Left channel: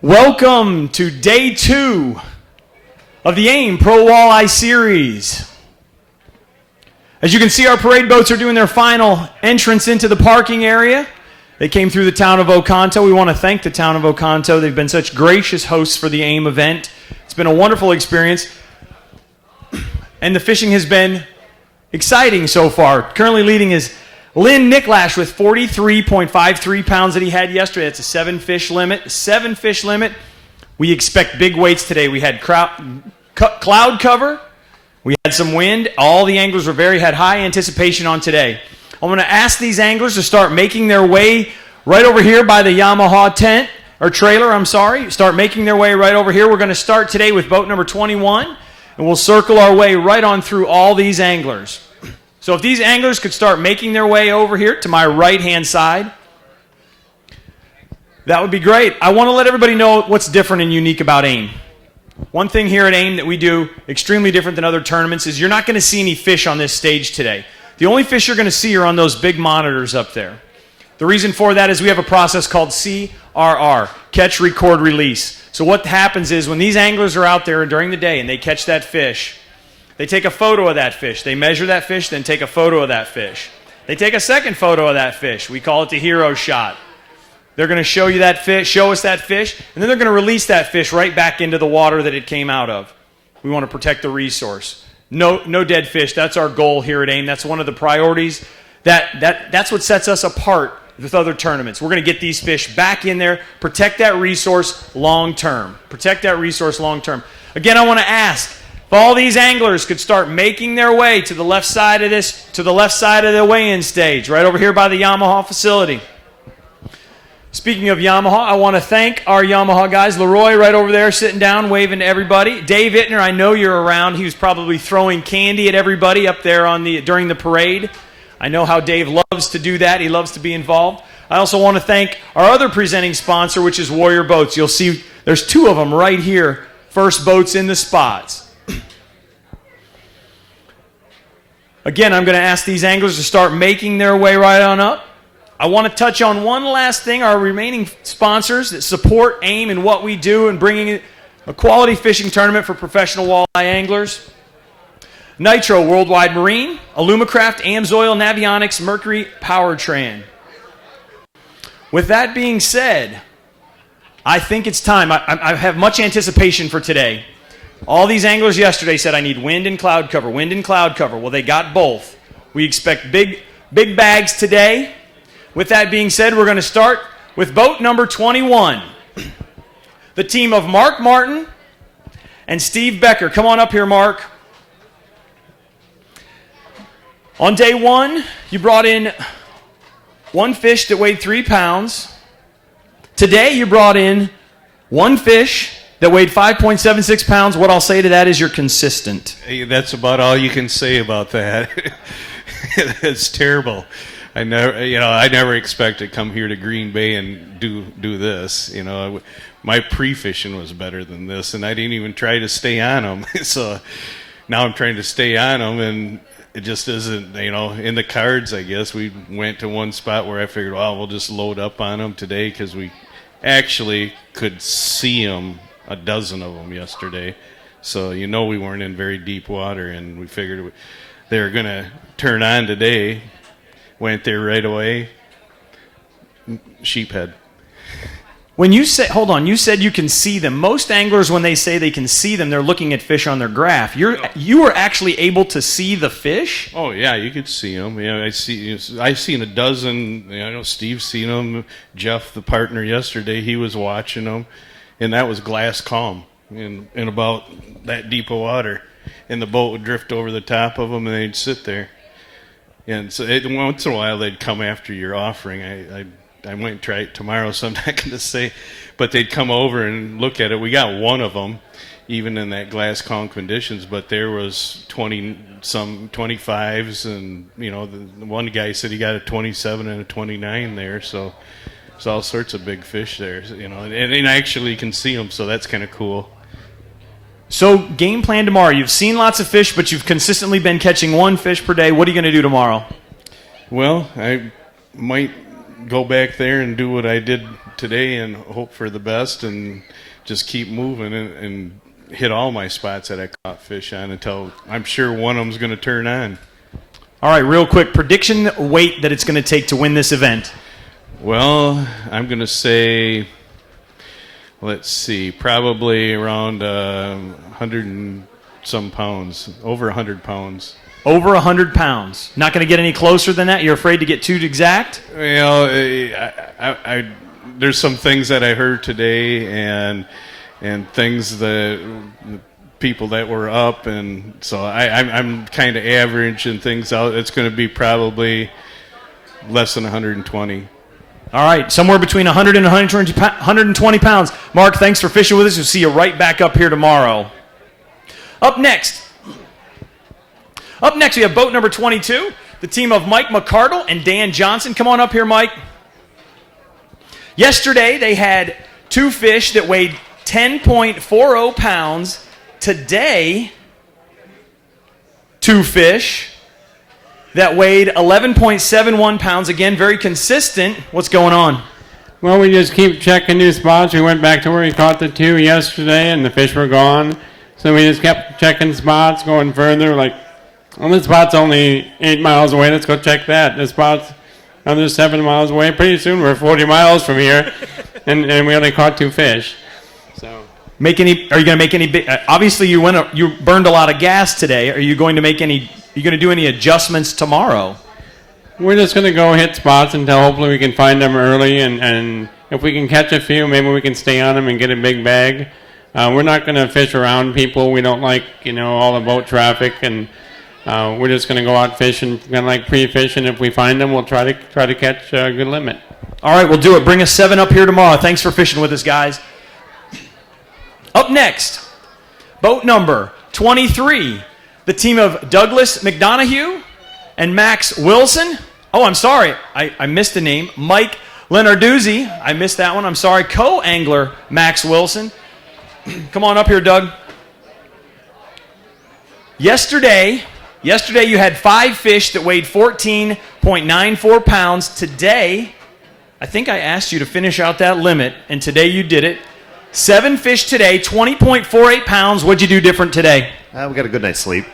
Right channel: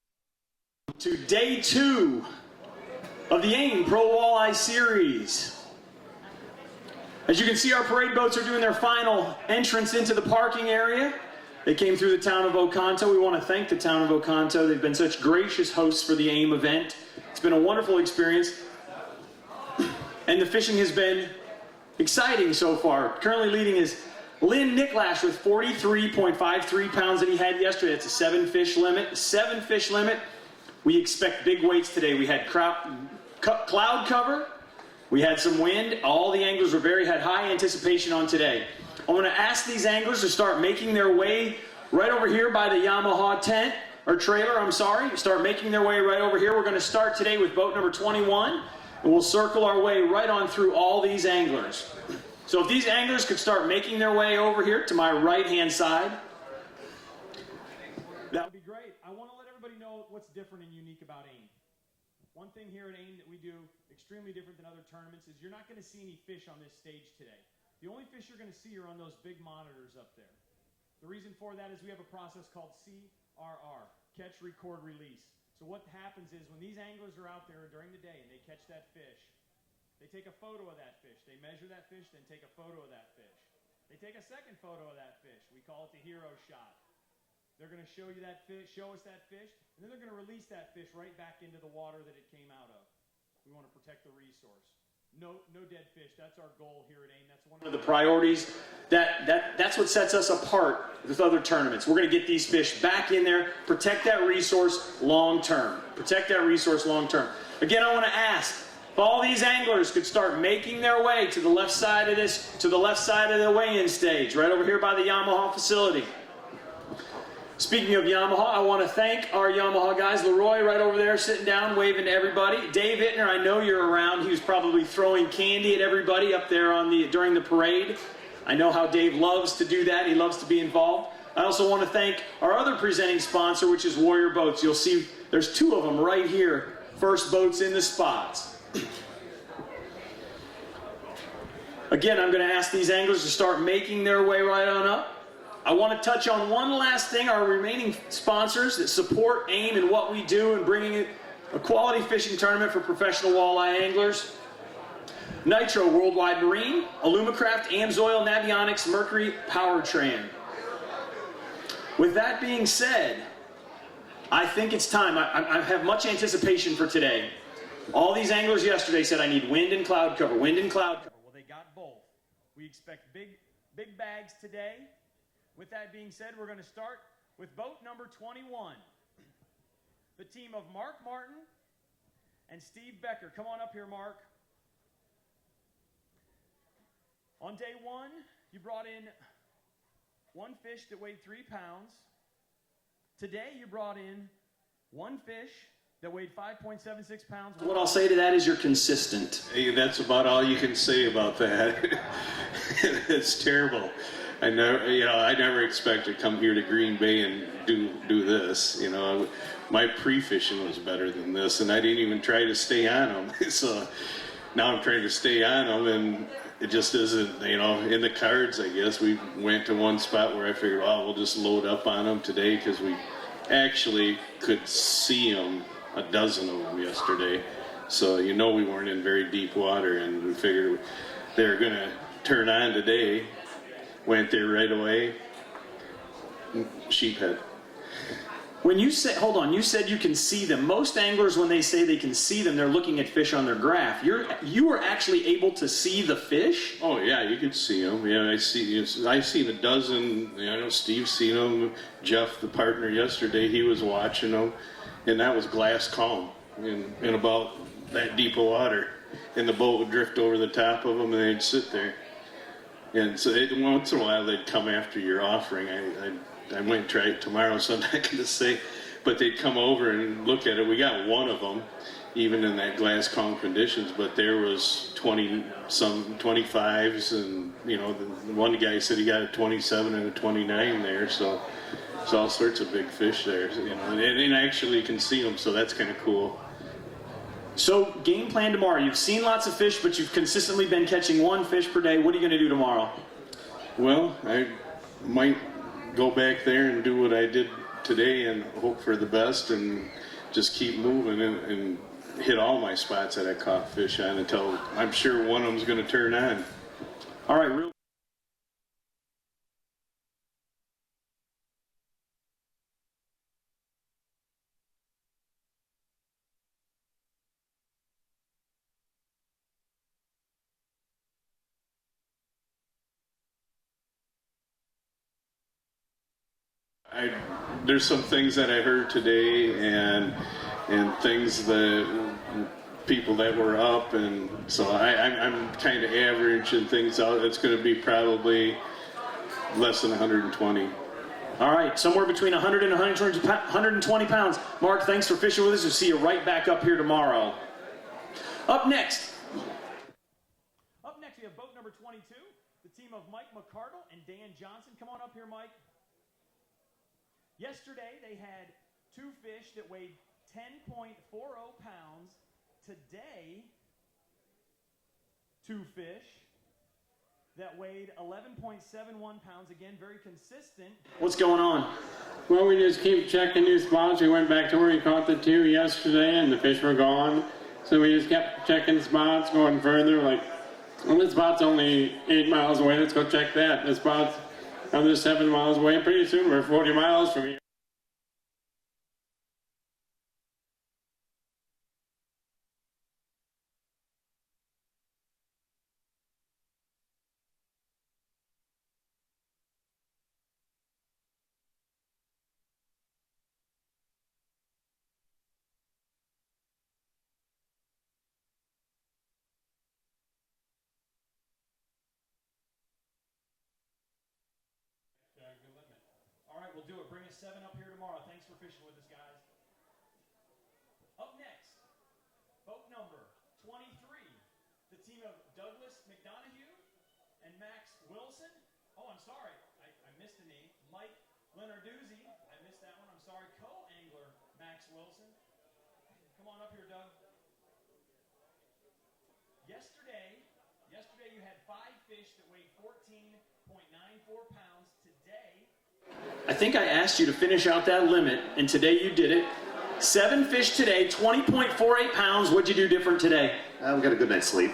Welcome to day 2 of the AIM Pro Walleye Series. As you can see, our parade boats are doing their final entrance into the parking area. They came through the town of Oconto. We want to thank the town of Oconto. They've been such gracious hosts for the AIM event. It's been a wonderful experience, and the fishing has been exciting so far. Currently leading is Lynn Nicklash with 43.53 pounds that he had yesterday. That's a 7-fish limit. 7-fish limit. We expect big weights today. We had cloud cover. We had some wind. All the anglers had high anticipation on today. I'm going to ask these anglers to start making their way right over here by the Yamaha tent, or trailer, I'm sorry. Start making their way right over here. We're going to start today with boat number 21, and we'll circle our way right on through all these anglers. So if these anglers could start making their way over here to my right-hand side, that would be great. I want to let everybody know what's different and unique about AIM. One thing here at AIM that we do extremely different than other tournaments is you're not going to see any fish on this stage today. The only fish you're going to see are on those big monitors up there. The reason for that is we have a process called CRR, catch, record, release. So what happens is when these anglers are out there during the day and they catch that fish, they take a photo of that fish. They measure that fish, then take a photo of that fish. They take a second photo of that fish. We call it the hero shot. They're going to show you that fish, show us that fish, and then they're going to release that fish right back into the water that it came out of. We want to protect the resource. No dead fish. That's our goal here at AIM. That's one of the priorities. That's what sets us apart with other tournaments. We're going to get these fish back in there, protect that resource long term. Protect that resource long term. Again, I want to ask, if all these anglers could start making their way to the left side of the weigh-in stage, right over here by the Yamaha facility. Speaking of Yamaha, I want to thank our Yamaha guys. Leroy right over there sitting down, waving to everybody. Dave Ittner, I know you're around. He was probably throwing candy at everybody up there during the parade. I know how Dave loves to do that. He loves to be involved. I also want to thank our other presenting sponsor, which is Warrior Boats. You'll see there's 2 of them right here. First boats in the spots. Again, I'm going to ask these anglers to start making their way right on up. I want to touch on one last thing, our remaining sponsors that support AIM and what we do and bringing a quality fishing tournament for professional walleye anglers. Nitro Worldwide Marine, Alumacraft, Amsoil, Navionics, Mercury Powertrain. With that being said, I think it's time. I have much anticipation for today. All these anglers yesterday said, I need wind and cloud cover, wind and cloud cover. Well, they got both. We expect big bags today. With that being said, we're going to start with boat number 21. The team of Mark Martin and Steve Becker. Come on up here, Mark. On day 1, you brought in 1 fish that weighed 3 pounds. Today, you brought in 1 fish that weighed 5.76 pounds. What I'll say to that is you're consistent. Hey, that's about all you can say about that. It's terrible. I never expect to come here to Green Bay and do this. My pre-fishing was better than this, and I didn't even try to stay on them. So now I'm trying to stay on them, and it just isn't, in the cards, I guess. We went to one spot where I figured, well, we'll just load up on them today because we actually could see them, a dozen of them yesterday. So we weren't in very deep water, and we figured they were going to turn on today. Went there right away. Sheephead. When you say, hold on, you said you can see them. Most anglers, when they say they can see them, they're looking at fish on their graph. You were actually able to see the fish? Oh yeah, you could see them. Yeah, I seen a dozen. Steve's seen them. Jeff, the partner yesterday, he was watching them, and that was glass calm in about that deep of water, and the boat would drift over the top of them, and they'd sit there. And so once in a while they'd come after your offering. I might try it tomorrow, so I'm not going to say. But they'd come over and look at it. We got one of them, even in that glass calm conditions, but there was 20-some 25s, and one guy said he got a 27 and a 29 there. So it's all sorts of big fish there, and actually you can see them, so that's kind of cool. So game plan tomorrow. You've seen lots of fish, but you've consistently been catching 1 fish per day. What are you going to do tomorrow? Well, I might go back there and do what I did today and hope for the best and just keep moving and hit all my spots that I caught fish on until I'm sure one of them's going to turn on. All right, real quick, prediction weight that it's going to take to win this event. Well, I'm going to say, let's see, probably around 100 and some pounds, over 100 pounds. Over 100 pounds. Not going to get any closer than that? You're afraid to get too exact? Well, there's some things that I heard today and things that people that were up, and so I'm kind of averaging things out. It's going to be probably less than 120. All right, somewhere between 100 and 120 pounds. Mark, thanks for fishing with us. We'll see you right back up here tomorrow. Up next, we have boat number 22, the team of Mike McCardle and Dan Johnson. Come on up here, Mike. Yesterday, they had 2 fish that weighed 10.40 pounds. Today, 2 fish that weighed 11.71 pounds. Again, very consistent. What's going on? Well, we just keep checking new spots. We went back to where we caught the 2 yesterday, and the fish were gone. So we just kept checking spots, going further. Like, well, this spot's only 8 miles away. Let's go check that. This spot's another 7 miles away. Pretty soon we're 40 miles from here, and we only caught 2 fish. So, are you going to make any big? Obviously, you burned a lot of gas today. Are you going to make any? Are you going to do any adjustments tomorrow? we're just going to go hit spots until hopefully we can find them early, and if we can catch a few, maybe we can stay on them and get a big bag. We're not going to fish around people. We don't like, all the boat traffic, and we're just going to go out fishing, kind of like pre-fishing. If we find them, we'll try to catch a good limit. All right, we'll do it. Bring us 7 up here tomorrow. Thanks for fishing with us, guys. Up next, boat number 23, the team of Douglas McDonough and Max Wilson. Oh, I'm sorry. I missed the name. Mike Lenarduzzi. I missed that one. I'm sorry. Co-angler Max Wilson. Come on up here, Doug. Yesterday you had 5 fish that weighed 14.94 pounds. Today, I think I asked you to finish out that limit, and today you did it. 7 fish today, 20.48 pounds. What'd you do different today? We got a good night's sleep.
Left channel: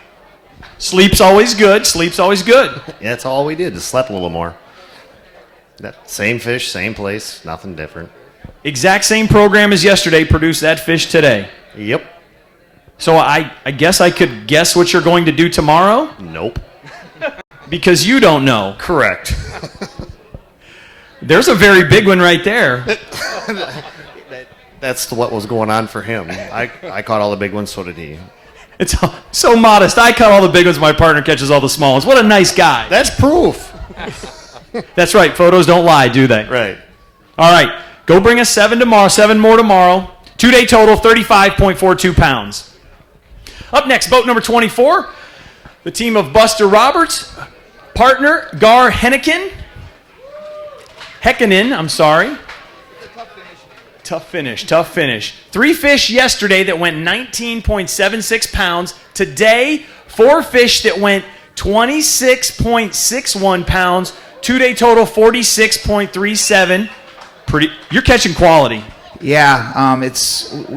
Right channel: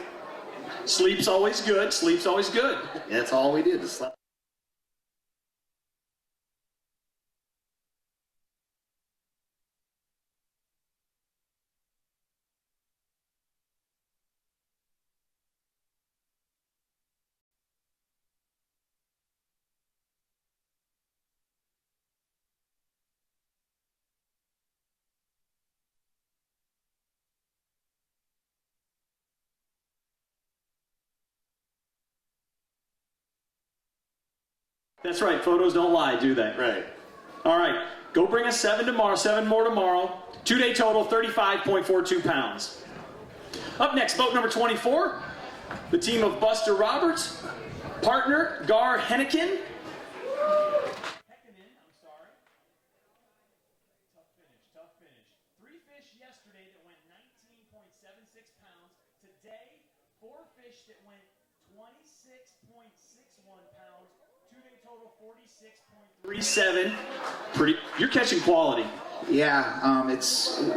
Sleep's always good. Sleep's always good. Yeah, that's all we did, is slept a little more. That same fish, same place, nothing different. Exact same program as yesterday produced that fish today. Yep. So I guess I could guess what you're going to do tomorrow? Nope. Because you don't know. Correct. There's a very big one right there. That's what was going on for him. I caught all the big ones, so did he. It's so modest. I caught all the big ones. My partner catches all the small ones. What a nice guy. That's proof. That's right. Photos don't lie, do they? Right. All right. Go bring us 7 tomorrow. 7 more tomorrow. 2-day total, 35.42 pounds. Up next, boat number 24, the team of Buster Roberts, partner Gar Henneken. I'm sorry. Tough finish. 3 fish yesterday that went 19.76 pounds. Today, 4 fish that went 26.61 pounds. 2-day total, 46.37. You're catching quality. Yeah,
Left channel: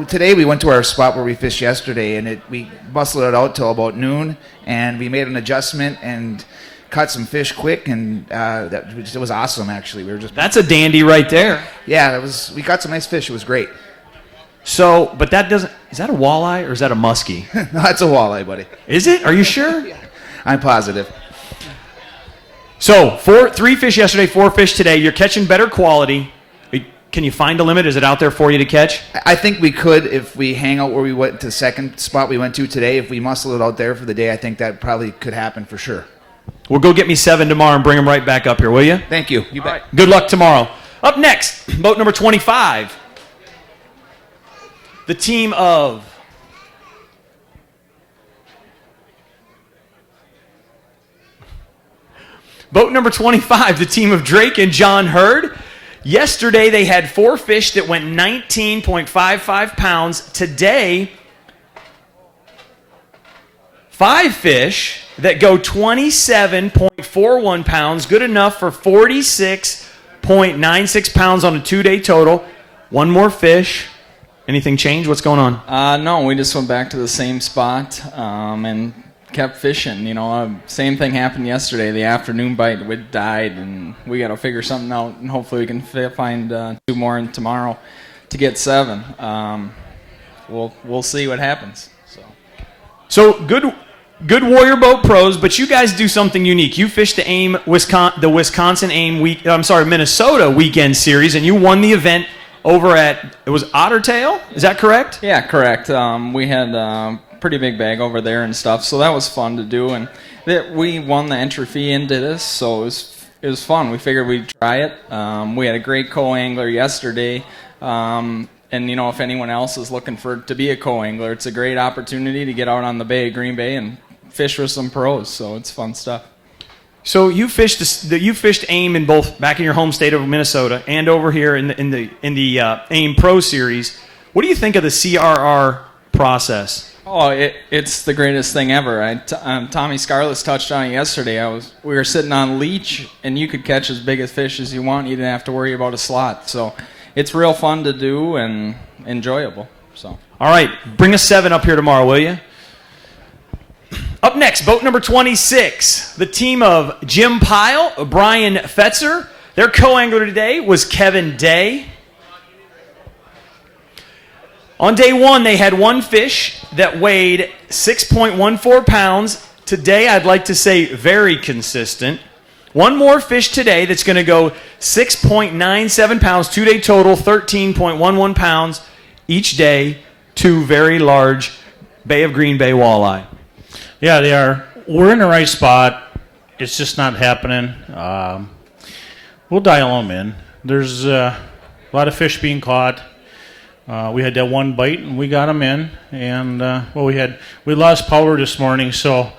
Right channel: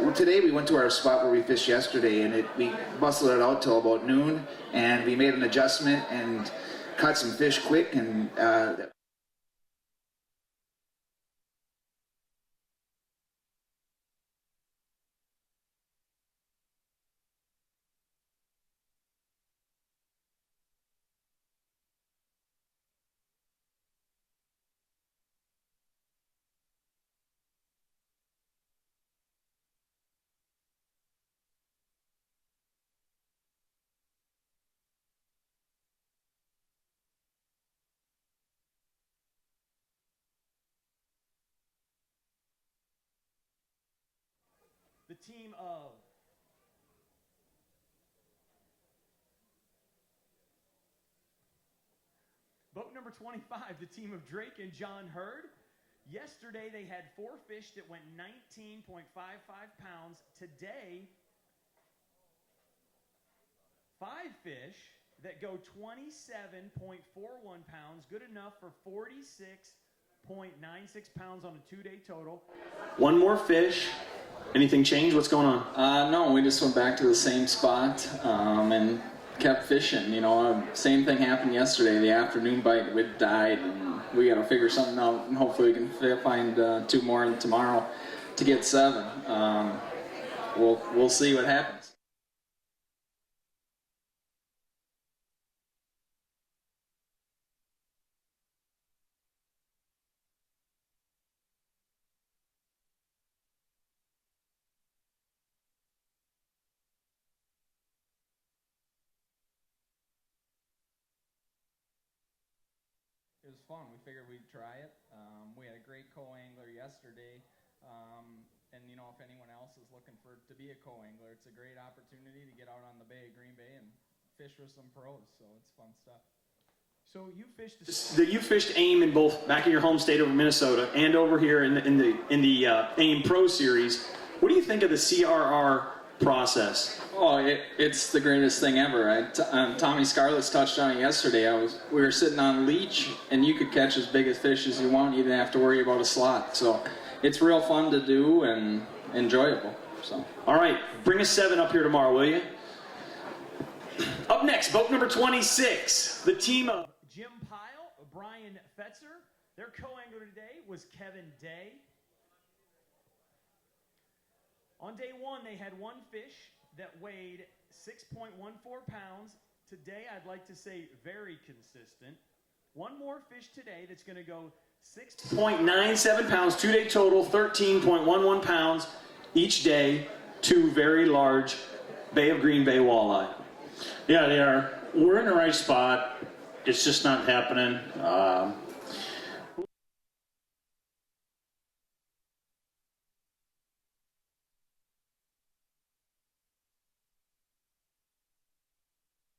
today we went to our spot where we fished yesterday, and we bustled it out till about noon, and we made an adjustment and caught some fish quick, and it was awesome. Actually, That's a dandy right there. Yeah, we got some nice fish. It was great. So, but is that a walleye or is that a muskie? No, that's a walleye, buddy. Is it? Are you sure? Yeah, I'm positive. So, 3 fish yesterday, 4 fish today. You're catching better quality. Can you find a limit? Is it out there for you to catch? I think we could if we hang out where we went to the second spot we went to today. If we muscle it out there for the day, I think that probably could happen for sure. Well, go get me 7 tomorrow and bring them right back up here, will you? Thank you. You bet. Right. Good luck tomorrow. Up next, boat number 25. The team of Boat number 25, the team of Drake and John Hurd. Yesterday, they had 4 fish that went 19.55 pounds. Today, 5 fish that go 27.41 pounds. Good enough for 46.36 16.96 pounds on a 2-day total. One more fish. Anything changed? What's going on? No, we just went back to the same spot and kept fishing. Same thing happened yesterday. The afternoon bite died, and we got to figure something out, and hopefully we can find 2 more in tomorrow to get 7. We'll see what happens. So good Warrior Boat pros, but you guys do something unique. You fished the Minnesota weekend series, and you won the event over at, it was Ottertail? Is that correct? Yeah, correct. We had a pretty big bag over there and stuff, so that was fun to do. And we won the entry fee into this, so it was fun. We figured we'd try it. We had a great co-angler yesterday. And, if anyone else is looking to be a co-angler, it's a great opportunity to get out on the bay of Green Bay and fish with some pros, so it's fun stuff. So you fished AIM in both back in your home state of Minnesota and over here in the AIM Pro Series. What do you think of the CRR process? Oh, it's the greatest thing ever. Tommy Scarlett touched on it yesterday. We were sitting on leech, and you could catch as big a fish as you want. You didn't have to worry about a slot. So it's real fun to do and enjoyable. So. All right, bring a 7 up here tomorrow, will you? Up next, boat number 26, the team of Jim Pyle, Brian Fetzer. Their co-angler today was Kevin Day. On day 1, they had 1 fish that weighed 6.14 pounds. Today, I'd like to say very consistent. 1 more fish today that's going to go 6.97 pounds, 2-day total, 13.11 pounds each day, 2 very large Bay of Green Bay walleye. Yeah, they are. We're in the right spot. It's just not happening. We'll dial them in. There's a lot of fish being caught. We had that 1 bite, and we got them in. And we lost power this morning, so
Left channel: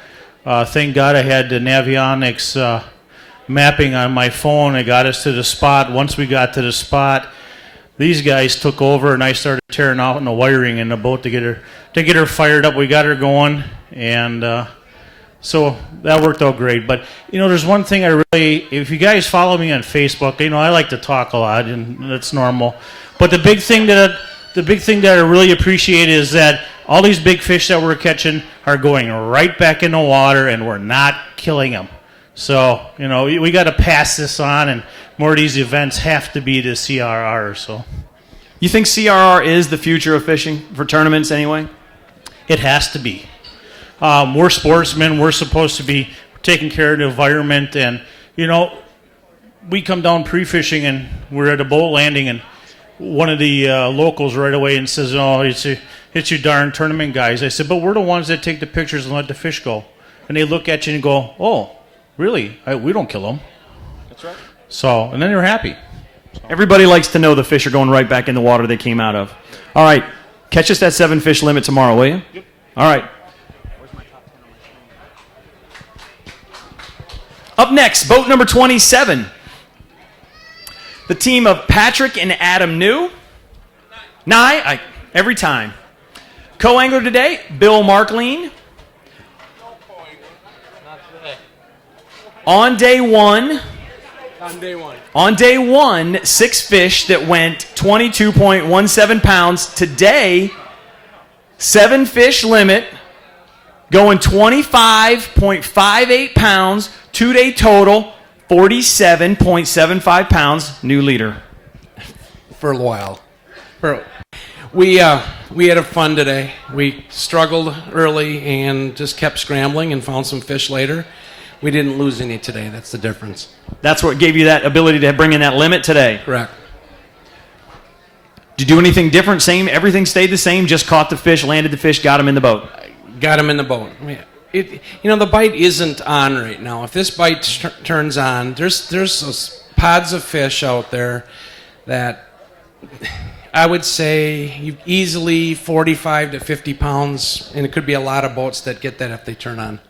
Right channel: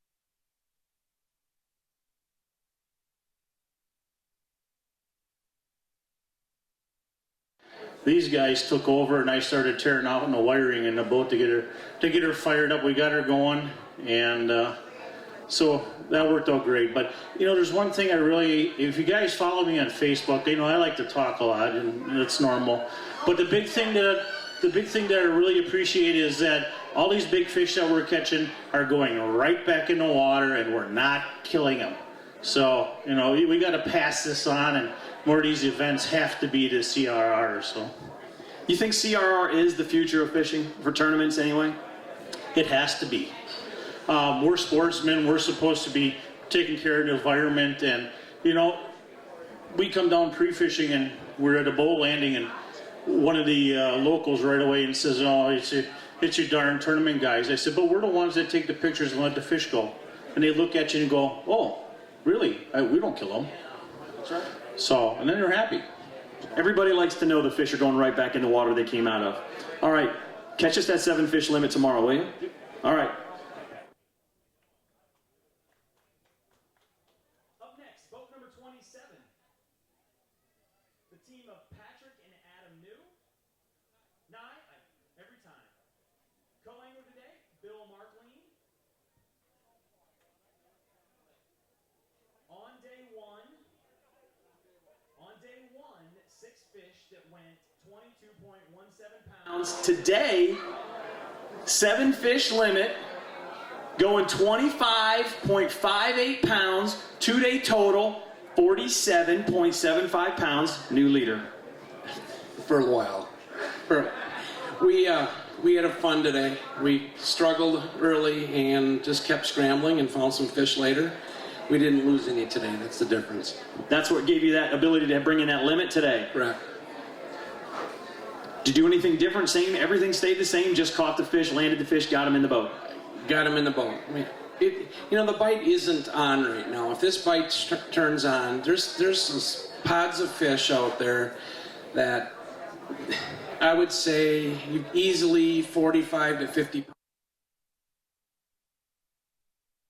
thank God I had the Navionics mapping on my phone. It got us to the spot. Once we got to the spot, these guys took over, and I started tearing out the wiring in the boat to get her fired up. We got her going, and so that worked out great. But there's one thing if you guys follow me on Facebook, I like to talk a lot, and that's normal. But the big thing that I really appreciate is that all these big fish that we're catching are going right back in the water, and we're not killing them. So we got to pass this on, and more of these events have to be the CRR. So, you think CRR is the future of fishing for tournaments anyway? It has to be. We're sportsmen. We're supposed to be taking care of the environment. And, we come down pre-fishing, and we're at a boat landing, and one of the locals right away and says, "Oh, it's you darn tournament guys." I said, "But we're the ones that take the pictures and let the fish go." And they look at you and go, "Oh, really? We don't kill them." That's right. So, and then they're happy. Everybody likes to know the fish are going right back in the water they came out of. All right. Catch us that 7 fish limit tomorrow, will you? Yep. All right. Up next, boat number 27. The team of Patrick and Adam New. Every time. Co-angler today, Bill Markleen. On day one, 6 fish that went 22.17 pounds. Today, 7 fish limit, going 25.58 pounds, 2-day total, 47.75 pounds, new leader. For a while. We had a fun today. We struggled early and just kept scrambling and found some fish later. We didn't lose any today. That's the difference. That's what gave you that ability to bring in that limit today. Correct. Did you do anything different? Same? Everything stayed the same? Just caught the fish, landed the fish, got him in the boat? Got him in the boat. The bite isn't on right now. If this bite turns on, there's those pods of fish out there that I would say you easily 45 to 50 pounds, and it could be a lot of boats that get that if they turn on.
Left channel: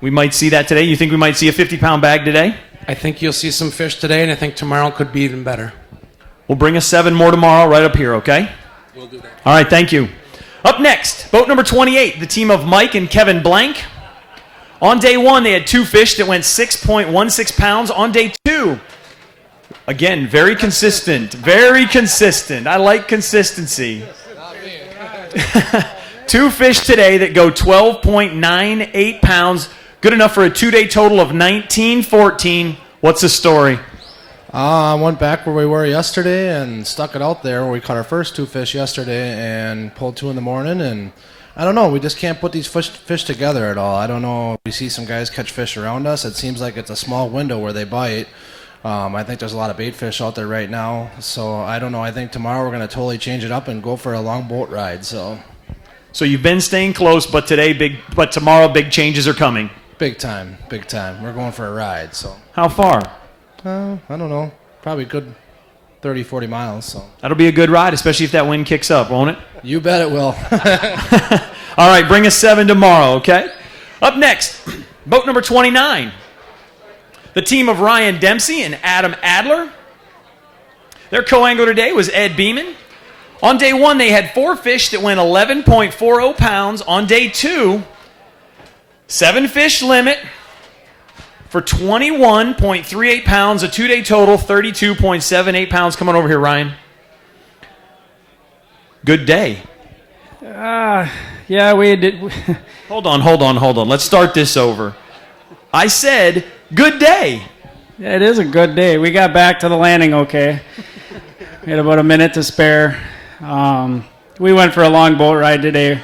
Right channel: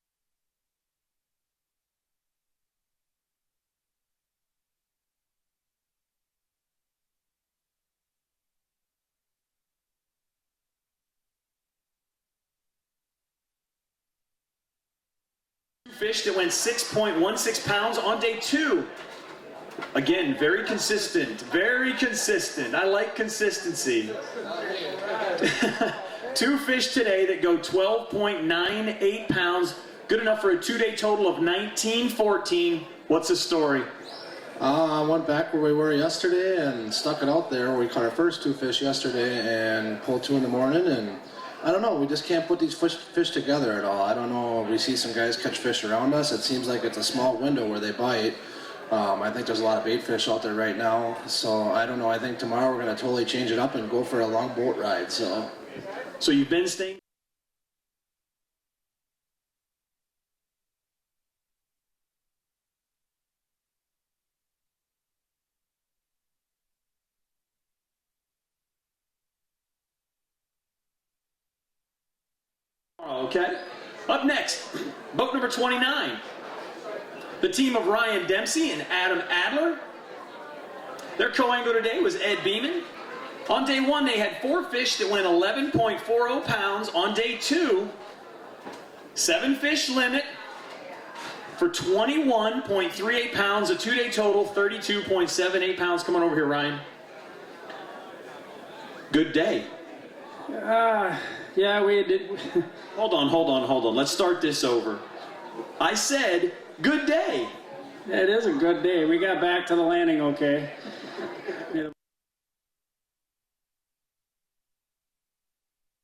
We might see that today? You think we might see a 50-pound bag today? I think you'll see some fish today, and I think tomorrow could be even better. We'll bring us 7 more tomorrow right up here, okay? We'll do that. All right, thank you. Up next, boat number 28, the team of Mike and Kevin Blank. On day 1, they had 2 fish that went 6.16 pounds. On day 2, Again, very consistent. Very consistent. I like consistency. 2 fish today that go 12.98 pounds. Good enough for a 2-day total of 1914. What's the story? I went back where we were yesterday and stuck it out there. We caught our first 2 fish yesterday and pulled 2 in the morning. And I don't know, we just can't put these fish together at all. I don't know if we see some guys catch fish around us. It seems like it's a small window where they bite. I think there's a lot of bait fish out there right now. So I don't know. I think tomorrow we're going to totally change it up and go for a long boat ride. So you've been staying close, but tomorrow big changes are coming. Big time. We're going for a ride. So how far? I don't know. Probably good 30, 40 miles. So that'll be a good ride, especially if that wind kicks up, won't it? You bet it will. All right, bring us 7 tomorrow, okay? Up next, boat number 29. The team of Ryan Dempsey and Adam Adler. Their co-angler today was Ed Beeman. On day 1, they had 4 fish that went 11.40 pounds. On day 2, 7 fish limit for 21.38 pounds, a 2-day total, 32.78 pounds. Come on over here, Ryan. Good day. Yeah, we did. Hold on. Let's start this over. I said, good day. It is a good day. We got back to the landing okay. We had about a minute to spare. We went for a long boat ride today.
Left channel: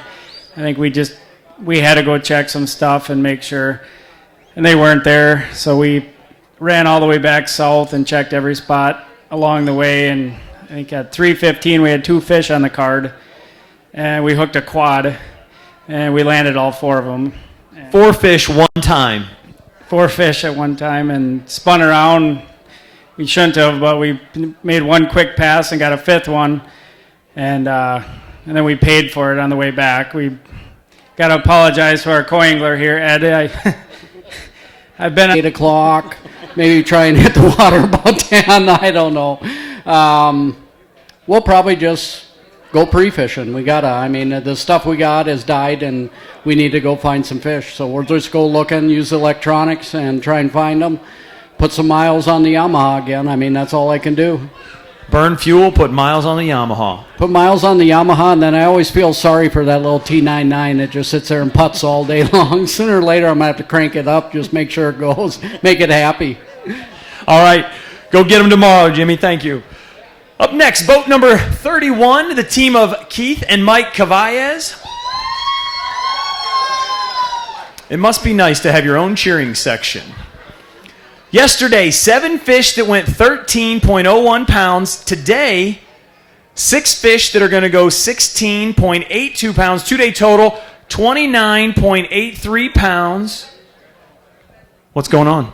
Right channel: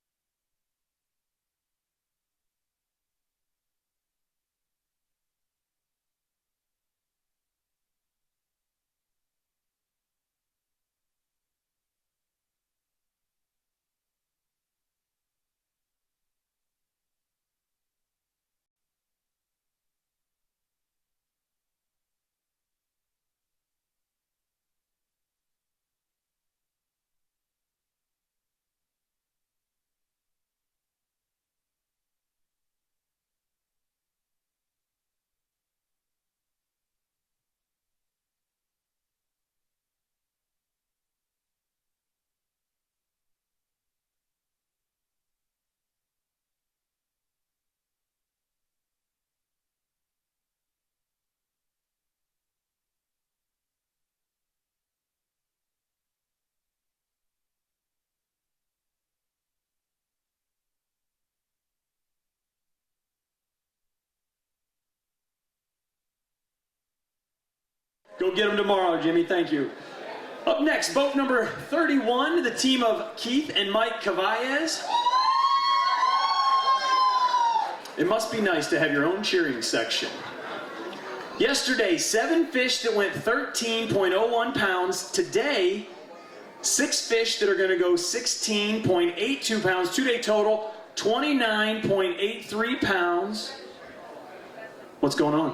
I think we had to go check some stuff and make sure, and they weren't there. So we ran all the way back south and checked every spot along the way. And I think at 3:15 we had 2 fish on the card, and we hooked a quad, and we landed all 4 of them. 4 fish one time. 4 fish at one time and spun around. We shouldn't have, but we made one quick pass and got a 5th one, and then we paid for it on the way back. We got to apologize to our co-angler here, Ed. I've been at 8 o'clock, maybe try and hit the water about 10, I don't know. We'll probably just go pre-fishing. The stuff we got has died and we need to go find some fish. So we'll just go looking, use electronics and try and find them. Put some miles on the Yamaha again. That's all I can do. Burn fuel, put miles on the Yamaha. Put miles on the Yamaha, and then I always feel sorry for that little T99 that just sits there and putts all day long. Sooner or later, I'm going to have to crank it up, just make sure it goes, make it happy. All right, go get them tomorrow, Jimmy. Thank you. Up next, boat number 31, the team of Keith and Mike Cavallez. It must be nice to have your own cheering section. Yesterday, 7 fish that went 13.01 pounds. Today, 6 fish that are going to go 16.82 pounds. 2-day total, 29.83 pounds. What's going on?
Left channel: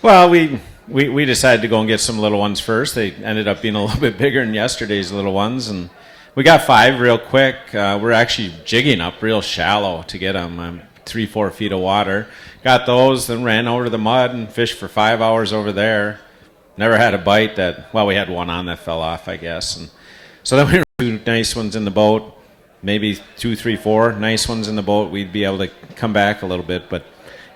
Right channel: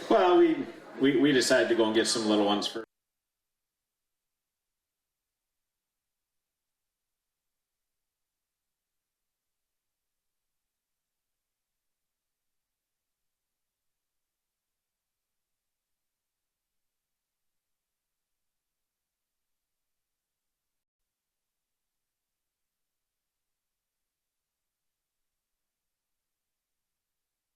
Well, we decided to go and get some little ones first. They ended up being a little bit bigger than yesterday's little ones, and we got 5 real quick. We're actually jigging up real shallow to get them, 3-4 feet of water. Got those, then ran over to the mud and fished for 5 hours over there. Never had a bite we had one on that fell off, I guess. And so then we were 2 nice ones in the boat, maybe 2, 3, 4 nice ones in the boat. We'd be able to come back a little bit, but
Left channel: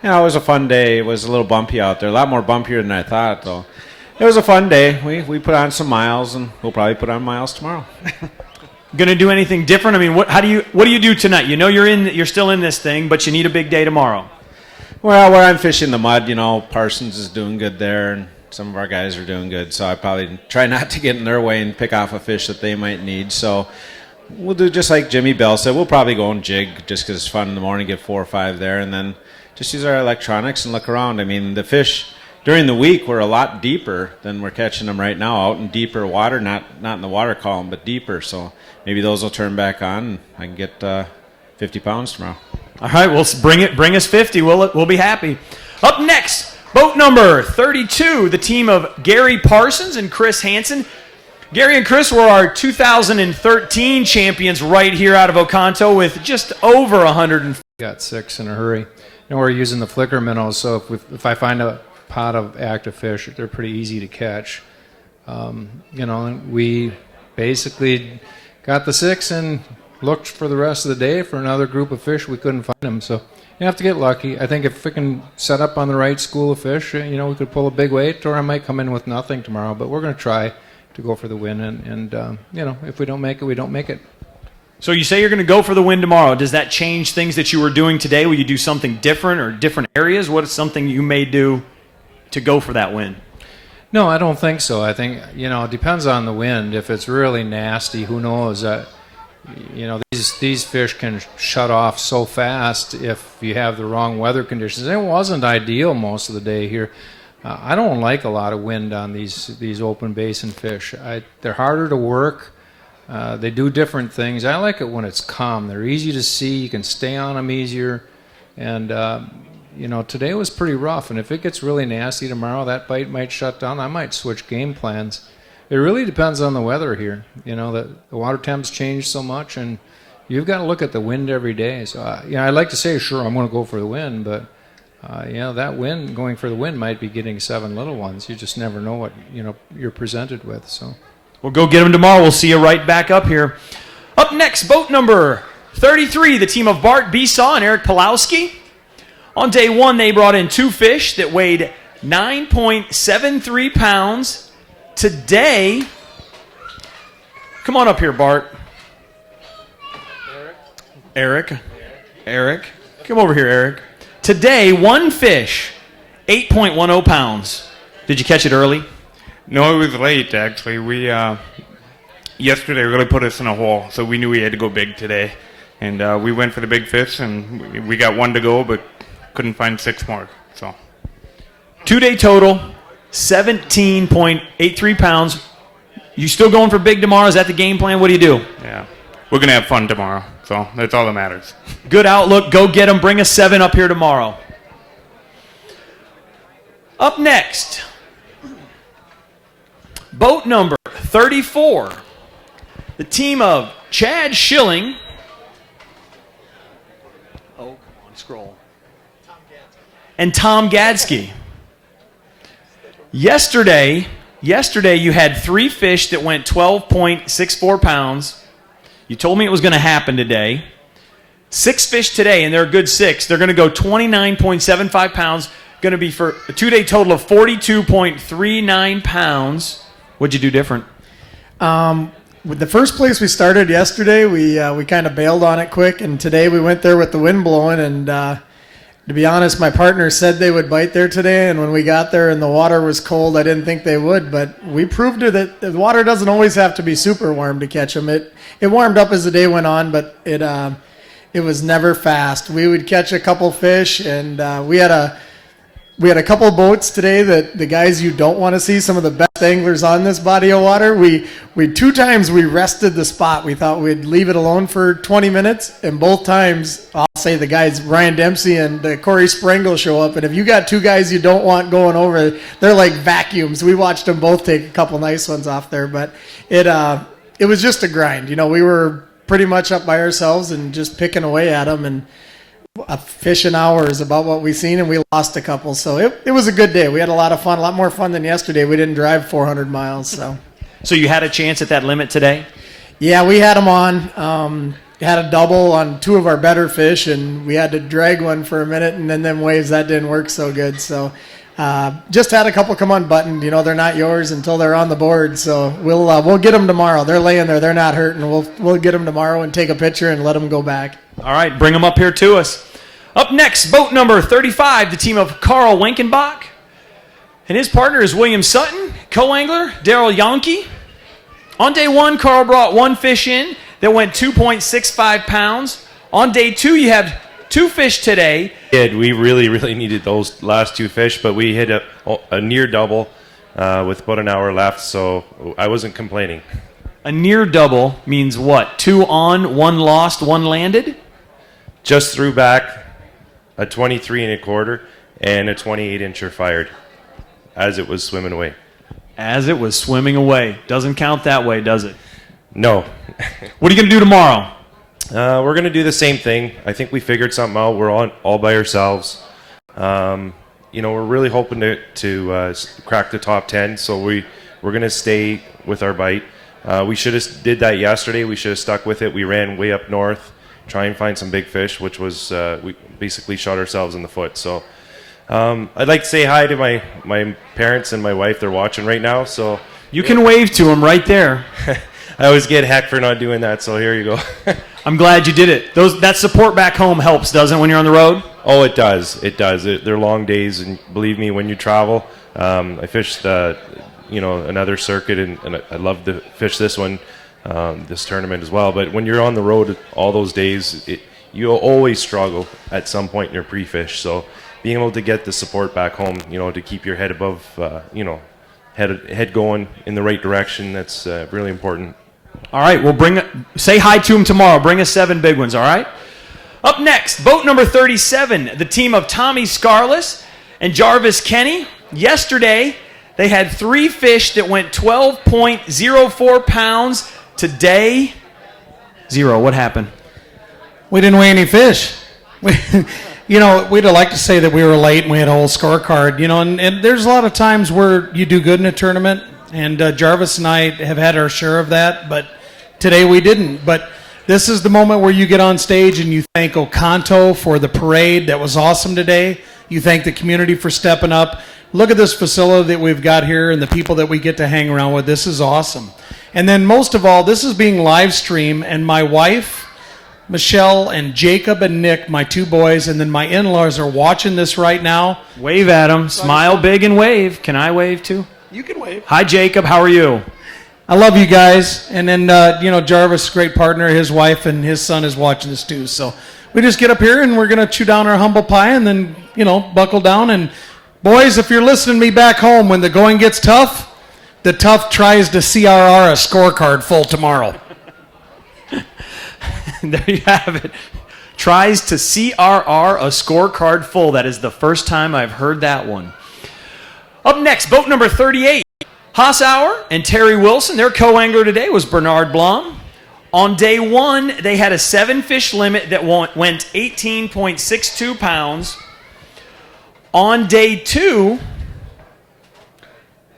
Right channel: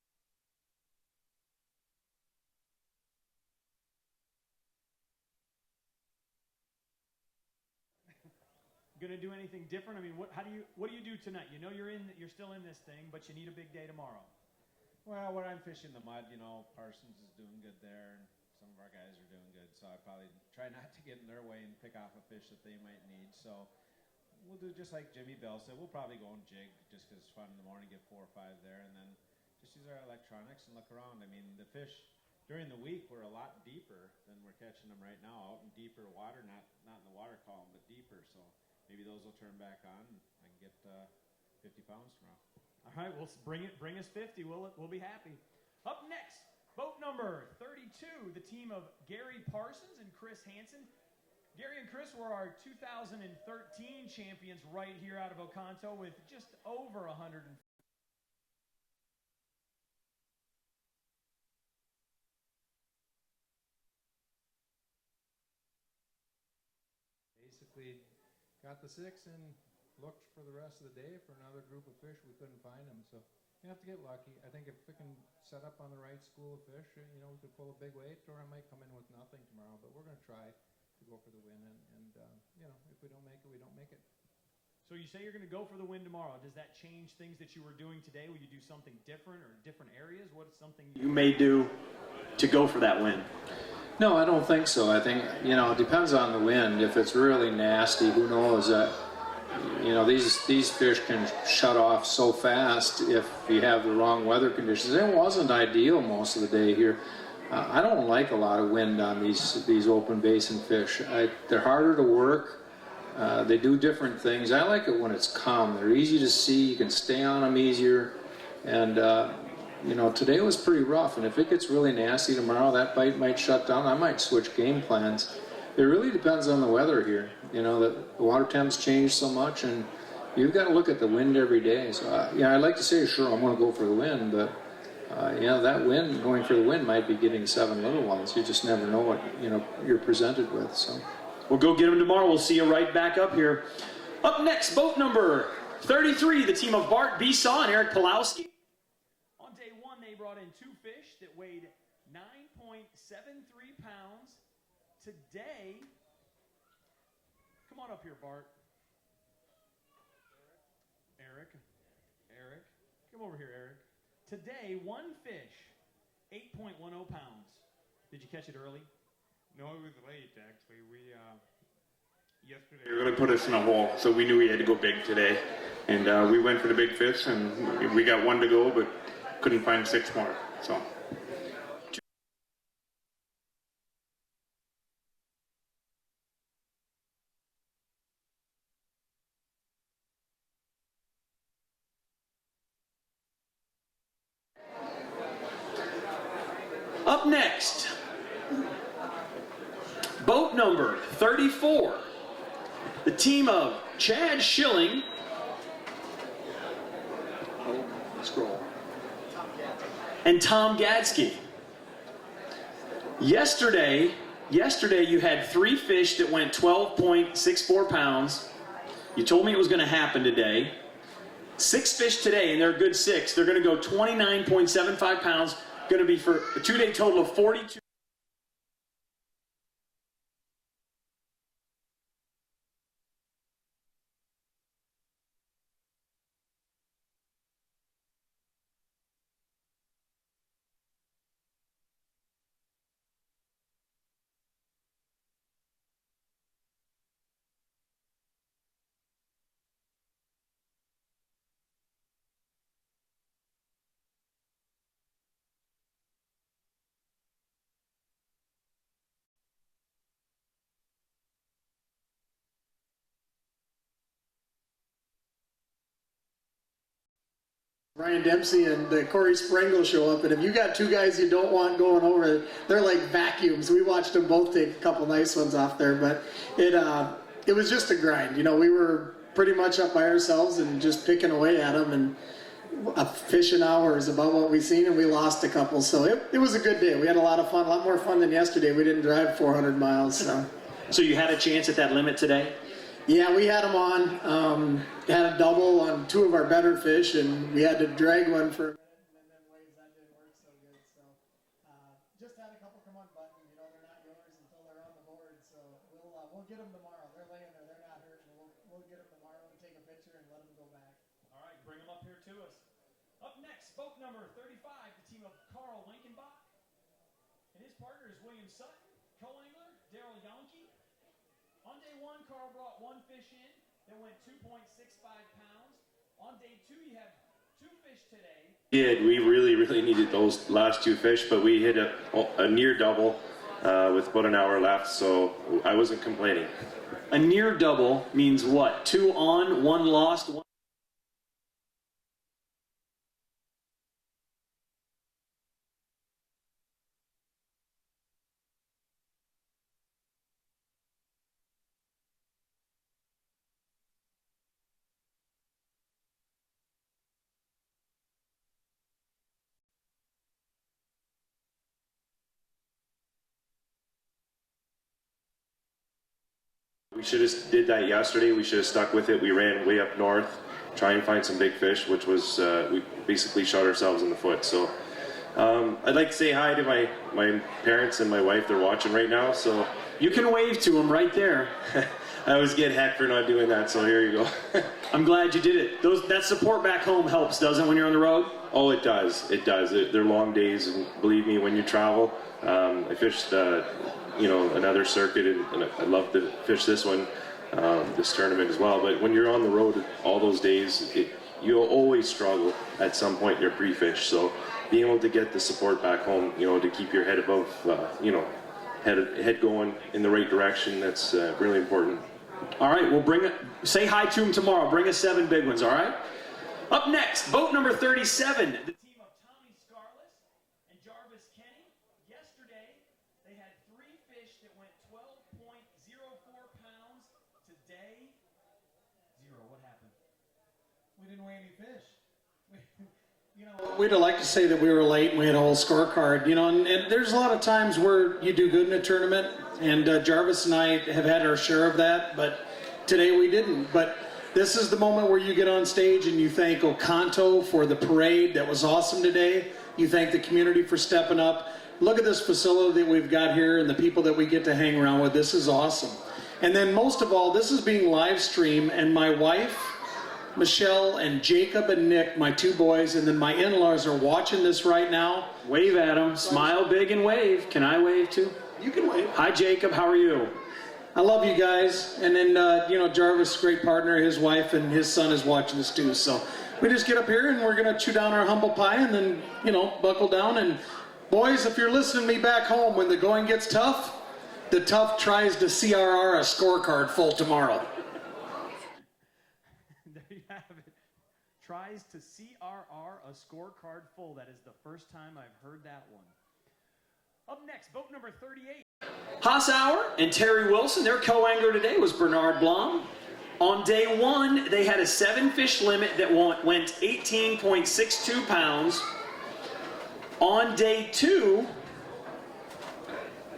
it was a fun day. It was a little bumpy out there, a lot more bumpier than I thought, though. It was a fun day. We put on some miles, and we'll probably put on miles tomorrow. Going to do anything different? What do you do tonight? You're still in this thing, but you need a big day tomorrow. Well, where I'm fishing the mud, Parsons is doing good there, and some of our guys are doing good. So I probably try not to get in their way and pick off a fish that they might need. So we'll do just like Jimmy Bell said. We'll probably go and jig just because it's fun in the morning, get 4 or 5 there, and then just use our electronics and look around. The fish during the week were a lot deeper than we're catching them right now, out in deeper water, not in the water column, but deeper. So maybe those will turn back on, and I can get 50 pounds tomorrow. All right, well, bring us 50. We'll be happy. Up next, boat number 32, the team of Gary Parsons and Chris Hansen. Gary and Chris were our 2013 champions right here out of Oconto with just over 100. Got 6 in a hurry. And we're using the flicker minnows, so if I find a pot of active fish, they're pretty easy to catch. We basically got the 6 and looked for the rest of the day for another group of fish. We couldn't find them, so You have to get lucky. I think if we can set up on the right school of fish, we could pull a big weight, or I might come in with nothing tomorrow. But we're going to try to go for the win, and if we don't make it, we don't make it. So you say you're going to go for the win tomorrow. Does that change things that you were doing today? Will you do something different or different areas? What is something you may do to go for that win? No, I don't think so. I think, it depends on the wind. If it's really nasty, who knows? These fish can shut off so fast if you have the wrong weather conditions. It wasn't ideal most of the day here. I don't like a lot of wind on these open basin fish. They're harder to work. They do different things. I like it when it's calm. They're easy to see. You can stay on them easier. And, today was pretty rough. And if it gets really nasty tomorrow, that bite might shut down. I might switch game plans. It really depends on the weather here. The water temps change so much, and you've got to look at the wind every day. So, I'd like to say, sure, I'm going to go for the wind, but, that wind, going for the wind might be getting 7 little ones. You just never know what, you're presented with. So. We'll go get them tomorrow. We'll see you right back up here. Up next, boat number 33, the team of Bart Besaw and Eric Pulowski. On day 1, they brought in 2 fish that weighed 9.73 pounds. Today, come on up here, Bart. Eric. Come over here, Eric. Today, 1 fish, 8.10 pounds. Did you catch it early? No, it was late, actually. We yesterday really put us in a hole, so we knew we had to go big today. And we went for the big fish, and we got 1 to go, but couldn't find 6 more. So 2-day total, 17.83 pounds. You still going for big tomorrow? Is that the game plan? What do you do? yeah, we're going to have fun tomorrow, so that's all that matters. Good outlook. Go get them. Bring a 7 up here tomorrow. Up next, boat number 34, the team of Chad Schilling and Tom Gadsky. Yesterday you had 3 fish that went 12.64 pounds. You told me it was going to happen today. 6 fish today, and they're a good 6. They're going to go 29.75 pounds. Going to be for a 2-day total of 42.39 pounds. What'd you do different? With the first place we started yesterday, we kind of bailed on it quick, and today we went there with the wind blowing, and to be honest, my partner said they would bite there today, and when we got there and the water was cold, I didn't think they would, but we proved that the water doesn't always have to be super warm to catch them. It warmed up as the day went on, but it was never fast. We would catch a couple fish, and we had a couple boats today that the guys you don't want to see, some of the best anglers on this body of water. We 2 times we rested the spot. We thought we'd leave it alone for 20 minutes, and both times, I'll say the guys, Ryan Dempsey and Corey Sprengel show up, and if you got 2 guys you don't want going over, they're like vacuums. We watched them both take a couple nice ones off there, but it was just a grind. We were pretty much up by ourselves and just picking away at them, and a fish an hour is about what we've seen, and we lost a couple. So it was a good day. We had a lot of fun, a lot more fun than yesterday. We didn't drive 400 miles. So you had a chance at that limit today? Yeah, we had them on. Had a double on 2 of our better fish, and we had to drag one for a minute, and then them waves, that didn't work so good. So just had a couple come unbuttoned. They're not yours until they're on the board. So we'll get them tomorrow. They're laying there. They're not hurting. We'll get them tomorrow and take a picture and let them go back. All right, bring them up here to us. Up next, boat number 35, the team of Carl Winkenbach. And his partner is William Sutton, co-angler Daryl Yonke. On day 1, Carl brought 1 fish in that went 2.65 pounds. On day 2, you have 2 fish today. We really needed those last 2 fish, but we hit a near double with about an hour left, so I wasn't complaining. A near double means what? 2 on, 1 lost, 1 landed? Just threw back a 23 1/4 and a 28-incher fired as it was swimming away. As it was swimming away. Doesn't count that way, does it? No. What are you going to do tomorrow? We're going to do the same thing. I think we figured something out. We're all by ourselves. We're really hoping to crack the top 10, so we're going to stay with our bite. We should have did that yesterday. We should have stuck with it. We ran way up north, try and find some big fish, which was we basically shot ourselves in the foot. So I'd like to say hi to my parents and my wife. They're watching right now, so you can wave to them right there. I always get heck for not doing that, so here you go. I'm glad you did it. That support back home helps, doesn't it, when you're on the road? Oh, it does. It does. They're long days, and believe me, when you travel, I fished, another circuit, and I love to fish this one, this tournament as well. But when you're on the road all those days, you'll always struggle at some point in your pre-fish. So being able to get the support back home, to keep your head above, head going in the right direction, that's really important. All right, well, say hi to him tomorrow. Bring us 7 big ones, all right? Up next, boat number 37, the team of Tommy Scarless and Jarvis Kenny. Yesterday, they had 3 fish that went 12.04 pounds. Today, 0. What happened? We didn't weigh any fish. We'd have liked to say that we were late and we had a whole scorecard, and there's a lot of times where you do good in a tournament, and Jarvis and I have had our share of that, but today we didn't. But this is the moment where you get on stage and you thank Oconto for the parade. That was awesome today. You thank the community for stepping up. Look at this facility that we've got here and the people that we get to hang around with. This is awesome. And then most of all, this is being live streamed, and my wife, Michelle, and Jacob and Nick, my 2 boys, and then my in-laws are watching this right now. Wave at them. Smile big and wave. Can I wave too? You can wave. Hi, Jacob. How are you? I love you guys. And then, Jarvis, great partner, his wife and his son is watching this too. So we just get up here and we're going to chew down our humble pie and then, buckle down. And boys, if you're listening to me back home, when the going gets tough, the tough tries to CRR a scorecard full tomorrow. There you have it. Tries to CRR a scorecard full. That is the first time I've heard that one. Up next, boat number 38. Hassauer and Terry Wilson. Their co-angler today was Bernard Blum. On day 1, they had a 7-fish limit that went 18.62 pounds. On day 2,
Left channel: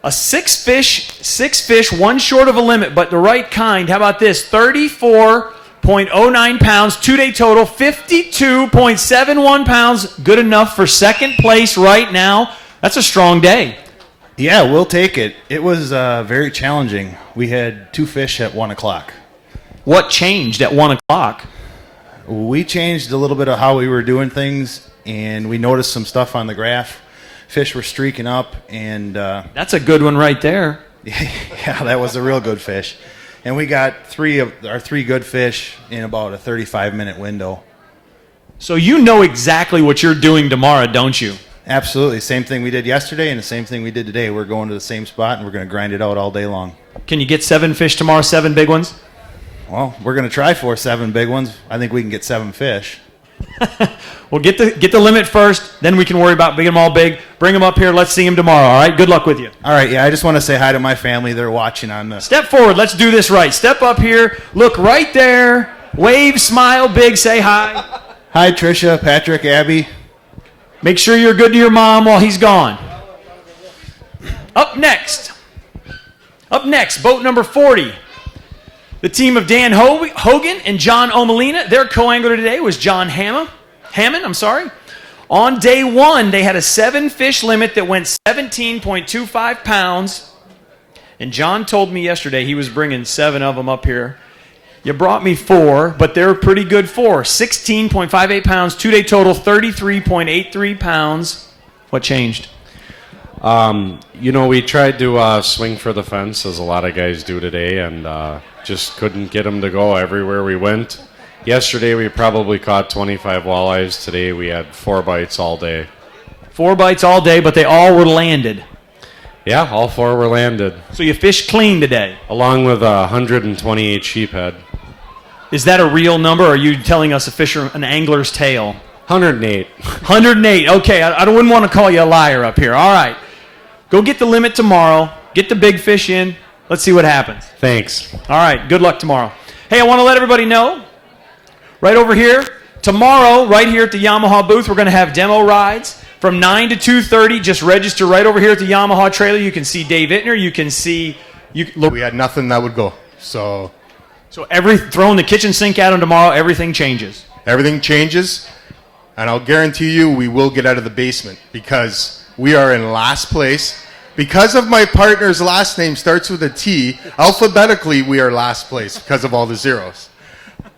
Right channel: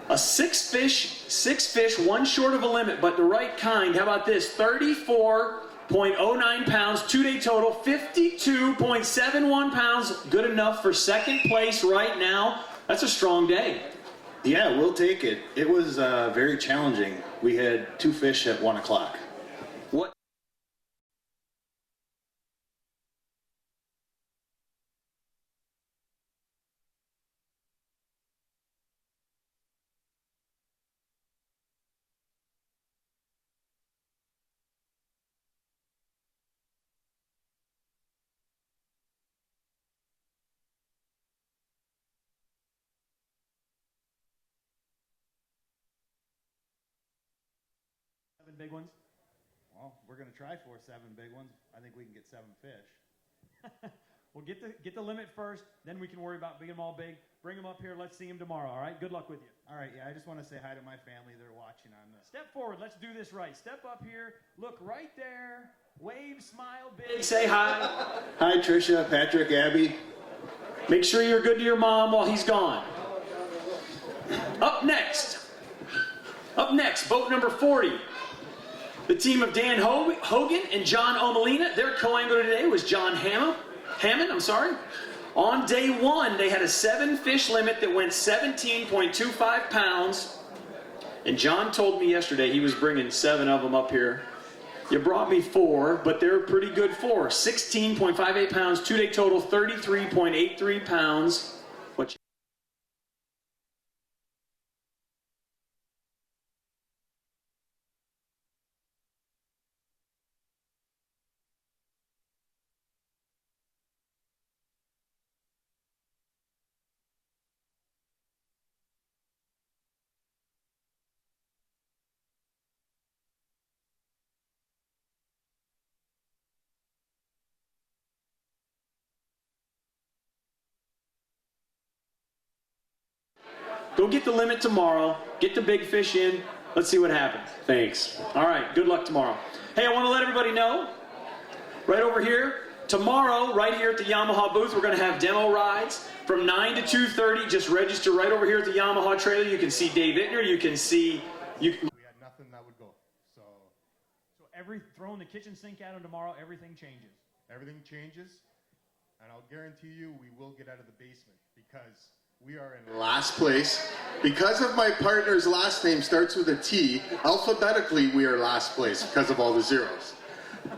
a 6-fish, 1 short of a limit, but the right kind. How about this? 34.09 pounds, 2-day total, 52.71 pounds. Good enough for second place right now. That's a strong day. Yeah, we'll take it. It was very challenging. We had 2 fish at 1 o'clock. What changed at 1 o'clock? We changed a little bit of how we were doing things, and we noticed some stuff on the graph. Fish were streaking up, and that's a good one right there. Yeah, that was a real good fish. And we got 3 of our 3 good fish in about a 35-minute window. So you know exactly what you're doing tomorrow, don't you? Absolutely. Same thing we did yesterday and the same thing we did today. We're going to the same spot, and we're going to grind it out all day long. Can you get 7 fish tomorrow, 7 big ones? Well, we're going to try for 7 big ones. I think we can get 7 fish. Well, get the limit first, then we can worry about big them all big. Bring them up here. Let's see them tomorrow, all right? Good luck with you. All right, yeah, I just want to say hi to my family. They're watching on this. Step forward. Let's do this right. Step up here. Look right there. Wave, smile big, say hi. Hi, Tricia, Patrick, Abby. Make sure you're good to your mom while he's gone. Up next, boat number 40. The team of Dan Hogan and John Omalina. Their co-angler today was John Hammond. On day 1, they had a 7-fish limit that went 17.25 pounds. And John told me yesterday he was bringing 7 of them up here. You brought me 4, but they're pretty good 4. 16.58 pounds, 2-day total, 33.83 pounds. What changed? We tried to swing for the fence, as a lot of guys do today, and just couldn't get them to go everywhere we went. Yesterday, we probably caught 25 walleyes. Today, we had 4 bites all day. 4 bites all day, but they all were landed. Yeah, all 4 were landed. So you fished clean today? Along with 128 sheephead. Is that a real number, or are you telling us an angler's tale? 108. 108. Okay, I wouldn't want to call you a liar up here. All right. Go get the limit tomorrow. Get the big fish in. Let's see what happens. Thanks. All right. Good luck tomorrow. Hey, I want to let everybody know, right over here, tomorrow, right here at the Yamaha booth, we're going to have demo rides from 9 to 2:30. Just register right over here at the Yamaha trailer. You can see Dave Ittner. You can see... We had nothing that would go. So So throwing the kitchen sink at them tomorrow, everything changes. Everything changes, and I'll guarantee you we will get out of the basement because we are in last place. Because of my partner's last name starts with a T, alphabetically we are last place because of all the zeros.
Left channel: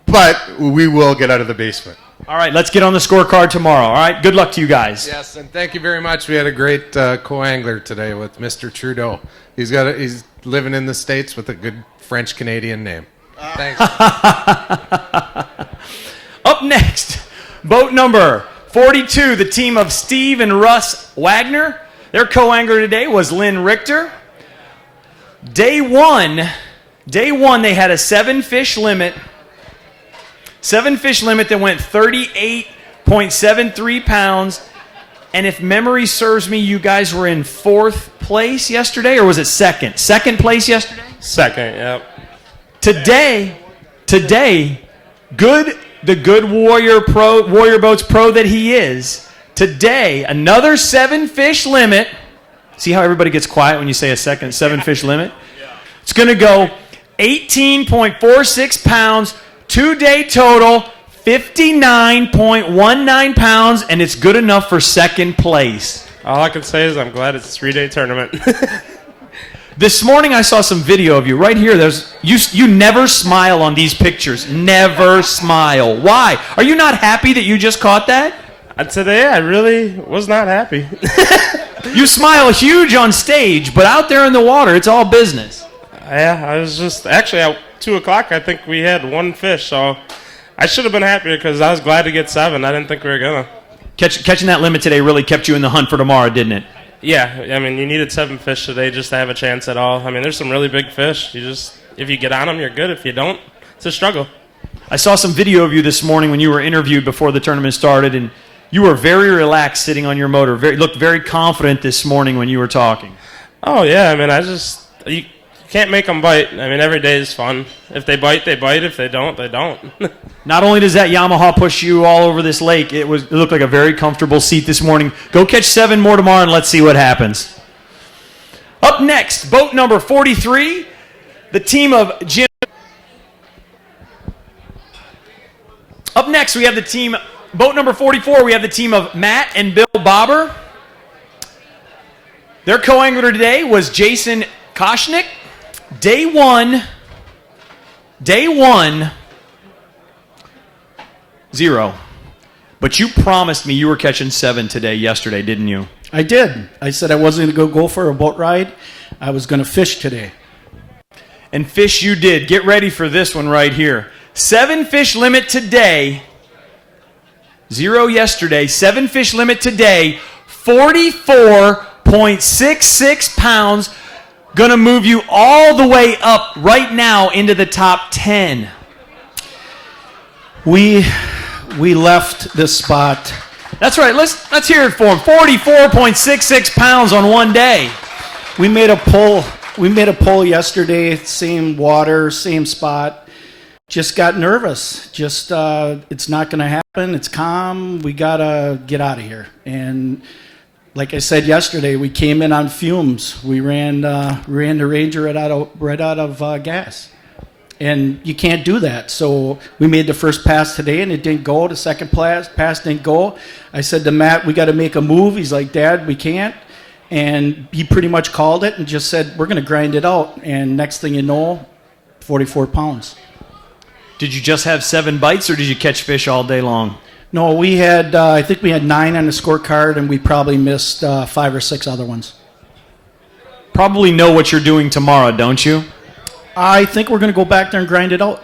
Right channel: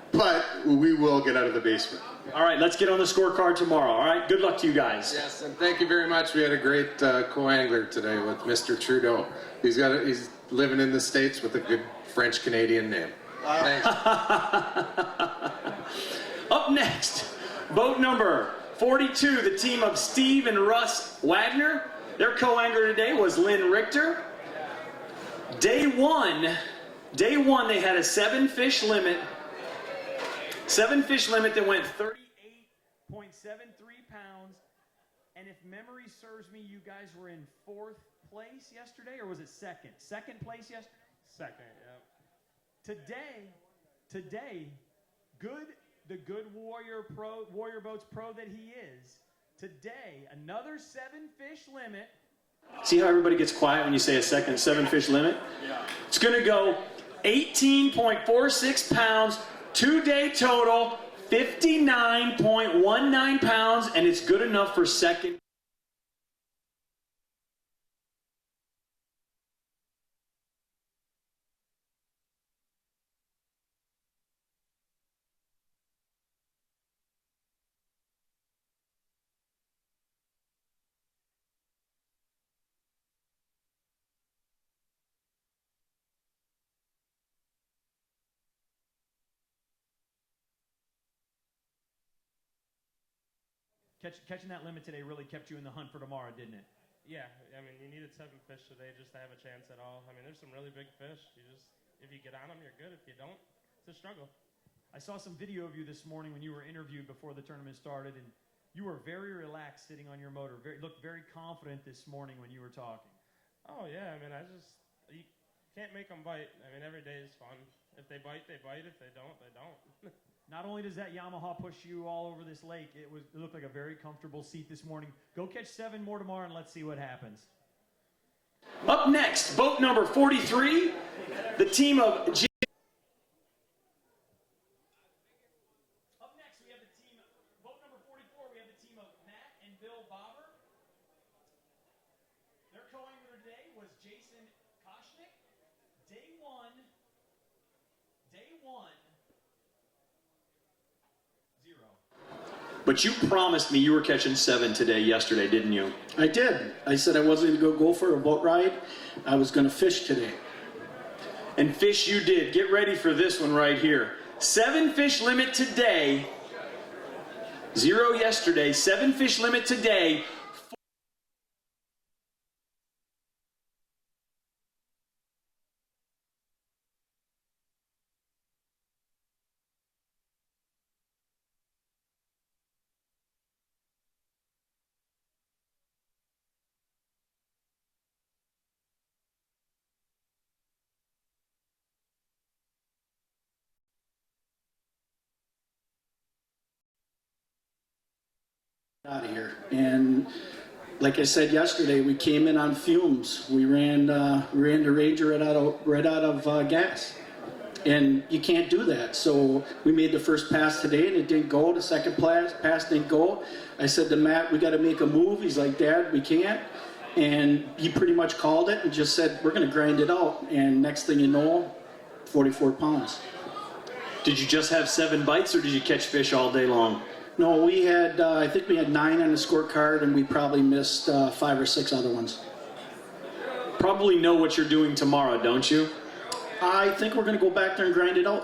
But we will get out of the basement. All right, let's get on the scorecard tomorrow. All right, good luck to you guys. Yes, and thank you very much. We had a great co-angler today with Mr. Trudeau. He's living in the States with a good French-Canadian name. Thanks. Up next, boat number 42, the team of Steve and Russ Wagner. Their co-angler today was Lynn Richter. Day one, they had a 7-fish limit. 7-fish limit that went 38.73 pounds. And if memory serves me, you guys were in 4th place yesterday, or was it second? 2nd place yesterday? Second, yep. Today, the good Warrior Boats pro that he is, today, another 7-fish limit. See how everybody gets quiet when you say a 7-fish limit? It's going to go 18.46 pounds, 2-day total, 59.19 pounds, and it's good enough for 2nd place. All I can say is I'm glad it's a 3-day tournament. This morning I saw some video of you right here. You never smile on these pictures. Never smile. Why? Are you not happy that you just caught that? Today I really was not happy. You smile huge on stage, but out there in the water, it's all business. Yeah, I was just actually at 2 o'clock. I think we had 1 fish, so I should have been happier because I was glad to get 7. I didn't think we were gonna. Catching that limit today really kept you in the hunt for tomorrow, didn't it? Yeah, I mean, you needed 7 fish today just to have a chance at all. I mean, there's some really big fish. If you get on them, you're good. If you don't, it's a struggle. I saw some video of you this morning when you were interviewed before the tournament started, and you were very relaxed sitting on your motor. Looked very confident this morning when you were talking. Oh, yeah, I mean, you can't make them bite. I mean, every day is fun. If they bite, they bite. If they don't, they don't. Not only does that Yamaha push you all over this lake, it looked like a very comfortable seat this morning. Go catch 7 more tomorrow and let's see what happens. Up next, boat number 43, the team of Jim. Up next, we have boat number 44, we have the team of Matt and Bill Bobber. Their co-angler today was Jason Koshnick. Day one, 0. But you promised me you were catching 7 yesterday, didn't you? I did. I said I wasn't going to go for a boat ride. I was going to fish today. And fish you did. Get ready for this one right here. 7-fish limit today. 0 yesterday. 7-fish limit today. 44.66 pounds. Going to move you all the way up right now into the top 10. We left this spot. That's right. Let's hear it for him. 44.66 pounds on one day. We made a pull. We made a pull yesterday. Same water, same spot. Just got nervous. It's not going to happen. It's calm. We gotta get out of here. And like I said yesterday, we came in on fumes. We ran the Ranger right out of gas. And you can't do that. So we made the first pass today, and it didn't go. The second pass didn't go. I said to Matt, we got to make a move. He's like, Dad, we can't. And he pretty much called it and just said, we're going to grind it out. And next thing you know, 44 pounds. Did you just have 7 bites, or did you catch fish all day long? No, we had, I think we had 9 on the scorecard, and we probably missed 5 or 6 other ones. Probably know what you're doing tomorrow, don't you? I think we're going to go back there and grind it out.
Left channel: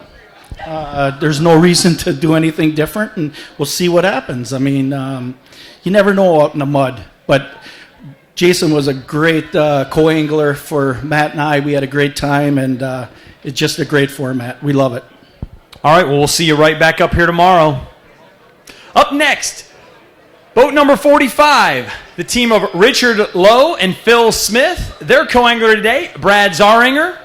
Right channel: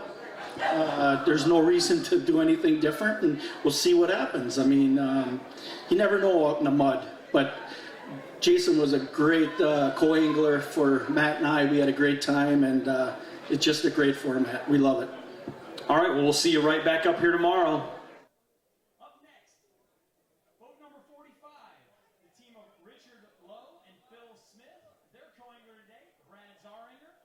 There's no reason to do anything different, and we'll see what happens. I mean, you never know out in the mud. But Jason was a great co-angler for Matt and I. We had a great time, and it's just a great format. We love it. All right, well, we'll see you right back up here tomorrow. Up next, boat number 45, the team of Richard Lowe and Phil Smith. Their co-angler today, Brad Zaringer.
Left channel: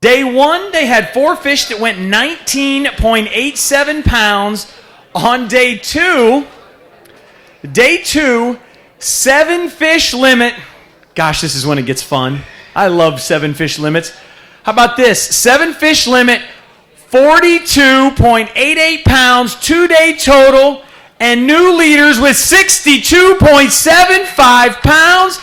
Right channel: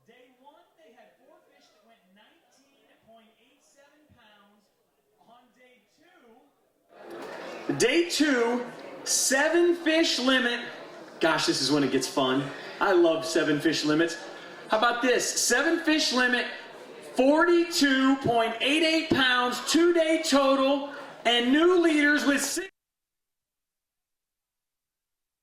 Day 1, they had 4 fish that went 19.87 pounds. On day 2, 7-fish limit. Gosh, this is when it gets fun. I love 7-fish limits. How about this? 7-fish limit, 42.88 pounds, 2-day total, and new leaders with 62.75 pounds.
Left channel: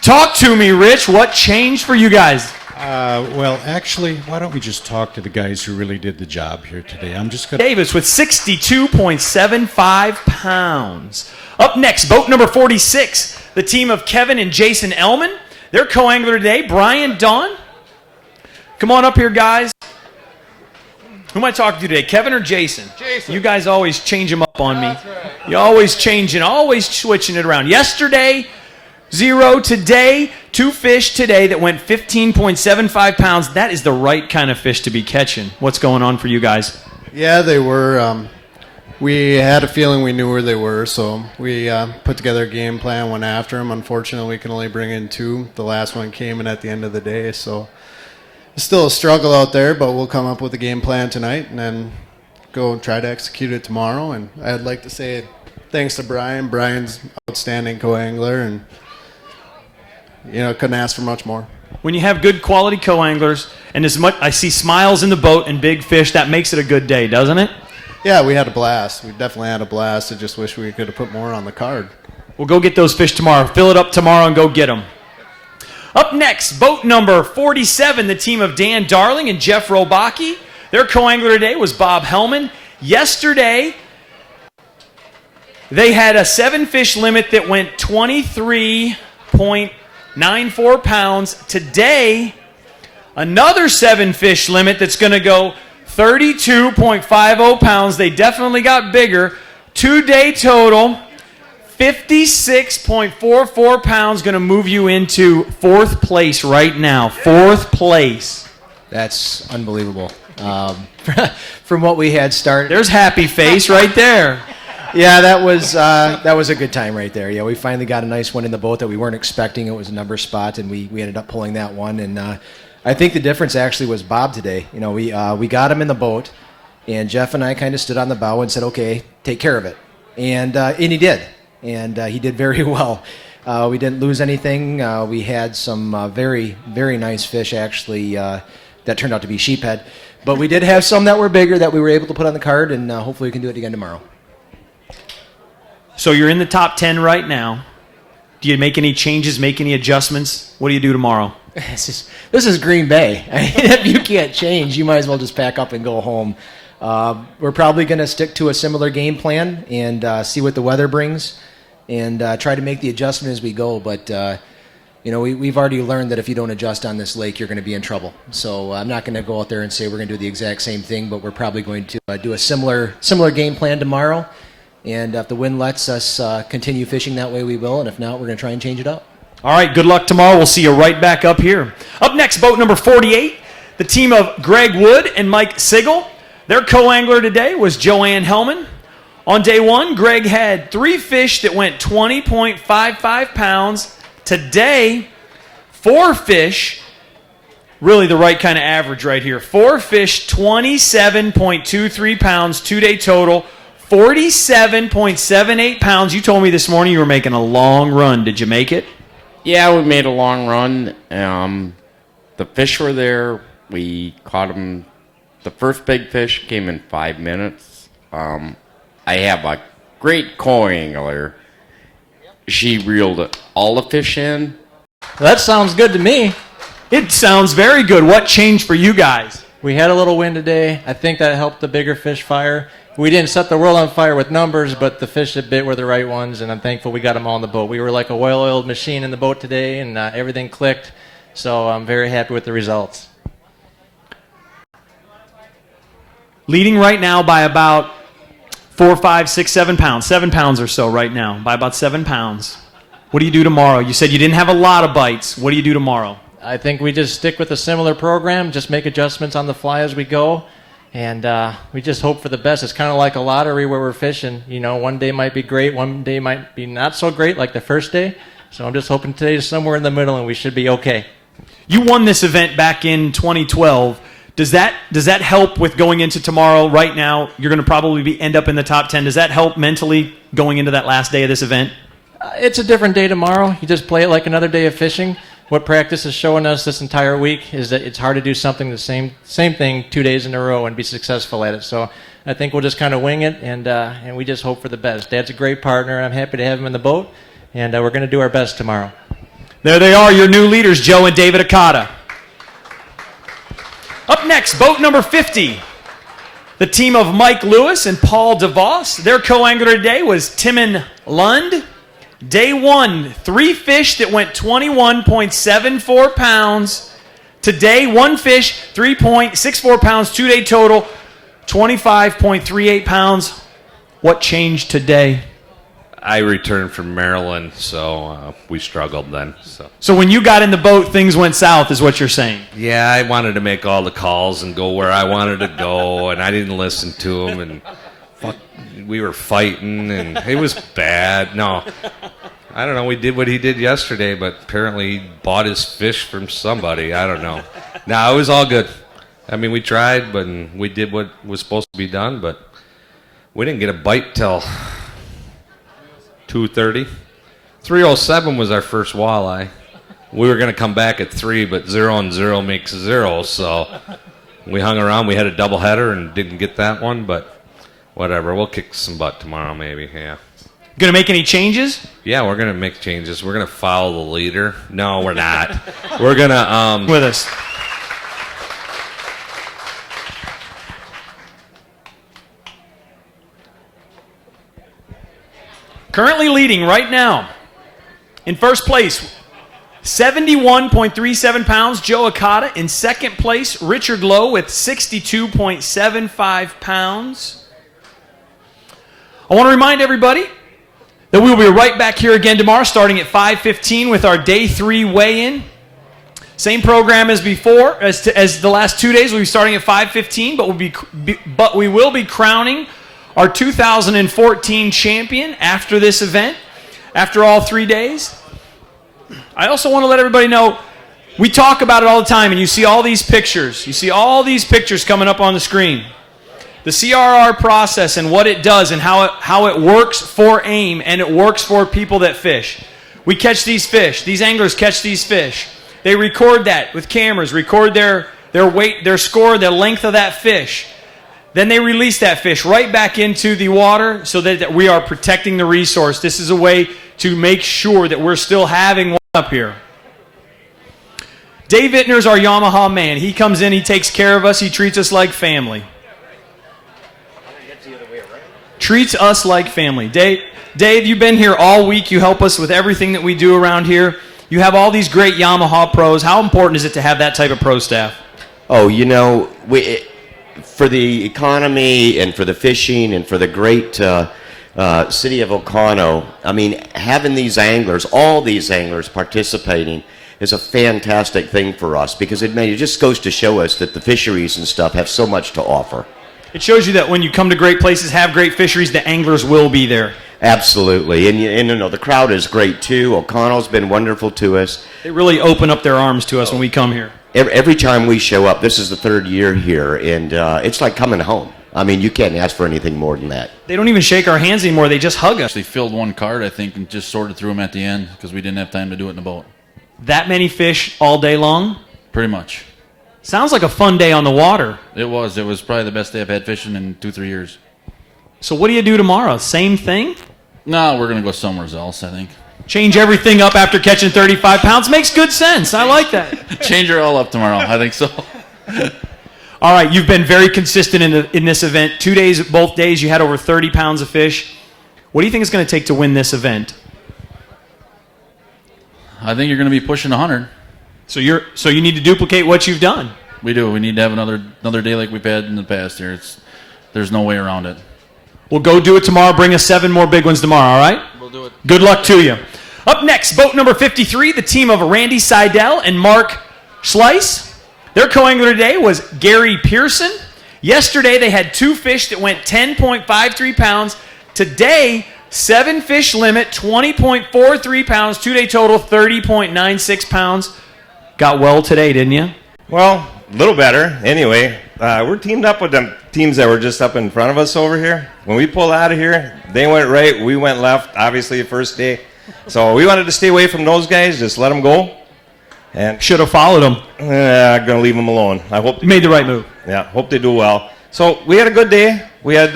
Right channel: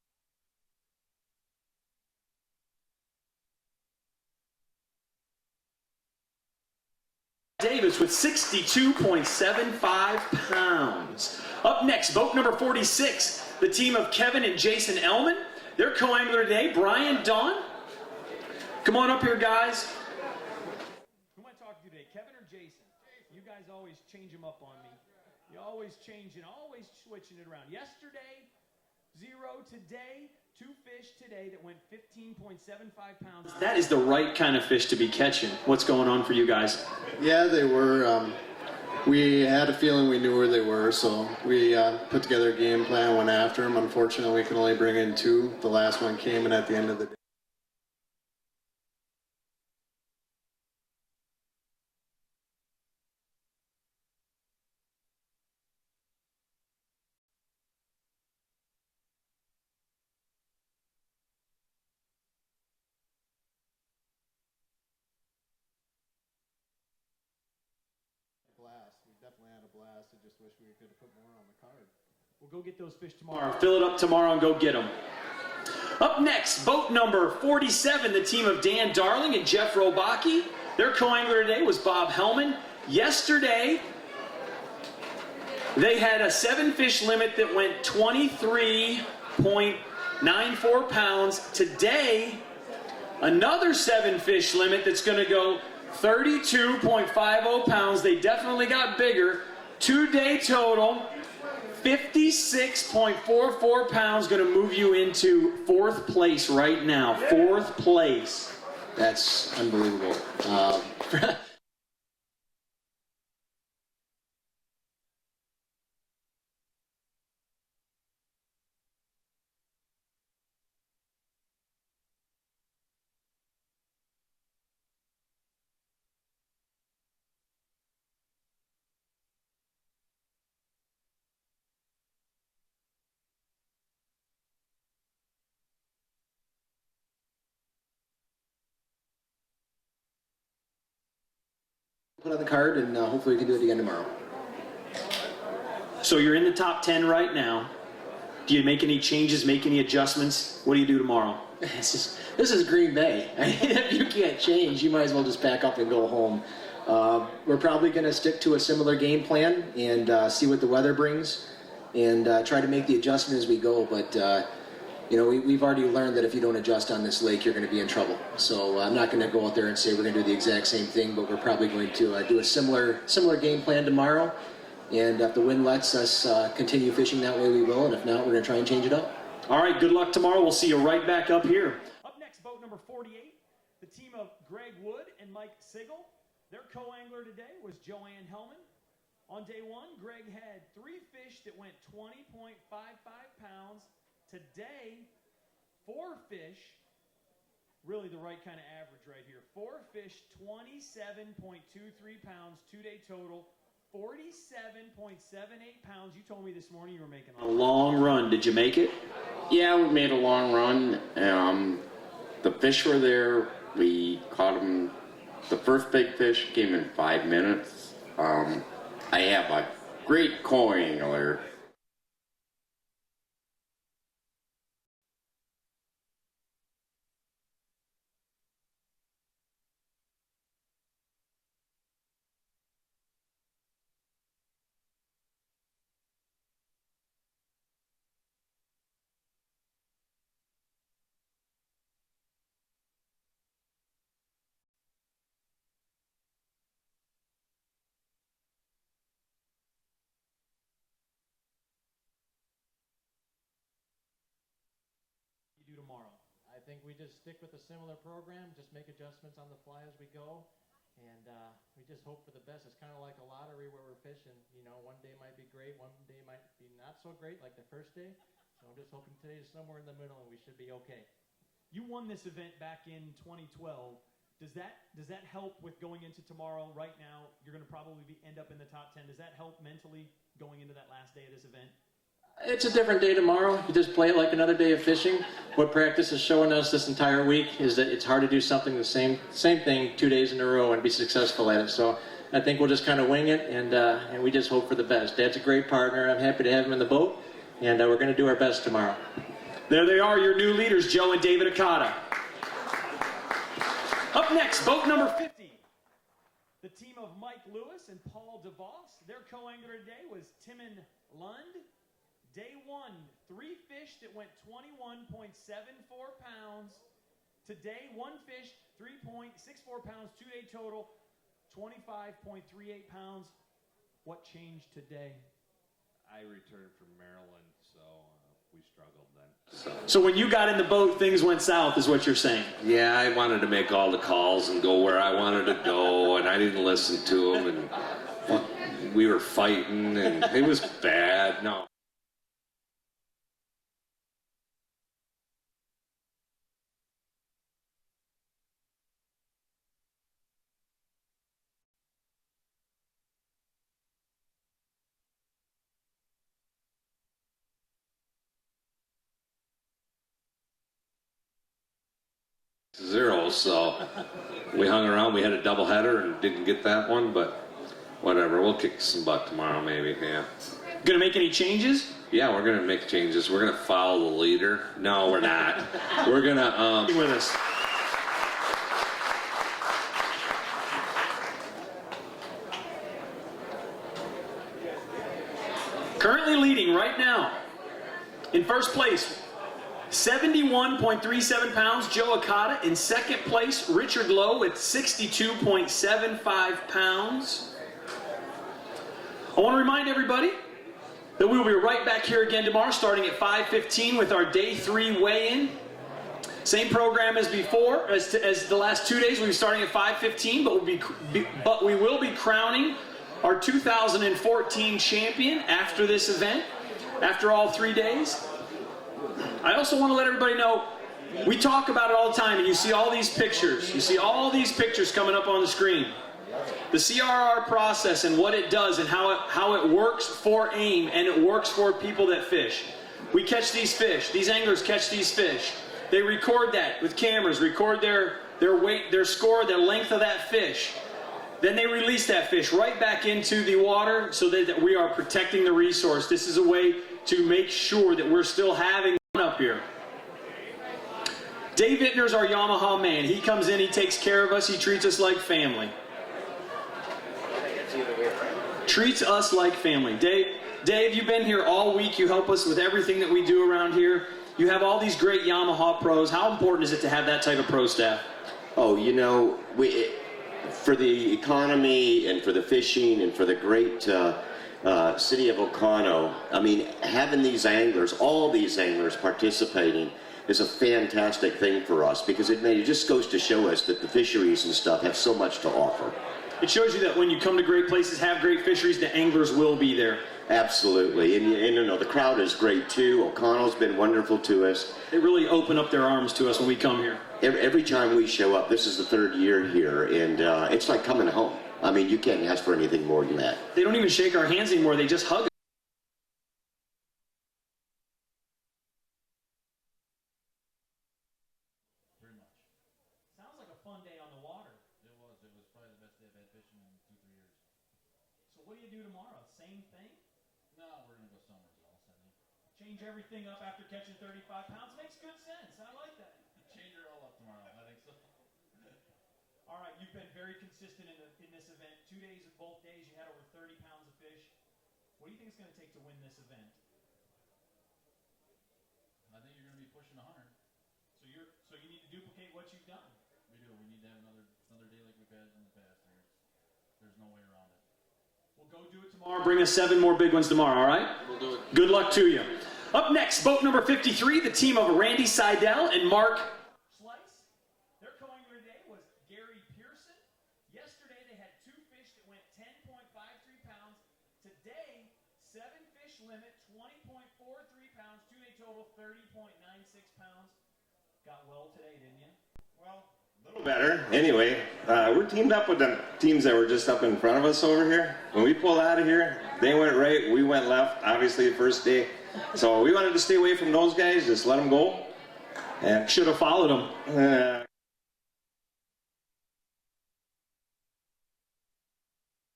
Talk to me, Rich. What changed for you guys? Well, actually, why don't we just talk to the guys who really did the job here today? I'm just going to... Davis with 62.75 pounds. Up next, boat number 46, the team of Kevin and Jason Ellman. Their co-angler today, Brian Dunn. Come on up here, guys. Who am I talking to today, Kevin or Jason? Jason. You guys always change them up on me. That's right. You always changing, always switching it around. Yesterday, 0. Today, 2 fish today that went 15.75 pounds. That is the right kind of fish to be catching. What's going on for you guys? Yeah, they were. We had a feeling we knew where they were, so we put together a game plan, went after them. Unfortunately, we can only bring in 2. The last one came in at the end of the day, so it's still a struggle out there, but we'll come up with a game plan tonight and then go and try to execute it tomorrow. And I'd like to say thanks to Brian. Brian's outstanding co-angler, and couldn't ask for much more. When you have good quality co-anglers, and as much I see smiles in the boat and big fish, that makes it a good day, doesn't it? Yeah, we had a blast. We definitely had a blast. I just wish we could have put more on the card. We'll go get those fish tomorrow. Fill it up tomorrow and go get them. Up next, boat number 47, the team of Dan Darling and Jeff Robaki. Their co-angler today was Bob Hellman. Yesterday, they had a 7-fish limit that went 23.94 pounds. Today, another 7-fish limit that's going to go 32.50 pounds. They definitely got bigger. 2-day total, 56.44 pounds, going to move you into 4th place right now. 4th place. That's unbelievable. From what we had started. There's happy face right there. Yeah, that was a good time right there. Yeah, we finally got a nice one in the boat that we weren't expecting. It was a number spot, and we ended up pulling that one. And I think the difference actually was Bob today. We got him in the boat, and Jeff and I kind of stood on the bow and said, "Okay, take care of it," and he did. And he did very well. We didn't lose anything. We had some very, very nice fish, actually, that turned out to be sheephead. But we did have some that were bigger that we were able to put on the card, and hopefully we can do it again tomorrow. So you're in the top 10 right now. Do you make any changes, make any adjustments? What do you do tomorrow? This is Green Bay. If you can't change, you might as well just pack up and go home. We're probably going to stick to a similar game plan and see what the weather brings, and try to make the adjustment as we go. But we've already learned that if you don't adjust on this lake, you're going to be in trouble. So I'm not going to go out there and say we're going to do the exact same thing, but we're probably going to do a similar game plan tomorrow. And if the wind lets us continue fishing that way, we will. And if not, we're going to try and change it up. All right, good luck tomorrow. We'll see you right back up here. Up next, boat number 48, the team of Greg Wood and Mike Sigel. Their co-angler today was Joanne Hellman. On day 1, Greg had 3 fish that went 20.55 pounds. Today, 4 fish, really the right kind of average right here. 4 fish, 27.23 pounds, 2-day total, 47.78 pounds. You told me this morning you were making a long run. Did you make it? Yeah, we made a long run. The fish were there. We caught them. The first big fish came in 5 minutes. I have a great co-angler. She reeled all the fish in. That sounds good to me. It sounds very good. What changed for you guys? We had a little wind today. I think that helped the bigger fish fire. We didn't set the world on fire with numbers, but the fish that bit were the right ones, and I'm thankful we got them all in the boat. We were like a well-oiled machine in the boat today, and everything clicked, so I'm very happy with the results. Leading right now by about 4, 5, 6, 7 pounds. 7 pounds or so right now, by about 7 pounds. What do you do tomorrow? You said you didn't have a lot of bites. What do you do tomorrow? I think we just stick with a similar program, just make adjustments on the fly as we go. And we just hope for the best. It's kind of like a lottery where we're fishing. One day might be great, one day might be not so great, like the first day. So I'm just hoping today is somewhere in the middle and we should be okay. You won this event back in 2012. Does that help with going into tomorrow? Right now, you're going to probably end up in the top 10. Does that help mentally going into that last day of this event? It's a different day tomorrow. You just play it like another day of fishing. what practice is showing us this entire week is that it's hard to do something the same thing 2 days in a row and be successful at it. So I think we'll just kind of wing it, and we just hope for the best. Dad's a great partner. I'm happy to have him in the boat, and we're going to do our best tomorrow. There they are, your new leaders, Joe and David Akata. Up next, boat number 50. The team of Mike Lewis and Paul DeVos. Their co-angler today was Timon Lund. Day 1, 3 fish that went 21.74 pounds. Today, 1 fish, 3.64 pounds, 2-day total, 25.38 pounds. What changed today? I returned from Maryland, so we struggled then. So when you got in the boat, things went south, is what you're saying? Yeah, I wanted to make all the calls and go where I wanted to go, and I didn't listen to them, and we were fighting, and it was bad. No, I don't know. We did what he did yesterday, but apparently he bought his fish from somebody. I don't know. No, it was all good. I mean, we tried, but we did what was supposed to be done, but we didn't get a bite till 2:30. 3:07 was our first walleye. We were going to come back at 3, but 0 and 0 makes 0, so we hung around. We had a doubleheader and didn't get that one, but whatever. We'll kick some butt tomorrow, maybe. Yeah. Going to make any changes? Yeah, we're going to make changes. We're going to follow the leader. No, we're not. We're going to with us. Currently leading right now, in first place, 71.37 pounds, Joe Akata. In second place, Richard Lowe with 62.75 pounds. I want to remind everybody that we will be right back here again tomorrow, starting at 5:15 with our Day 3 weigh-in. Same program as before, as the last 2 days. We'll be starting at 5:15, but we will be crowning our 2014 champion after this event, after all 3 days. I also want to let everybody know, we talk about it all the time, and you see all these pictures. You see all these pictures coming up on the screen. The CRR process and what it does and how it works for AIM and it works for people that fish. We catch these fish. These anglers catch these fish. They record that with cameras, record their weight, their score, the length of that fish. Then they release that fish right back into the water so that we are protecting the resource. This is a way to make sure that we're still having one up here. Dave Ittner's our Yamaha man. He comes in, he takes care of us, he treats us like family. Treats us like family. Dave, you've been here all week. You help us with everything that we do around here. You have all these great Yamaha pros. How important is it to have that type of pro staff? Oh, you know, for the economy and for the fishing and for the great city of Oconto, I mean, having these anglers, all these anglers participating is a fantastic thing for us because it just goes to show us that the fisheries and stuff have so much to offer. It shows you that when you come to great places, have great fisheries, the anglers will be there. Absolutely. And you know, the crowd is great too. Oconto's been wonderful to us. They really open up their arms to us when we come here. Every time we show up, this is the 3rd year here, and it's like coming home. I mean, you can't ask for anything more than that. They don't even shake our hands anymore. They just hug us. They filled one cart, I think, and just sorted through them at the end because we didn't have time to do it in the boat. That many fish all day long? Pretty much. Sounds like a fun day on the water. It was. It was probably the best day I've had fishing in 2-3 years. So what do you do tomorrow? Same thing? No, we're going to go somewhere else, I think. Change everything up after catching 35 pounds? Makes good sense. I like that. Change it all up tomorrow. I think so. All right, you've been very consistent in this event. 2 days, both days, you had over 30 pounds of fish. What do you think it's going to take to win this event? I think you're going to be pushing 100. So you need to duplicate what you've done. We do. We need to have another day like we've had in the past here. There's no way around it. We'll go do it tomorrow. Bring us 7 more big ones tomorrow, all right? We'll do it. Good luck to you. Up next, boat number 53, the team of Randy Seidel and Mark Schleiss. Their co-angler today was Gary Pearson. Yesterday, they had 2 fish that went 10.53 pounds. Today, 7 fish limit, 20.43 pounds. 2-day total, 30.96 pounds. Got well today, didn't you? Well, a little better. Anyway, we're teamed up with them teams that were just up in front of us over here. When we pulled out of here, they went right, we went left, obviously the first day. So we wanted to stay away from those guys, just let them go. And Should have followed him. I'm gonna leave them alone. I hope You made the right move. Yeah, hope they do well. So we had a good day. We had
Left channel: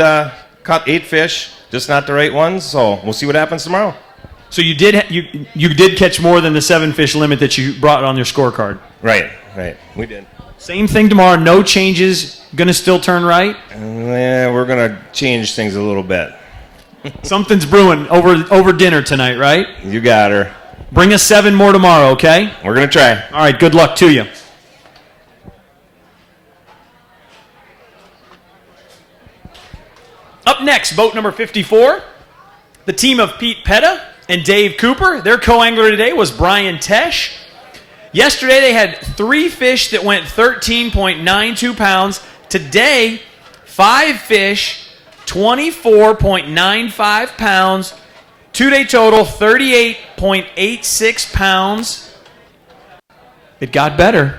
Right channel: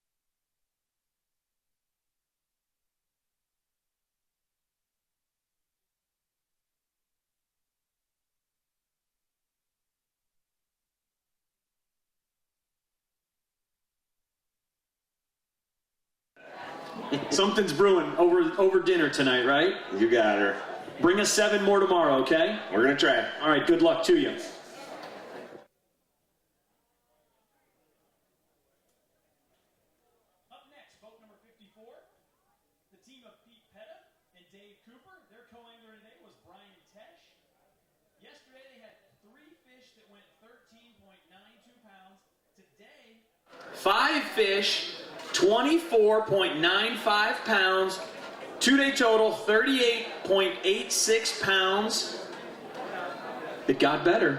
caught 8 fish, just not the right ones. So we'll see what happens tomorrow. So you did catch more than the 7 fish limit that you brought on your scorecard. Right. We did. Same thing tomorrow. No changes. Gonna still turn right. Yeah, we're gonna change things a little bit. Something's brewing over dinner tonight, right? You got her. Bring us 7 more tomorrow, okay? We're gonna try. All right. Good luck to you. Up next, boat number 54, the team of Pete Petta and Dave Cooper. Their co-angler today was Brian Tesh. Yesterday they had 3 fish that went 13.92 pounds. Today, 5 fish, 24.95 pounds. 2-day total, 38.86 pounds. It got better.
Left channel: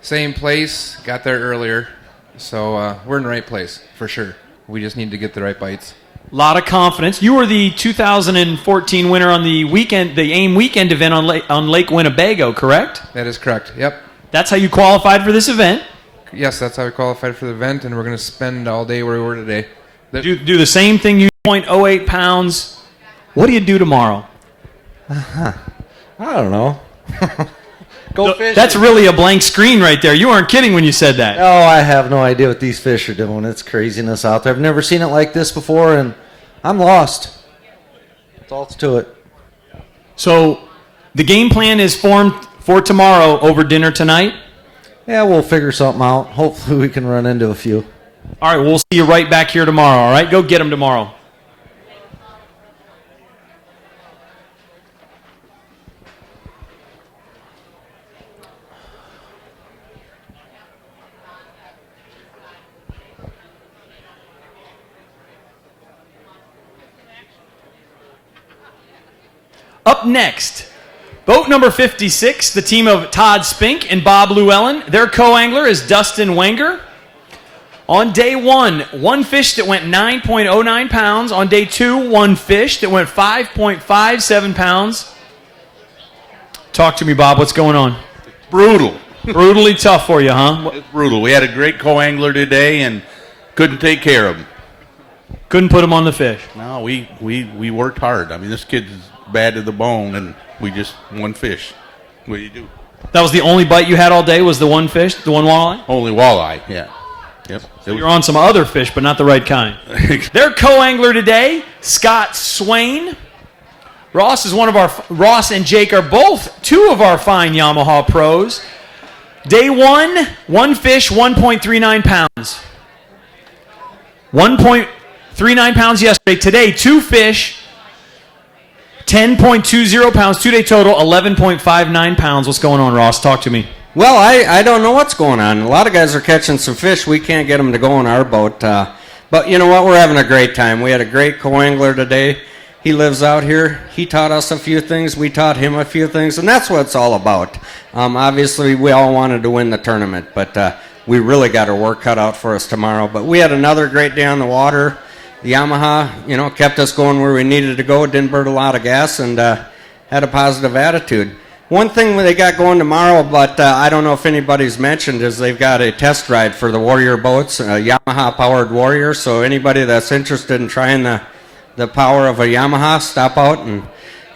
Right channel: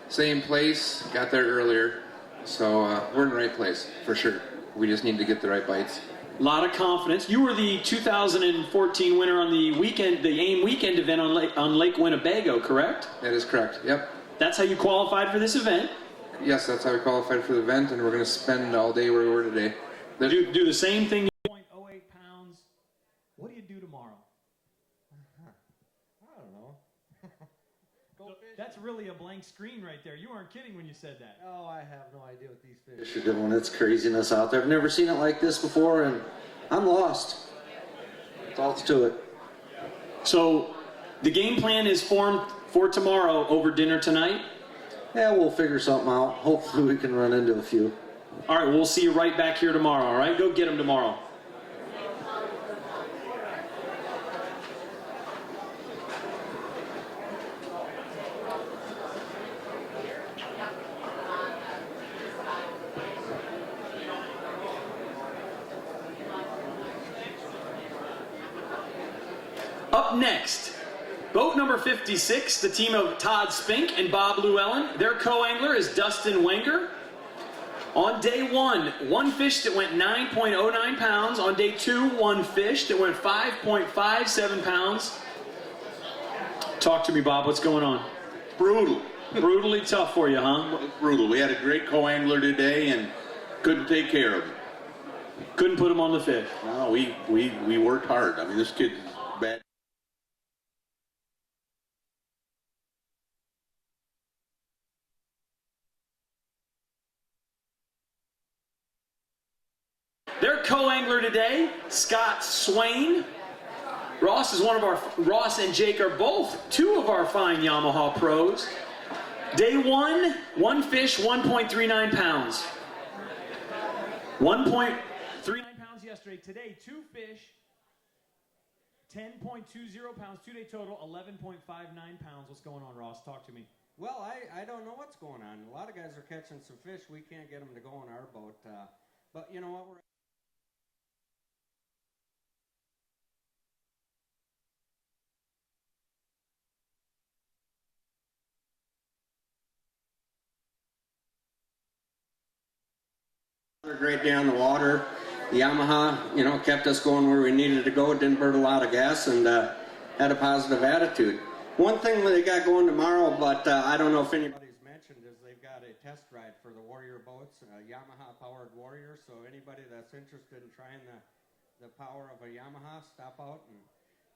Same place, got there earlier, so we're in the right place for sure. We just need to get the right bites. A lot of confidence. You were the 2014 winner on the AIM weekend event on Lake Winnebago, correct? That is correct. Yep. That's how you qualified for this event? Yes, that's how we qualified for the event, and we're going to spend all day where we were today. Do the same thing. You 0.08 pounds. What do you do tomorrow? I don't know. Go fishing. That's really a blank screen right there. You weren't kidding when you said that. Oh, I have no idea what these fish are doing. It's craziness out there. I've never seen it like this before, and I'm lost. That's all to it. So the game plan is formed for tomorrow over dinner tonight? Yeah, we'll figure something out. Hopefully we can run into a few. All right, we'll see you right back here tomorrow, all right? Go get them tomorrow. Up next, boat number 56, the team of Todd Spink and Bob Llewellyn. Their co-angler is Dustin Wenger. On day 1 fish that went 9.09 pounds. On day 2, 1 fish that went 5.57 pounds. Talk to me, Bob. What's going on? Brutal. Brutally tough for you, huh? Brutal. We had a great co-angler today and couldn't take care of him. Couldn't put him on the fish. No, we worked hard. I mean, this kid's bad to the bone, and we just one fish. What do you do? That was the only bite you had all day was the 1 fish, the 1 walleye? Only walleye, yeah. Yep. So you're on some other fish, but not the right kind. Their co-angler today, Scott Swain. Ross and Jake are both 2 of our fine Yamaha pros. Day 1 fish, 1.39 pounds. 1.39 pounds yesterday. Today, 2 fish, 10.20 pounds. 2-day total, 11.59 pounds. What's going on, Ross? Talk to me. Well, I don't know what's going on. A lot of guys are catching some fish. We can't get them to go on our boat. But you know what? We're having a great time. We had a great co-angler today. He lives out here. He taught us a few things. We taught him a few things. And that's what it's all about. Obviously, we all wanted to win the tournament. But we really got our work cut out for us tomorrow. But we had another great day on the water. The Yamaha, kept us going where we needed to go. Didn't burn a lot of gas and had a positive attitude. One thing they got going tomorrow, but I don't know if anybody's mentioned, is they've got a test ride for the Warrior boats, a Yamaha-powered Warrior. So anybody that's interested in trying the power of a Yamaha, stop out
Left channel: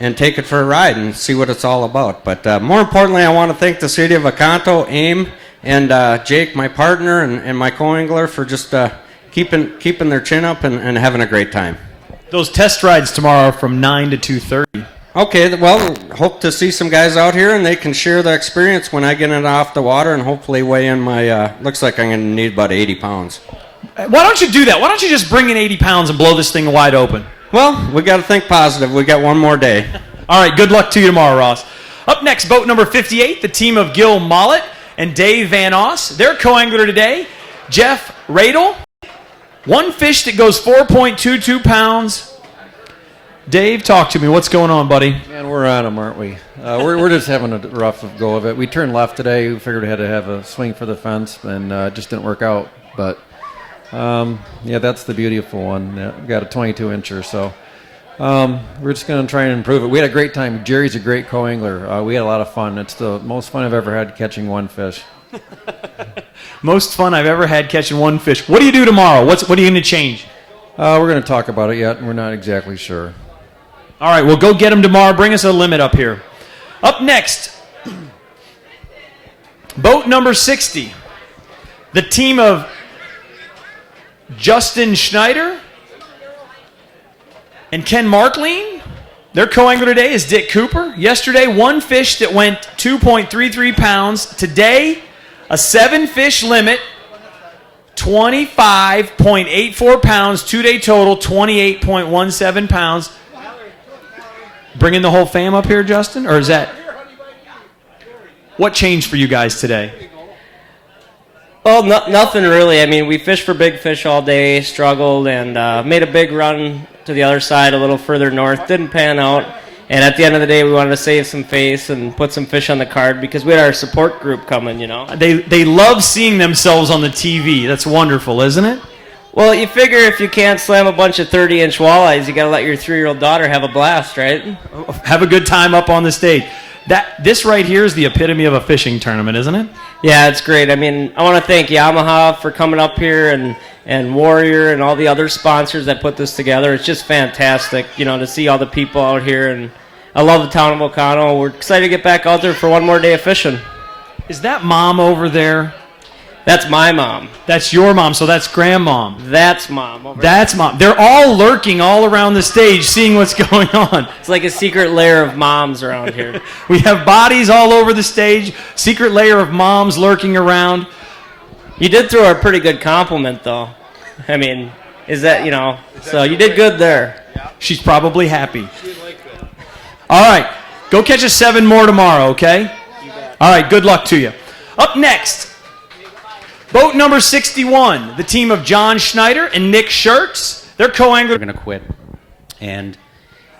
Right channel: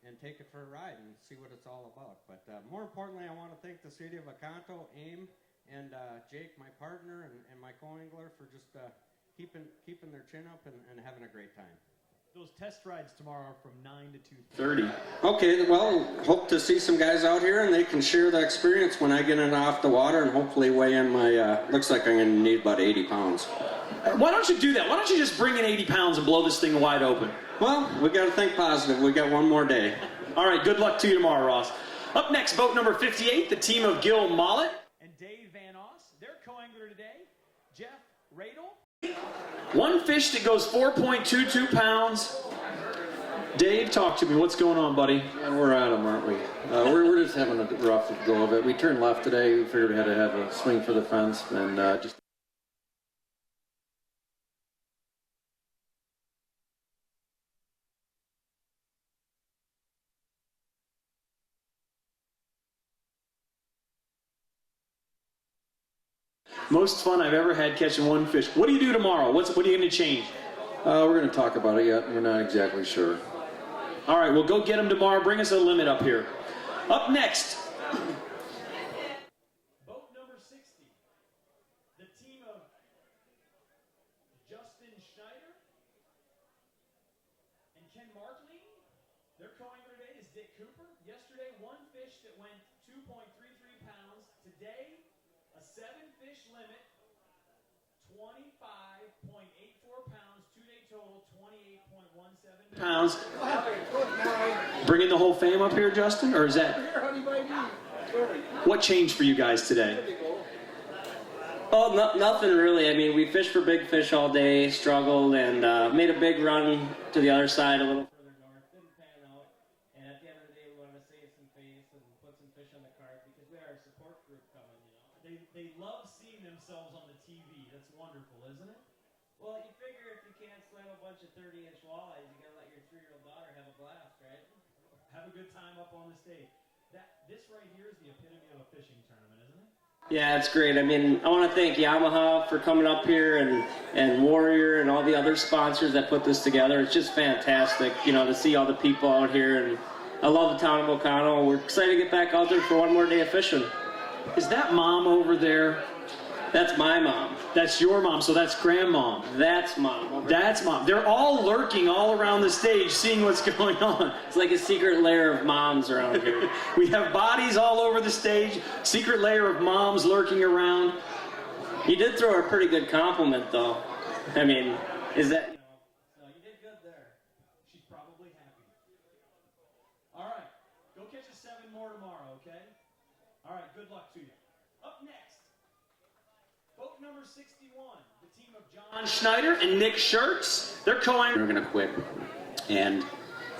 and take it for a ride and see what it's all about. But more importantly, I want to thank the city of Oconto, AIM, and Jake, my partner, and my co-angler for just keeping their chin up and having a great time. Those test rides tomorrow are from 9 to 2:30. Okay, well, hope to see some guys out here, and they can share the experience when I get it off the water and hopefully weigh in my, looks like I'm going to need about 80 pounds. Why don't you do that? Why don't you just bring in 80 pounds and blow this thing wide open? Well, we got to think positive. We got one more day. All right, good luck to you tomorrow, Ross. Up next, boat number 58, the team of Gil Mollett and Dave Van Oss. Their co-angler today, Jeff Radel. 1 fish that goes 4.22 pounds. Dave, talk to me. What's going on, buddy? Man, we're on them, aren't we? We're just having a rough go of it. We turned left today. We figured we had to have a swing for the fence, and it just didn't work out. But, yeah, that's the beautiful one. We got a 22-incher, so We're just going to try and improve it. We had a great time. Jerry's a great co-angler. We had a lot of fun. It's the most fun I've ever had catching one fish. Most fun I've ever had catching one fish. What do you do tomorrow? What are you going to change? We're going to talk about it yet. We're not exactly sure. All right, well, go get them tomorrow. Bring us a limit up here. Up next, boat number 60. The team of Justin Schneider and Ken Markleen. Their co-angler today is Dick Cooper. Yesterday, one fish that went 2.33 pounds. Today, a 7-fish limit, 25.84 pounds. 2-day total, 28.17 pounds. Bringing the whole fam up here, Justin? Or is that... What changed for you guys today? Well, nothing really. I mean, we fished for big fish all day, struggled, and made a big run to the other side a little further north. Didn't pan out. And at the end of the day, we wanted to save some face and put some fish on the card because we had our support group coming, you know. They love seeing themselves on the TV. That's wonderful, isn't it? Well, you figure if you can't slam a bunch of 30-inch walleyes, you got to let your 3-year-old daughter have a blast, right? Have a good time up on the stage. This right here is the epitome of a fishing tournament, isn't it? Yeah, it's great. I mean, I want to thank Yamaha for coming up here and Warrior and all the other sponsors that put this together. It's just fantastic, you know, to see all the people out here. And I love the town of Ocano. We're excited to get back out there for one more day of fishing. Is that mom over there? That's my mom. That's your mom, so that's grandmom. That's mom. That's mom. They're all lurking all around the stage, seeing what's going on. It's like a secret lair of moms around here. We have bodies all over the stage, secret layer of moms lurking around. You did throw a pretty good compliment, though. I mean, is that, you know, so you did good there. She's probably happy. All right, go catch us 7 more tomorrow, okay? All right, good luck to you. Up next, boat number 61, the team of John Schneider and Nick Schertz. They're co-angler. We're going to quit. And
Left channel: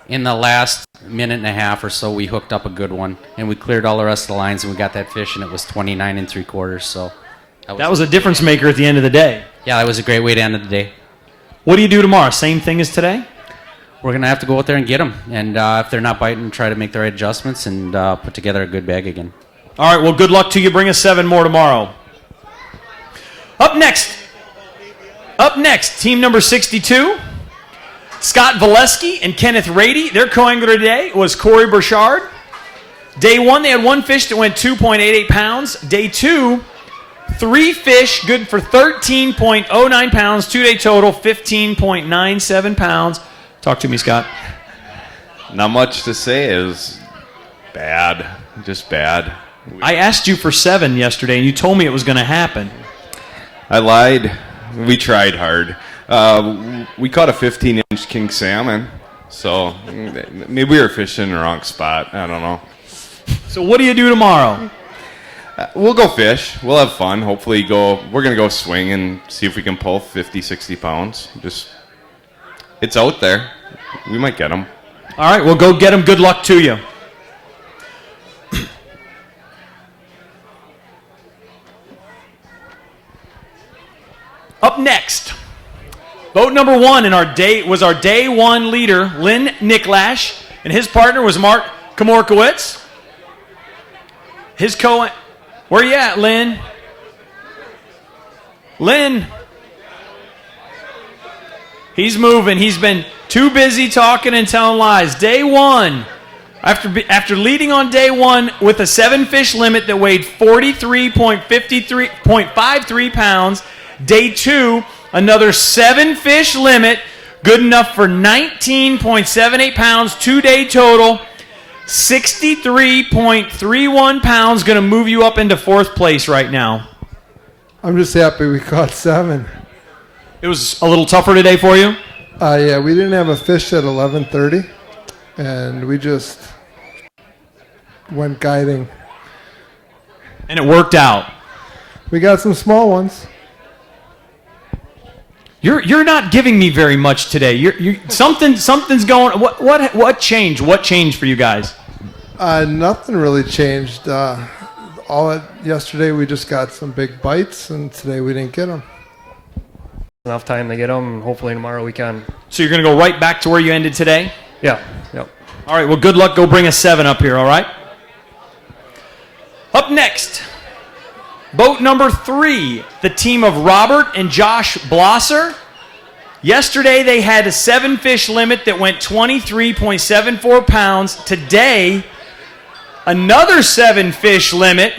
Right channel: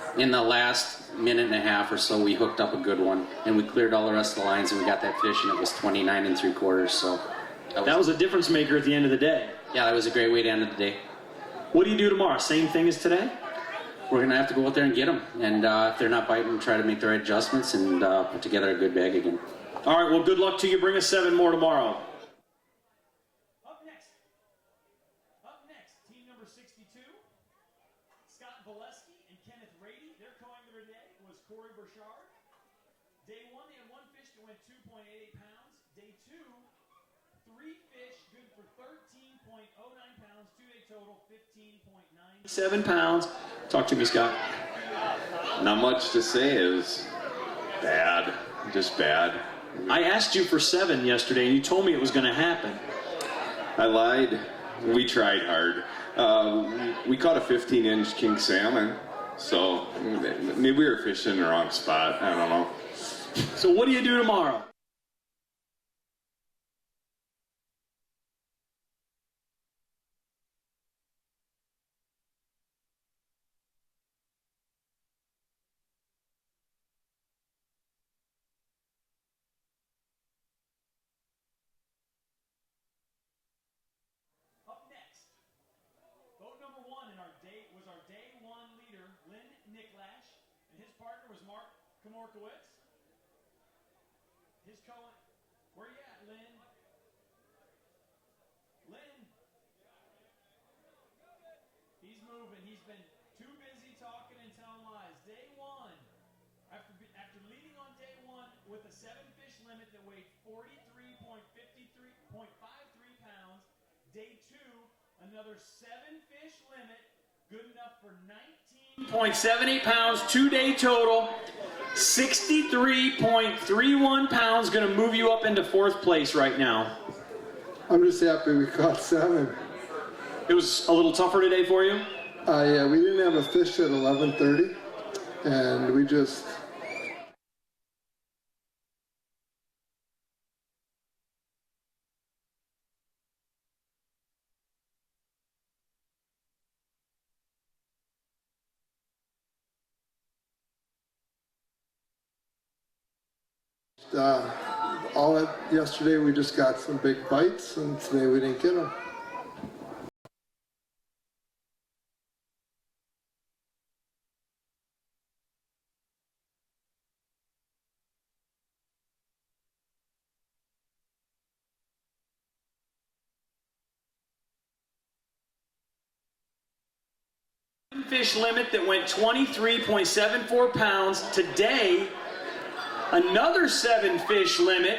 in the last minute and a half or so, we hooked up a good one, and we cleared all the rest of the lines, and we got that fish, and it was 29 3/4. So that was a difference maker at the end of the day. Yeah, that was a great way to end the day. What do you do tomorrow? Same thing as today? We're going to have to go out there and get them, and if they're not biting, try to make the right adjustments and put together a good bag again. All right, well, good luck to you. Bring us 7 more tomorrow. Up next, team number 62, Scott Valesky and Kenneth Rady. Their co-angler today was Corey Burchard. Day 1, they had one fish that went 2.88 pounds. Day 2, 3 fish, good for 13.09 pounds. 2-day total, 15.97 pounds. Talk to me, Scott. Not much to say. It was bad, just bad. I asked you for 7 yesterday, and you told me it was going to happen. I lied. We tried hard. We caught a 15-inch king salmon, so maybe we were fishing in the wrong spot. I don't know. So what do you do tomorrow? We'll go fish. We'll have fun. Hopefully we're going to go swing and see if we can pull 50, 60 pounds. It's out there. We might get them. All right, well, go get them. Good luck to you. Up next, boat number 1 in our day 1 leader, Lynn Nicklash, and his partner was Mark Komorkowitz. Where you at, Lynn? Lynn. He's moving. He's been too busy talking and telling lies. Day 1, after leading on day 1 with a 7-fish limit that weighed 43.53 pounds. Day 2, another 7-fish limit, good enough for 19.78 pounds, 2-day total, 63.31 pounds, going to move you up into 4th place right now. I'm just happy we caught 7. It was a little tougher today for you? Yeah, we didn't have a fish at 11:30, and we just went guiding. And it worked out. We got some small ones. You're not giving me very much today. Something's going. What changed? What changed for you guys? Nothing really changed. Yesterday we just got some big bites, and today we didn't get them. Enough time to get them, and hopefully tomorrow we can. So you're going to go right back to where you ended today? Yeah. Yep. All right, well, good luck. Go bring a 7 up here, all right? Up next, boat number 3, the team of Robert and Josh Blosser. Yesterday, they had a 7-fish limit that went 23.74 pounds. Today, another 7-fish limit,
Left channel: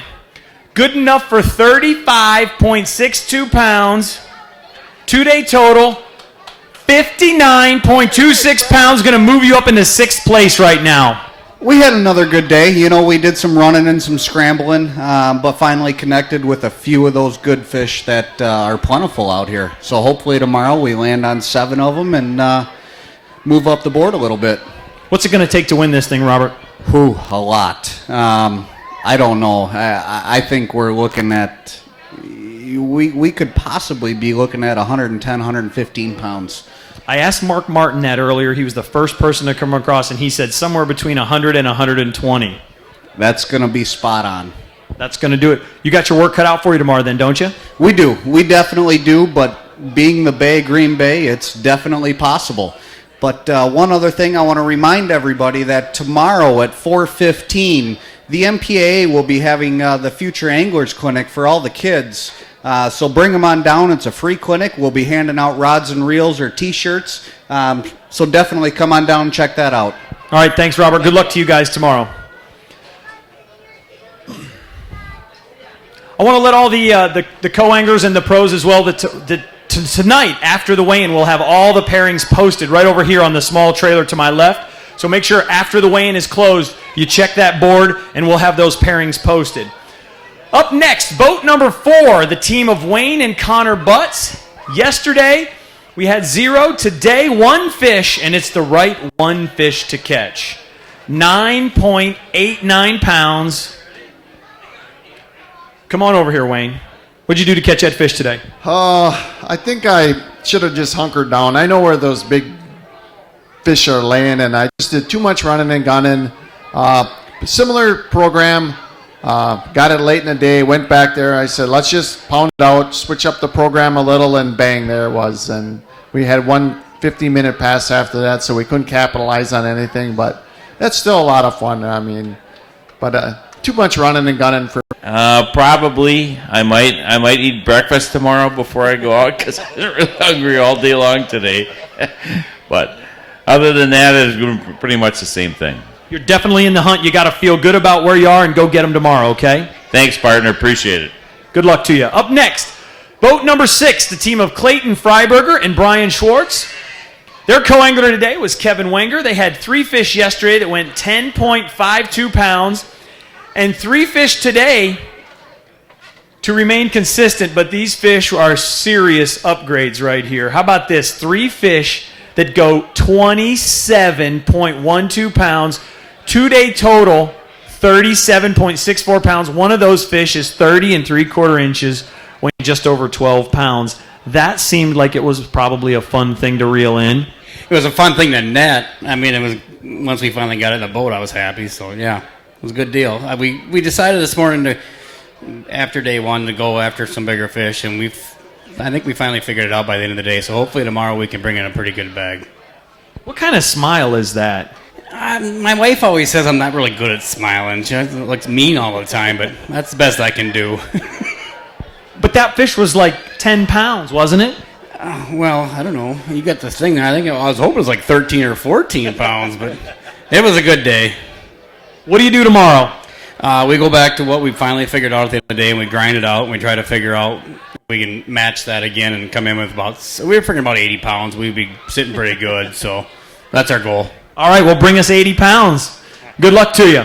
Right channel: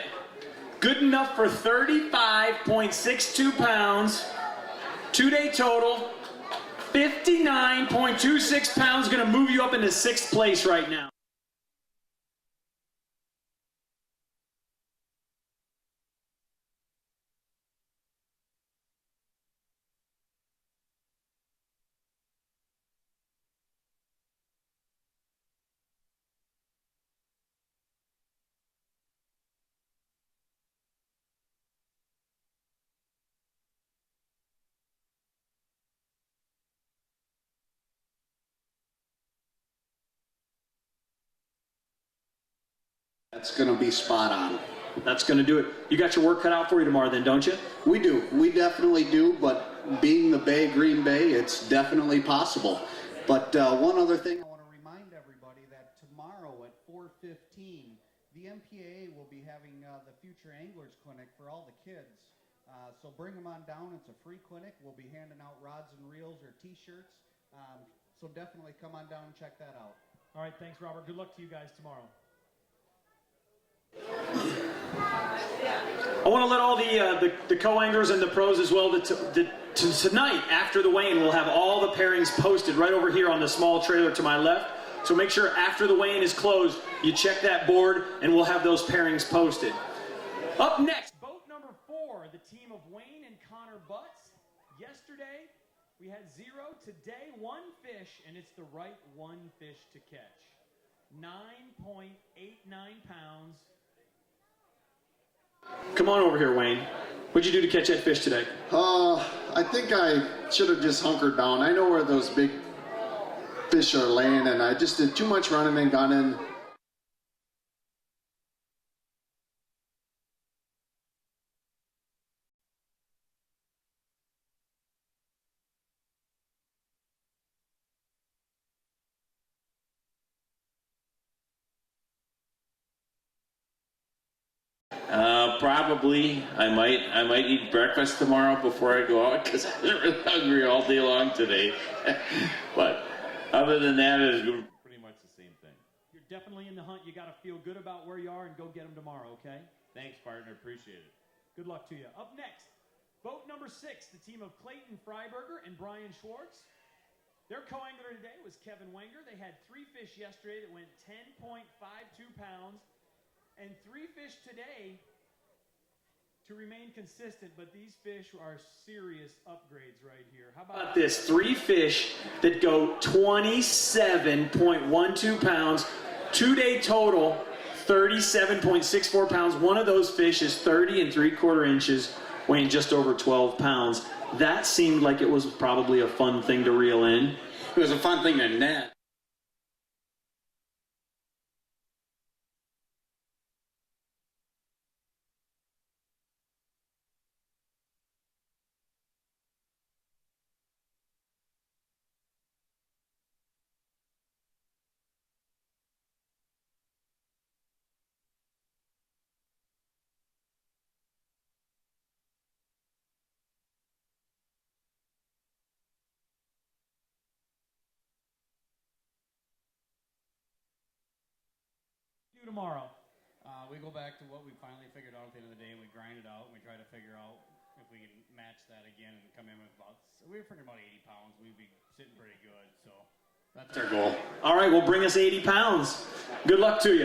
good enough for 35.62 pounds. 2-day total, 59.26 pounds, going to move you up into 6th place right now. We had another good day. You know, we did some running and some scrambling, but finally connected with a few of those good fish that are plentiful out here. So hopefully tomorrow we land on 7 of them and move up the board a little bit. What's it going to take to win this thing, Robert? A lot. I don't know. I think we're looking at, we could possibly be looking at 110, 115 pounds. I asked Mark Martin that earlier. He was the first person to come across, and he said somewhere between 100 and 120. That's going to be spot on. That's going to do it. You got your work cut out for you tomorrow then, don't you? We do. We definitely do, but being the Bay, Green Bay, it's definitely possible. But one other thing I want to remind everybody that tomorrow at 4:15, the MPAA will be having the Future Anglers Clinic for all the kids. So bring them on down. It's a free clinic. We'll be handing out rods and reels or T-shirts. So definitely come on down and check that out. All right, thanks, Robert. Good luck to you guys tomorrow. I want to let all the co-anglers and the pros as well tonight after the weigh-in we'll have all the pairings posted right over here on the small trailer to my left. So make sure after the weigh-in is closed, you check that board and we'll have those pairings posted. Up next, boat number 4, the team of Wayne and Connor Butts. Yesterday, we had 0. Today, 1 fish, and it's the right 1 fish to catch. 9.89 pounds. Come on over here, Wayne. What'd you do to catch that fish today? I think I should have just hunkered down. I know where those big fish are laying, and I just did too much running and gunning. Similar program. Got it late in the day, went back there. I said, let's just pound it out, switch up the program a little, and bang, there it was. And we had one 15-minute pass after that, so we couldn't capitalize on anything. But that's still a lot of fun. I mean, but too much running and gunning for. Probably. I might eat breakfast tomorrow before I go out because I'm really hungry all day long today. But other than that, it's pretty much the same thing. You're definitely in the hunt. You got to feel good about where you are and go get them tomorrow, okay? Thanks, partner. Appreciate it. Good luck to you. Up next, boat number 6, the team of Clayton Freiberger and Brian Schwartz. Their co-angler today was Kevin Wenger. They had 3 fish yesterday that went 10.52 pounds and 3 fish today to remain consistent, but these fish are serious upgrades right here. How about this? 3 fish that go 27.12 pounds. 2-day total, 37.64 pounds. One of those fish is 30 3/4 inches, weighing just over 12 pounds. That seemed like it was probably a fun thing to reel in. It was a fun thing to net. I mean, it was once we finally got it in the boat, I was happy. So yeah, it was a good deal. We decided this morning to, after day 1, to go after some bigger fish, and I think we finally figured it out by the end of the day. So hopefully tomorrow we can bring in a pretty good bag. What kind of smile is that? My wife always says I'm not really good at smiling. She looks mean all the time, but that's the best I can do. But that fish was like 10 pounds, wasn't it? Well, I don't know. You got the thing. I was hoping it was like 13 or 14 pounds, but it was a good day. What do you do tomorrow? We go back to what we finally figured out at the end of the day, and we grind it out, and we try to figure out if we can match that again and come in with we were figuring about 80 pounds. We'd be sitting pretty good, so that's our goal. All right, well, bring us 80 pounds. Good luck to you.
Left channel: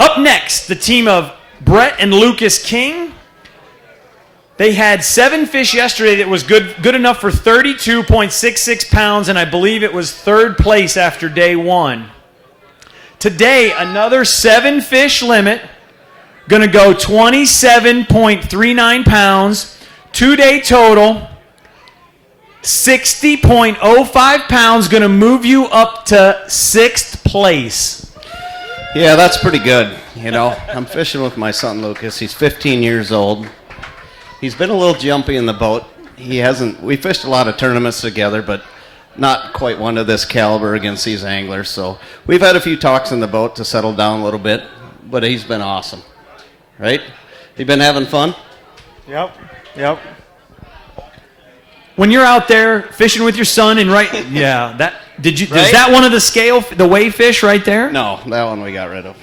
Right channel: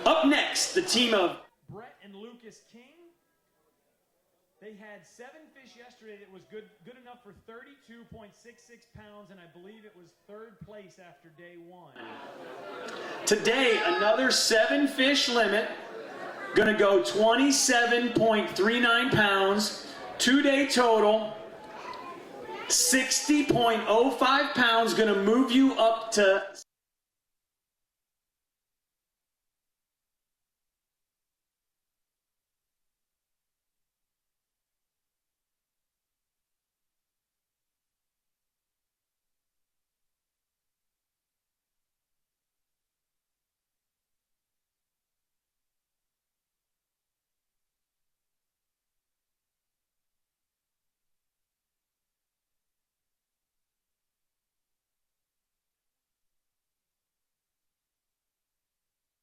Up next, the team of Brett and Lucas King. They had 7 fish yesterday that was good enough for 32.66 pounds, and I believe it was 3rd place after day 1. Today, another 7 fish limit, going to go 27.39 pounds, 2-day total, 60.05 pounds, going to move you up to 6th place. Yeah, that's pretty good. You know, I'm fishing with my son Lucas. He's 15 years old. He's been a little jumpy in the boat. We fished a lot of tournaments together, but not quite one of this caliber against these anglers. So we've had a few talks in the boat to settle down a little bit, but he's been awesome. Right? You been having fun? Yep. When you're out there fishing with your son and is that one of the scale, the weigh fish right there? No, that one we got rid of.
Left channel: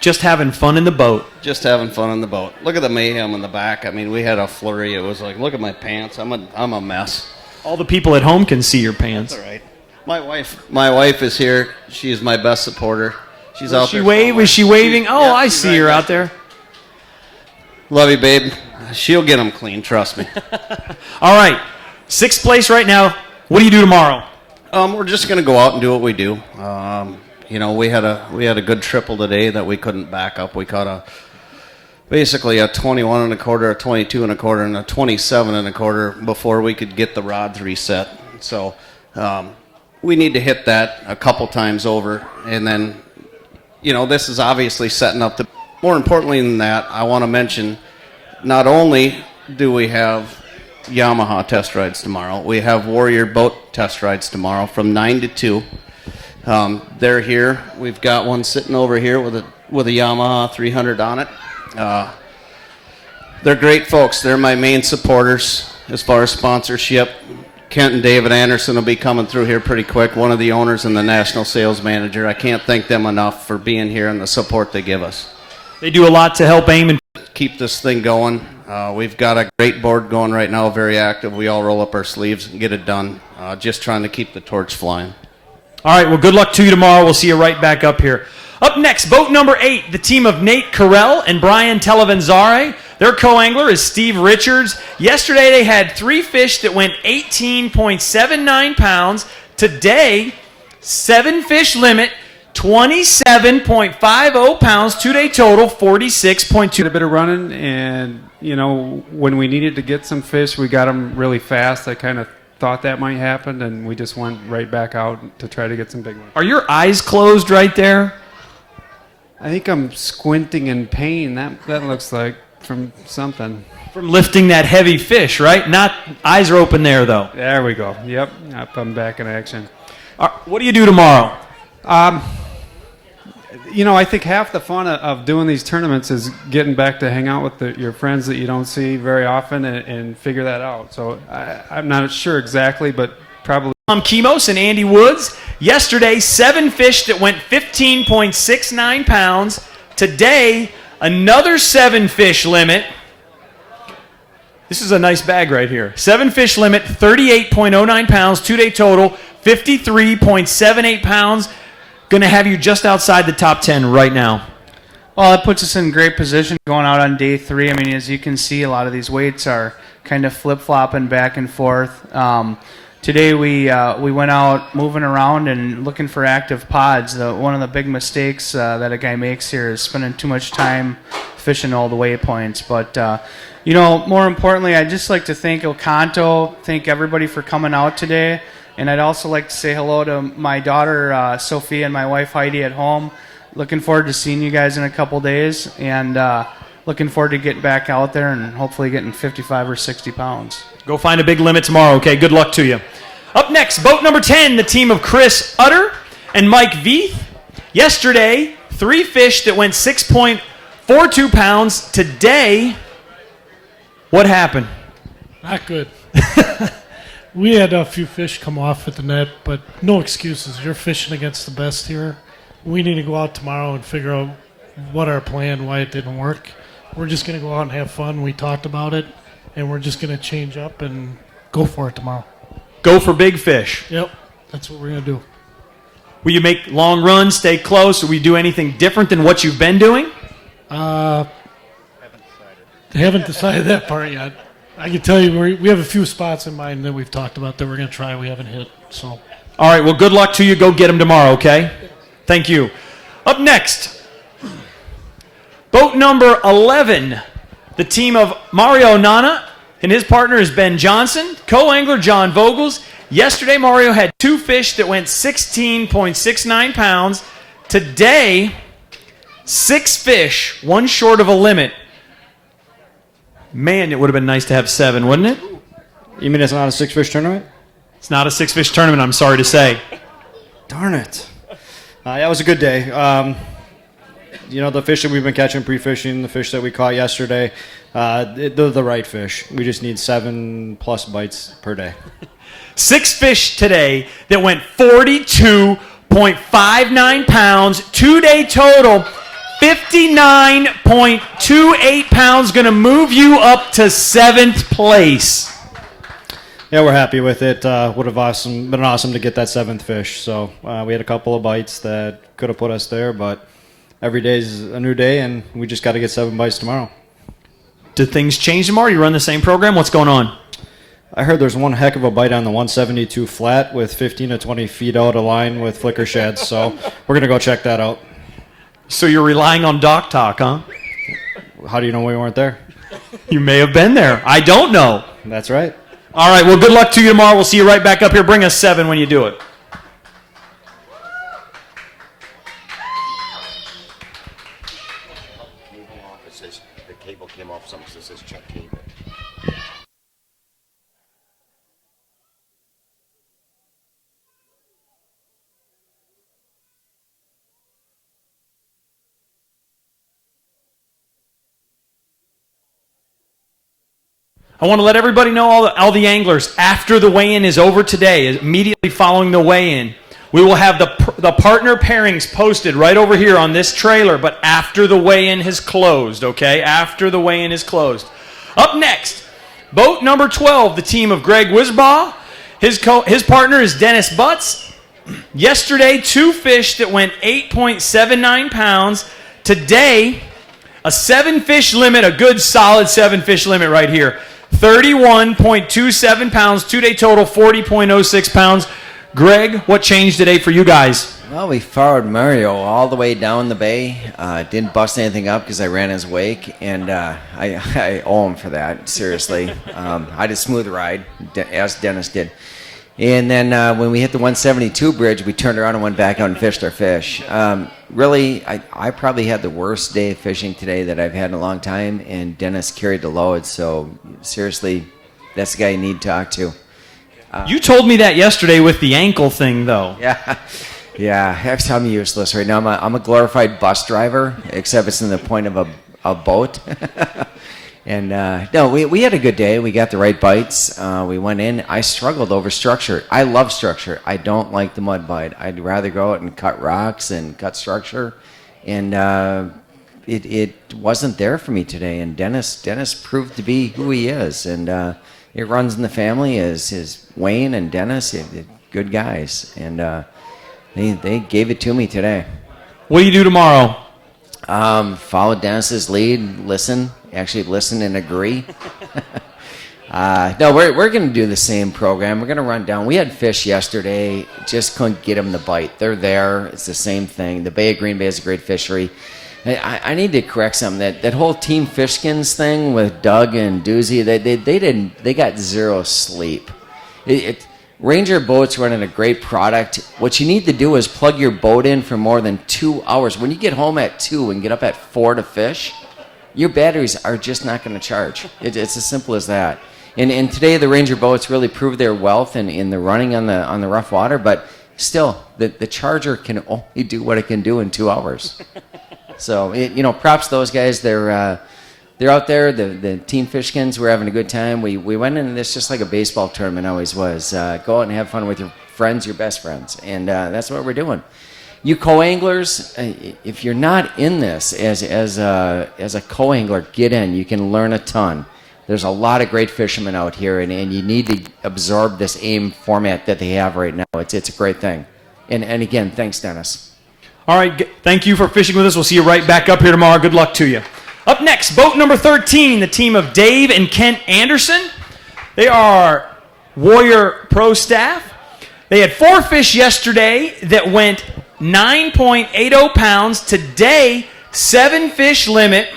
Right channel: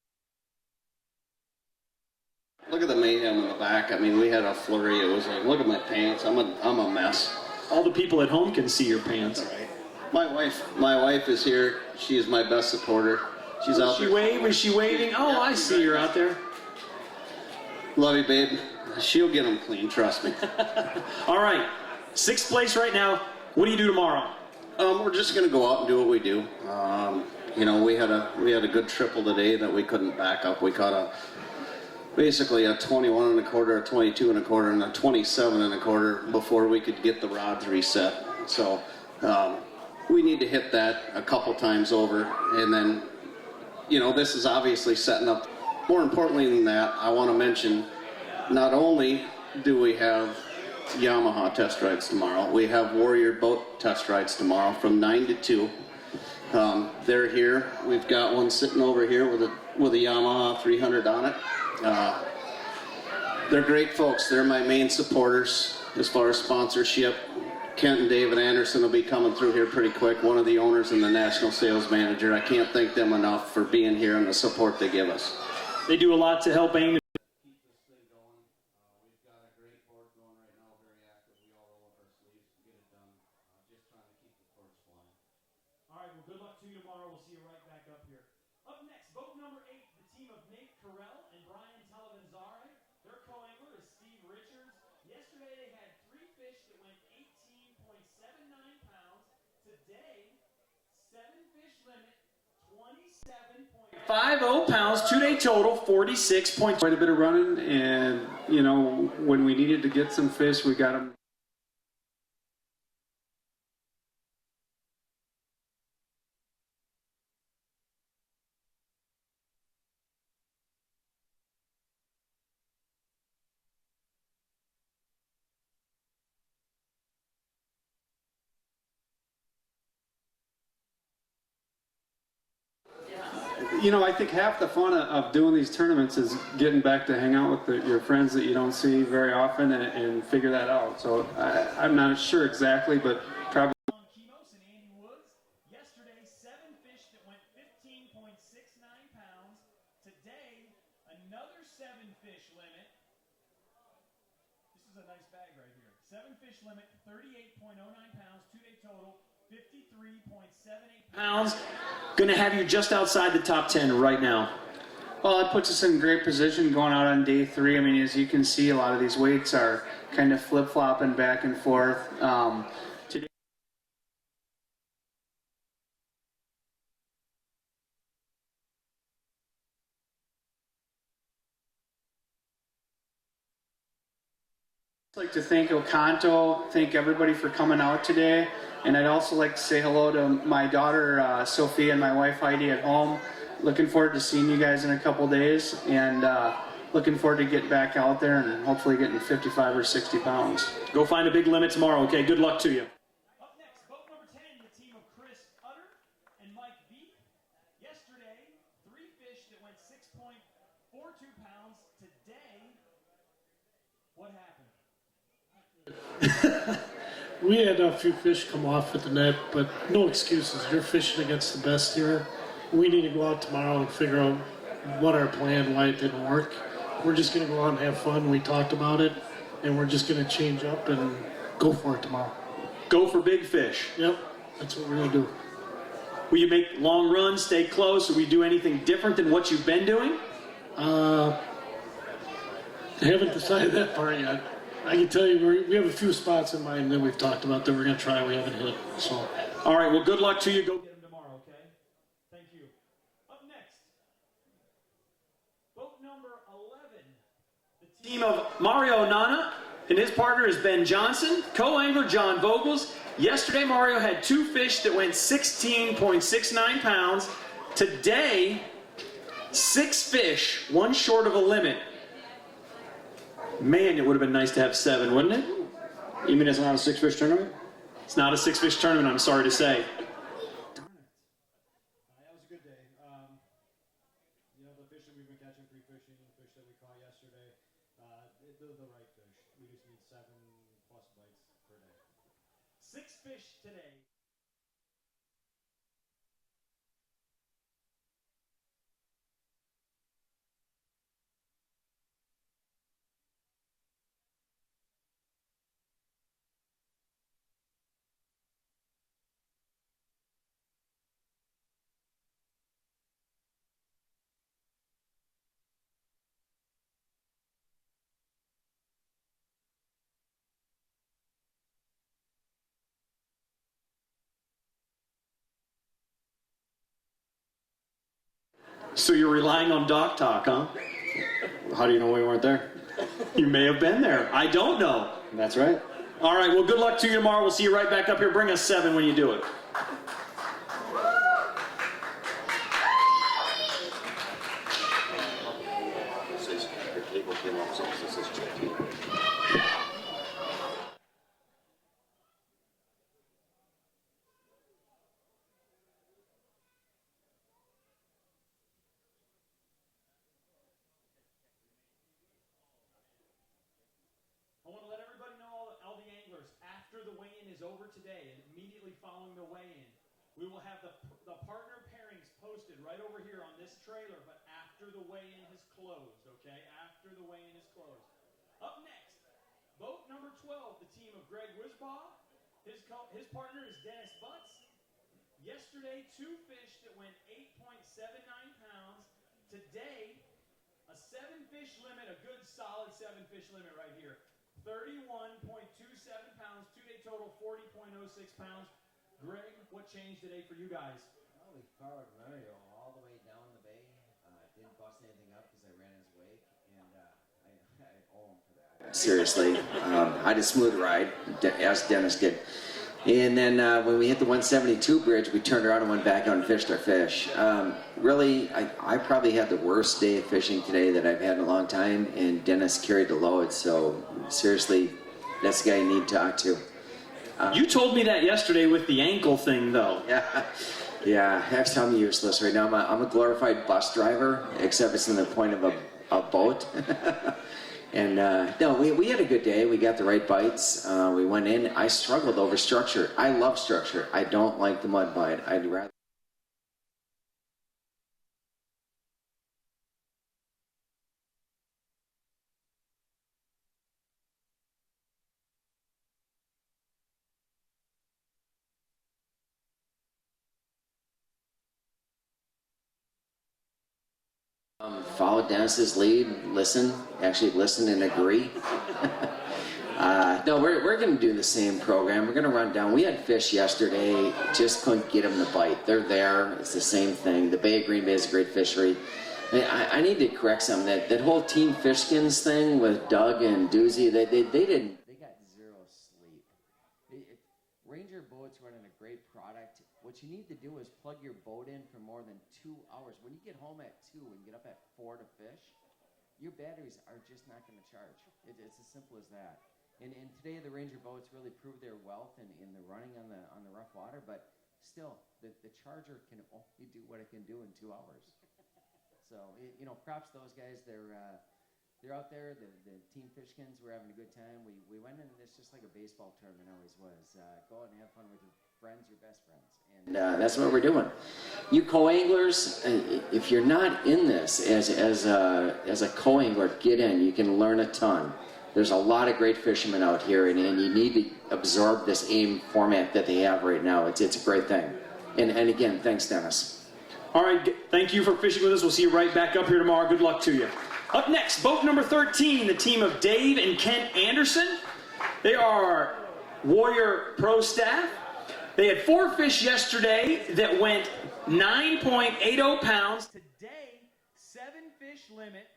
Just having fun in the boat. Just having fun in the boat. Look at the mayhem in the back. I mean, we had a flurry. It was like, look at my pants. I'm a mess. All the people at home can see your pants. That's all right. My wife is here. She is my best supporter. She's out there. Is she waving? Oh, I see her out there. Love you, babe. She'll get them clean. Trust me. All right. 6th place right now. What do you do tomorrow? We're just gonna go out and do what we do. We had a good triple today that we couldn't back up. We caught basically a 21 and a quarter, a 22 and a quarter, and a 27 and a quarter before we could get the rods reset. So we need to hit that a couple times over, and then this is obviously setting up the. More importantly than that, I want to mention, not only do we have Yamaha test rides tomorrow, we have Warrior boat test rides tomorrow from 9 to 2. They're here. We've got one sitting over here with a Yamaha 300 on it. They're great folks. They're my main supporters as far as sponsorship. Kent and David Anderson will be coming through here pretty quick, one of the owners and the national sales manager. I can't thank them enough for being here and the support they give us. They do a lot to help AIM and keep this thing going. We've got a great board going right now, very active. We all roll up our sleeves and get it done. Just trying to keep the torch flying. All right, well, good luck to you tomorrow. We'll see you right back up here. Up next, boat number 8, the team of Nate Carell and Brian Televanzare. Their co-angler is Steve Richards. Yesterday, they had 3 fish that went 18.79 pounds. Today, 7 fish limit, 27.50 pounds. 2-day total, 46.2. A bit of running, and when we needed to get some fish, we got them really fast. I kind of thought that might happen, and we just went right back out to try to get some big ones. Are your eyes closed right there? I think I'm squinting in pain. That looks like from something. From lifting that heavy fish, right? Not eyes are open there, though. There we go. Yep, I'm back in action. What do you do tomorrow? I think half the fun of doing these tournaments is getting back to hang out with your friends that you don't see very often and figure that out. So I'm not sure exactly, but probably. Tom Kimos and Andy Woods. Yesterday, 7 fish that went 15.69 pounds. Today, another 7 fish limit. This is a nice bag right here. 7 fish limit, 38.09 pounds. 2-day total, 53.78 pounds. Going to have you just outside the top 10 right now. Well, that puts us in great position going out on day 3. I mean, as you can see, a lot of these weights are kind of flip-flopping back and forth. Today we went out moving around and looking for active pods. One of the big mistakes that a guy makes here is spending too much time fishing all the waypoints. But, more importantly, I'd just like to thank El Canto, thank everybody for coming out today. And I'd also like to say hello to my daughter, Sophia, and my wife, Heidi, at home. Looking forward to seeing you guys in a couple days, and looking forward to getting back out there and hopefully getting 55 or 60 pounds. Go find a big limit tomorrow, okay? Good luck to you. Up next, boat number 10, the team of Chris Utter and Mike Veith. Yesterday, 3 fish that went 6.42 pounds. Today, what happened? Not good. We had a few fish come off at the net, but no excuses. You're fishing against the best here. We need to go out tomorrow and figure out what our plan, why it didn't work. We're just going to go out and have fun. We talked about it, and we're just going to change up and go for it tomorrow. Go for big fish. Yep, that's what we're going to do. Will you make long runs, stay close, or will you do anything different than what you've been doing? They haven't decided that part yet. I can tell you we have a few spots in mind that we've talked about that we're going to try we haven't hit. So. All right, well, good luck to you. Go get them tomorrow, okay? Thank you. Up next, boat number 11, the team of Mario Nana and his partner is Ben Johnson, co-angler John Vogels. Yesterday, Mario had 2 fish that went 16.69 pounds. Today, 6 fish, 1 short of a limit. Man, it would have been nice to have 7, wouldn't it? You mean it's not a 6-fish tournament? It's not a 6-fish tournament, I'm sorry to say. Darn it. Yeah, it was a good day. The fish that we've been catching pre-fishing, the fish that we caught yesterday, they're the right fish. We just need 7+ bites per day. 6 fish today that went 42.59 pounds, 2-day total, 59.28 pounds, going to move you up to 7th place. Yeah, we're happy with it. Would have been awesome to get that 7th fish. So we had a couple of bites that could have put us there, but every day is a new day, and we just got to get 7 bites tomorrow. Did things change tomorrow? You run the same program? What's going on? I heard there's one heck of a bite on the 172 flat with 15 to 20 feet out of line with flicker sheds, so we're going to go check that out. So you're relying on Doc Talk, huh? How do you know we weren't there? You may have been there. I don't know. That's right. All right, well, good luck to you tomorrow. We'll see you right back up here. Bring us 7 when you do it. I want to let everybody know, all the anglers, after the weigh-in is over today, immediately following the weigh-in, we will have the partner pairings posted right over here on this trailer, but after the weigh-in has closed, okay? After the weigh-in is closed. Up next, boat number 12, the team of Greg Wisbaugh. His partner is Dennis Butts. Yesterday, 2 fish that went 8.79 pounds. Today, a 7-fish limit, a good solid 7-fish limit right here. 31.27 pounds, 2-day total, 40.06 pounds. Greg, what changed today for you guys? Well, we followed Mario all the way down the bay. Didn't bust anything up because I ran his wake, and I owe him for that, seriously. I had a smooth ride, as Dennis did. And then when we hit the 172 bridge, we turned around and went back out and fished our fish. Really, I probably had the worst day of fishing today that I've had in a long time, and Dennis carried the load. So seriously, that's the guy you need to talk to. You told me that yesterday with the ankle thing, though. Yeah. I'm useless right now. I'm a glorified bus driver, except it's in the point of a boat. And no, we had a good day. We got the right bites. We went in. I struggled over structure. I love structure. I don't like the mud bite. I'd rather go out and cut rocks and cut structure. And it wasn't there for me today. And Dennis proved to be who he is. And it runs in the family as his Wayne and Dennis, good guys. And they gave it to me today. What do you do tomorrow? Follow Dennis's lead, listen and agree. No, we're going to do the same program. We're going to run down. We had fish yesterday, just couldn't get them to bite. They're there. It's the same thing. The Bay of Green Bay is a great fishery. I need to correct something. That whole Team Fishkins thing with Doug and Doozy, they got zero sleep. Ranger Boats running a great product. What you need to do is plug your boat in for more than 2 hours. When you get home at 2 and get up at 4 to fish, your batteries are just not going to charge. It's as simple as that. And today the Ranger Boats really proved their wealth in the running on the rough water, but still, the Charger can only do what it can do in 2 hours. So, props to those guys. They're out there. The Team Fishkins were having a good time. We went in this just like a baseball tournament always was. Go out and have fun with your friends, your best friends, and that's what we're doing. You co-anglers, if you're not in this as a co-angler, get in. You can learn a ton. There's a lot of great fishermen out here, and you need to absorb this AIM format that they have right now. It's a great thing. And again, thanks, Dennis. All right, thank you for fishing with us. We'll see you right back up here tomorrow. Good luck to you. Up next, boat number 13, the team of Dave and Kent Anderson. They are Warrior Pro staff. They had 4 fish yesterday that went 9.80 pounds. Today, 7-fish limit,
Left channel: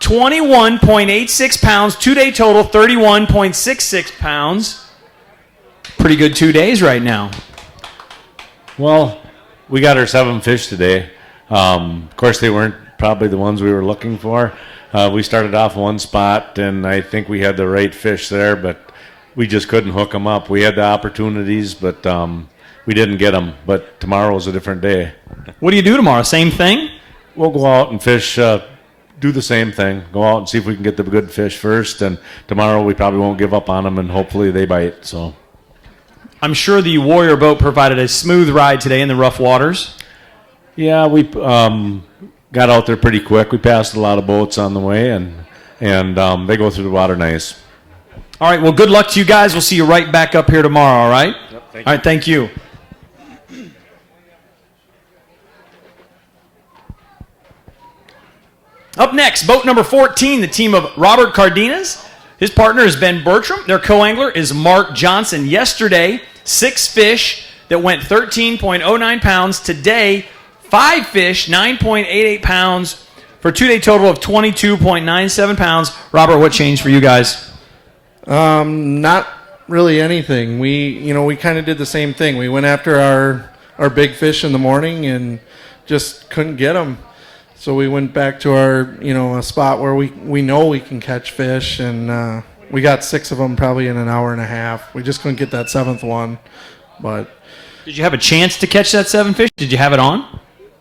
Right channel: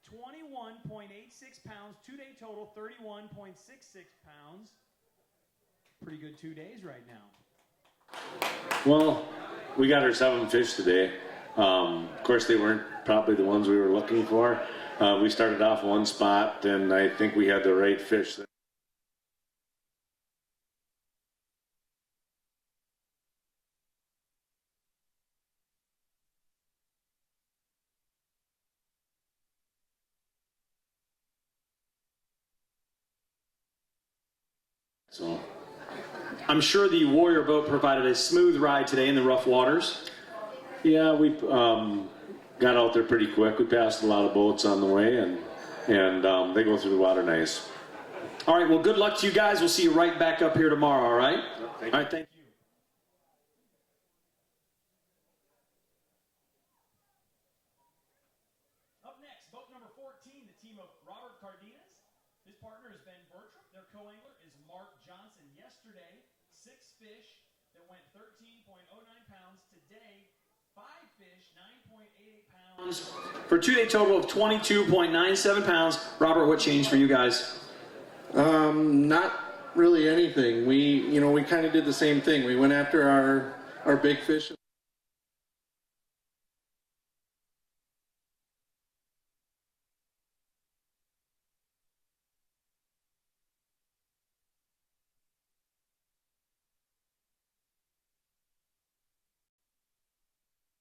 21.86 pounds. 2-day total, 31.66 pounds. Pretty good 2 days right now. Well, we got our 7 fish today. Of course, they weren't probably the ones we were looking for. We started off one spot, and I think we had the right fish there, but we just couldn't hook them up. We had the opportunities, but we didn't get them. But tomorrow's a different day. What do you do tomorrow? Same thing? We'll go out and fish, do the same thing. Go out and see if we can get the good fish first. And tomorrow we probably won't give up on them, and hopefully they bite. So, I'm sure the Warrior boat provided a smooth ride today in the rough waters. yeah, we got out there pretty quick. We passed a lot of boats on the way, and they go through the water nice. All right, well, good luck to you guys. We'll see you right back up here tomorrow, all right? All right, thank you. Up next, boat number 14, the team of Robert Cardenas. His partner is Ben Bertram. Their co-angler is Mark Johnson. Yesterday, 6 fish that went 13.09 pounds. Today, 5 fish, 9.88 pounds, for a 2-day total of 22.97 pounds. Robert, what changed for you guys? Not really anything. We kind of did the same thing. We went after our big fish in the morning and just couldn't get them. So we went back to our, a spot where we know we can catch fish, and we got 6 of them probably in an hour and a half. We just couldn't get that 7th one, but. Did you have a chance to catch that 7 fish? Did you have it on?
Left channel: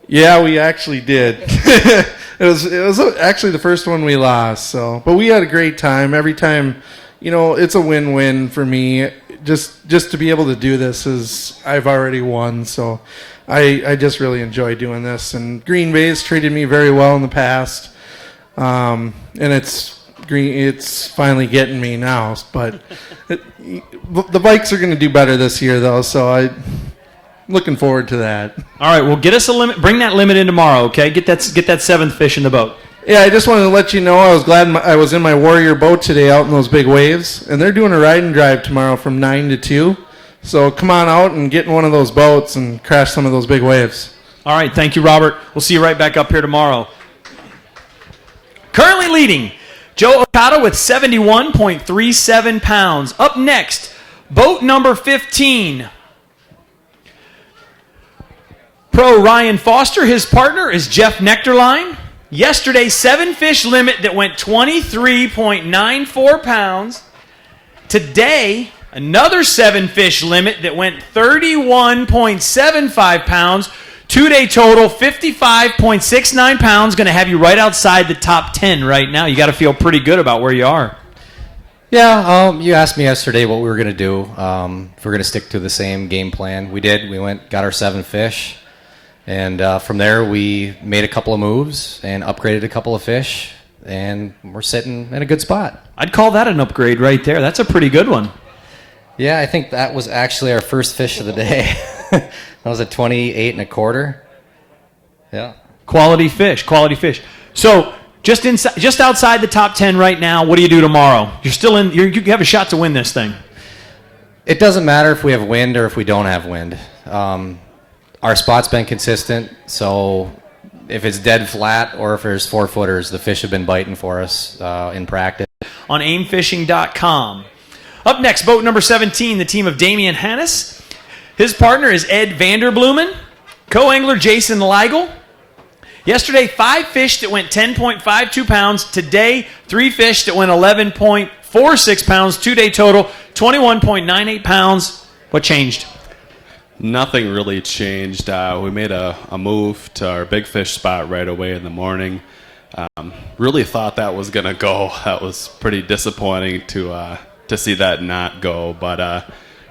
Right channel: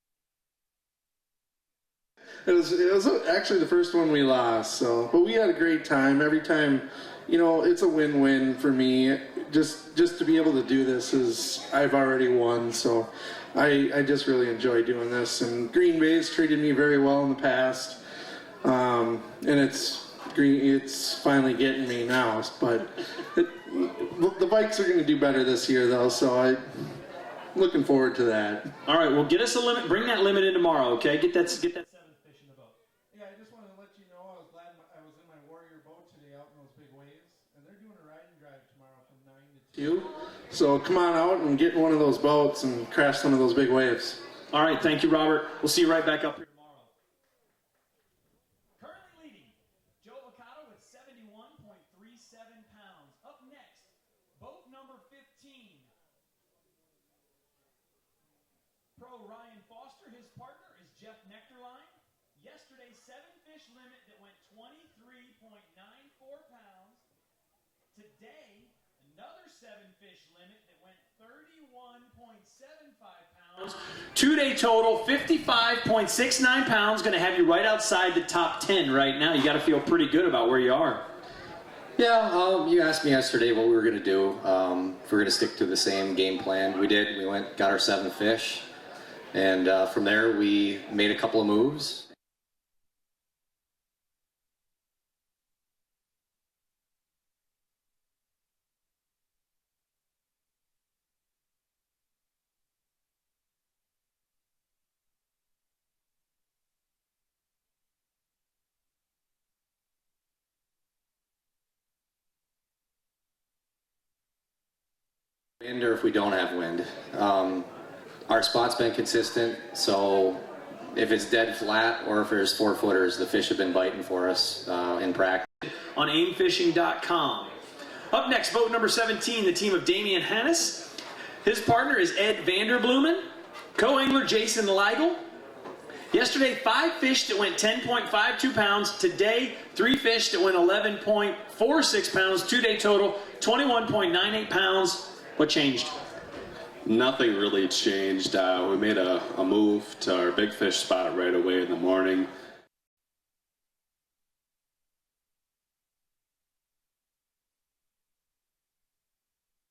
Yeah, we actually did. It was actually the first one we lost. So, but we had a great time. Every time, it's a win-win for me. Just to be able to do this I've already won. So, I just really enjoy doing this. And Green Bay's treated me very well in the past, and it's finally getting me now. But the bikes are going to do better this year, though. So I'm looking forward to that. All right, well, get us a limit. Bring that limit in tomorrow, okay? Get that 7th fish in the boat. Yeah, I just wanted to let you know I was glad I was in my Warrior boat today out in those big waves, and they're doing a ride and drive tomorrow from 9 to 2. So come on out and get in one of those boats and crash some of those big waves. All right, thank you, Robert. We'll see you right back up here tomorrow. Currently leading, Joe Okada with 71.37 pounds. Up next, boat number 15. Pro Ryan Foster, his partner is Jeff Nectarline. Yesterday, 7 fish limit that went 23.94 pounds. Today, another 7 fish limit that went 31.75 pounds. 2-day total, 55.69 pounds. Going to have you right outside the top 10 right now. You got to feel pretty good about where you are. Yeah, you asked me yesterday what we were going to do. If we're going to stick to the same game plan. We did. We got our 7 fish. And from there, we made a couple of moves and upgraded a couple of fish. And we're sitting in a good spot. I'd call that an upgrade right there. That's a pretty good one. Yeah, I think that was actually our first fish of the day. That was a 28 1/4. Yeah. Quality fish. So just outside the top 10 right now. What do you do tomorrow? You're still in. You have a shot to win this thing. It doesn't matter if we have wind or if we don't have wind. Our spot's been consistent, so if it's dead flat or if there's 4-footers, the fish have been biting for us in practice. On aimfishing.com. Up next, boat number 17, the team of Damian Hannes. His partner is Ed Vanderblumen. Co-angler Jason Leigel. Yesterday, 5 fish that went 10.52 pounds. Today, 3 fish that went 11.46 pounds. 2-day total, 21.98 pounds. What changed? Nothing really changed. We made a move to our big fish spot right away in the morning. Really thought that was going to go. That was pretty disappointing to see that not go. But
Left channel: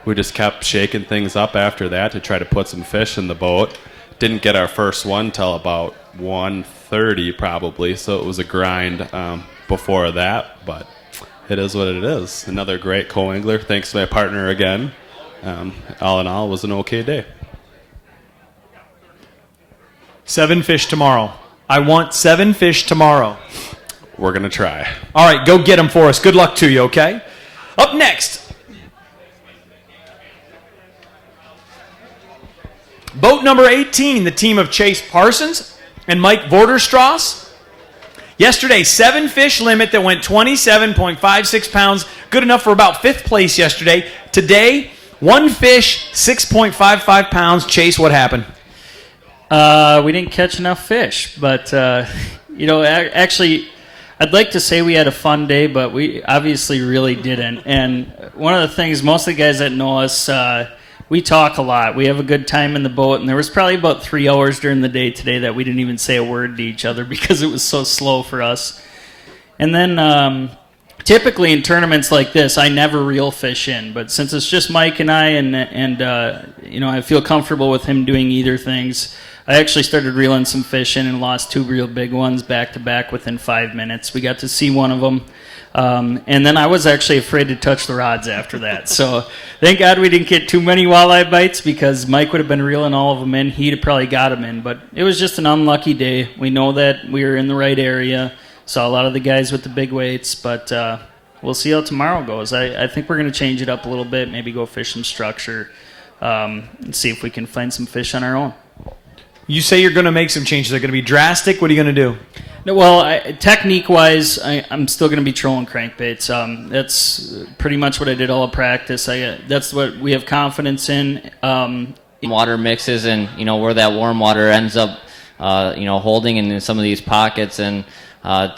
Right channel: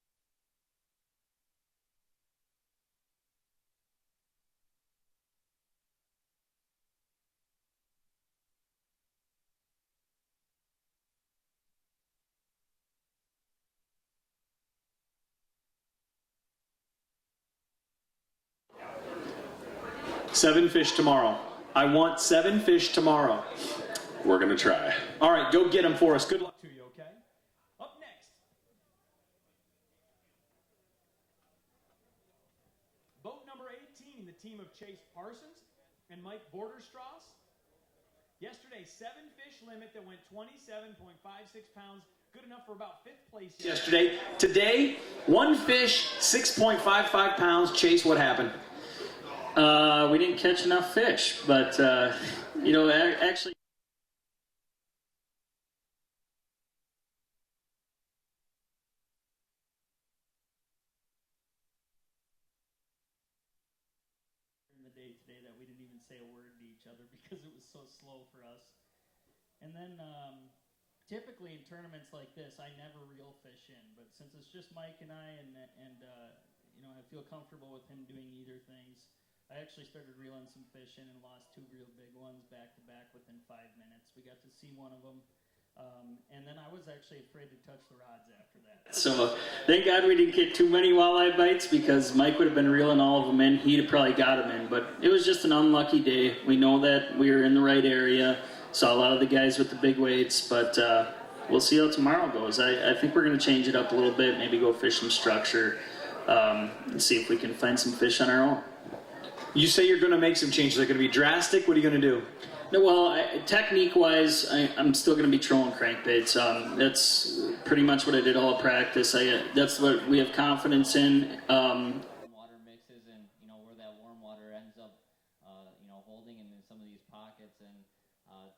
we just kept shaking things up after that to try to put some fish in the boat. Didn't get our first one till about 1:30 probably, so it was a grind before that. But it is what it is. Another great co-angler. Thanks to my partner again. All in all, it was an okay day. 7 fish tomorrow. I want 7 fish tomorrow. We're going to try. All right, go get them for us. Good luck to you, okay? Up next, boat number 18, the team of Chase Parsons and Mike Vorderstrass. Yesterday, 7 fish limit that went 27.56 pounds. Good enough for about 5th place yesterday. Today, 1 fish, 6.55 pounds. Chase, what happened? We didn't catch enough fish, but actually, I'd like to say we had a fun day, but we obviously really didn't. And one of the things, most of the guys that know us, we talk a lot. We have a good time in the boat, and there was probably about 3 hours during the day today that we didn't even say a word to each other because it was so slow for us. And then typically in tournaments like this, I never reel fish in, but since it's just Mike and I, and I feel comfortable with him doing either things, I actually started reeling some fish in and lost 2 real big ones back to back within 5 minutes. We got to see one of them. And then I was actually afraid to touch the rods after that. So thank God we didn't get too many walleye bites because Mike would have been reeling all of them in. He'd have probably got them in. But it was just an unlucky day. We know that we were in the right area. Saw a lot of the guys with the big weights. But we'll see how tomorrow goes. I think we're going to change it up a little bit, maybe go fish some structure, and see if we can find some fish on our own. You say you're going to make some changes. They're going to be drastic. What are you going to do? No, well, technique-wise, I'm still going to be trolling crankbaits. That's pretty much what I did all of practice. That's what we have confidence in. Water mixes and, where that warm water ends up, holding in some of these pockets. And, I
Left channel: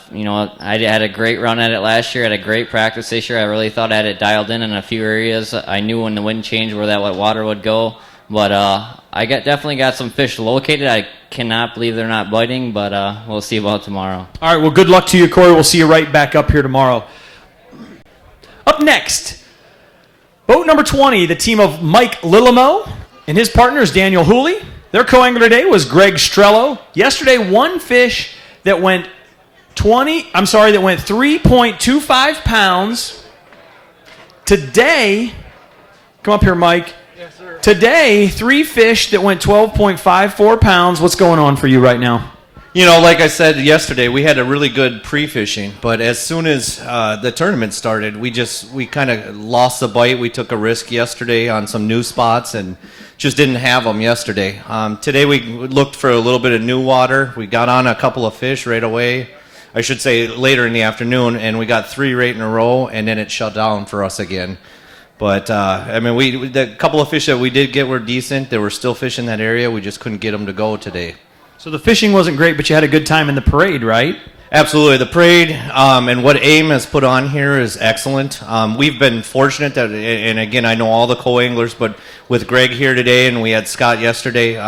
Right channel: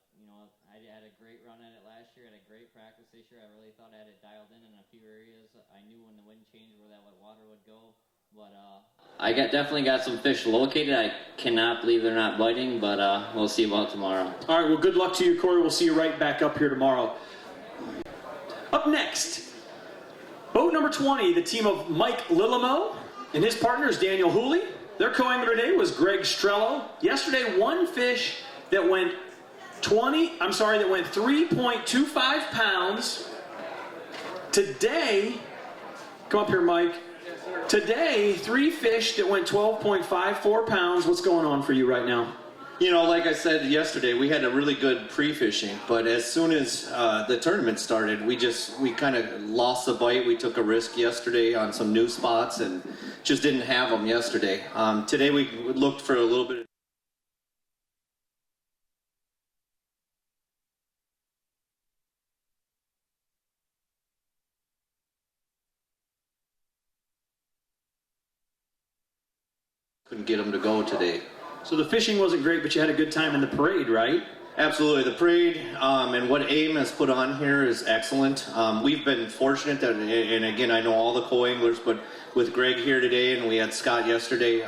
had a great run at it last year. I had a great practice this year. I really thought I had it dialed in a few areas. I knew when the wind changed where that water would go. But I definitely got some fish located. I cannot believe they're not biting, but we'll see about tomorrow. All right, well, good luck to you, Corey. We'll see you right back up here tomorrow. Up next, boat number 20, the team of Mike Lillamo and his partners, Daniel Hooley. Their co-angler today was Greg Strello. Yesterday, one fish that went 3.25 pounds. Today, come up here, Mike. Today, 3 fish that went 12.54 pounds. What's going on for you right now? Like I said yesterday, we had a really good pre-fishing, but as soon as the tournament started, we kind of lost the bite. We took a risk yesterday on some new spots and just didn't have them yesterday. Today we looked for a little bit of new water. We got on a couple of fish right away. I should say later in the afternoon, and we got 3 right in a row, and then it shut down for us again. But, the couple of fish that we did get were decent. There were still fish in that area. We just couldn't get them to go today. So the fishing wasn't great, but you had a good time in the parade, right? Absolutely. The parade and what AIM has put on here is excellent. We've been fortunate that, and again, I know all the co-anglers, but with Greg here today and we had Scott yesterday,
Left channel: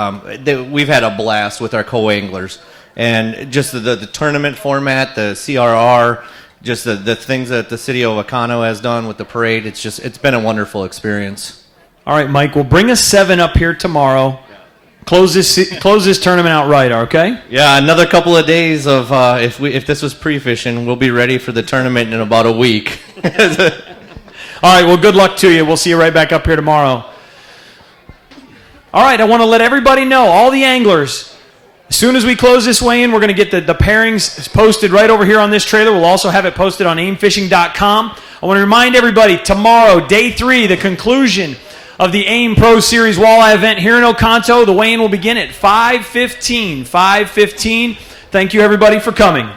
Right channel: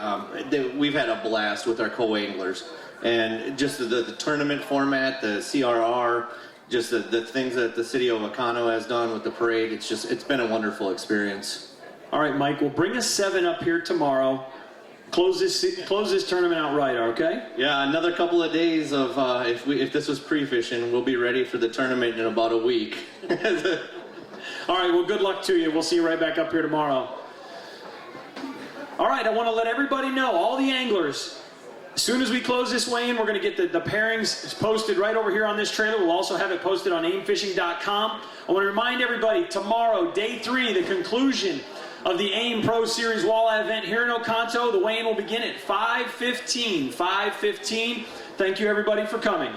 we've had a blast with our co-anglers. And just the tournament format, the CRR, just the things that the city of Wakano has done with the parade, it's been a wonderful experience. All right, Mike, we'll bring a 7 up here tomorrow. Close this tournament out right, okay? Yeah, another couple of days of if this was pre-fishing, we'll be ready for the tournament in about a week. All right, well, good luck to you. We'll see you right back up here tomorrow. All right, I want to let everybody know, all the anglers, as soon as we close this weigh-in, we're going to get the pairings posted right over here on this trailer. We'll also have it posted on aimfishing.com. I want to remind everybody, tomorrow, day 3, the conclusion of the AIM Pro Series Walleye event here in Oconto. The weigh-in will begin at 5:15. 5:15. Thank you, everybody, for coming.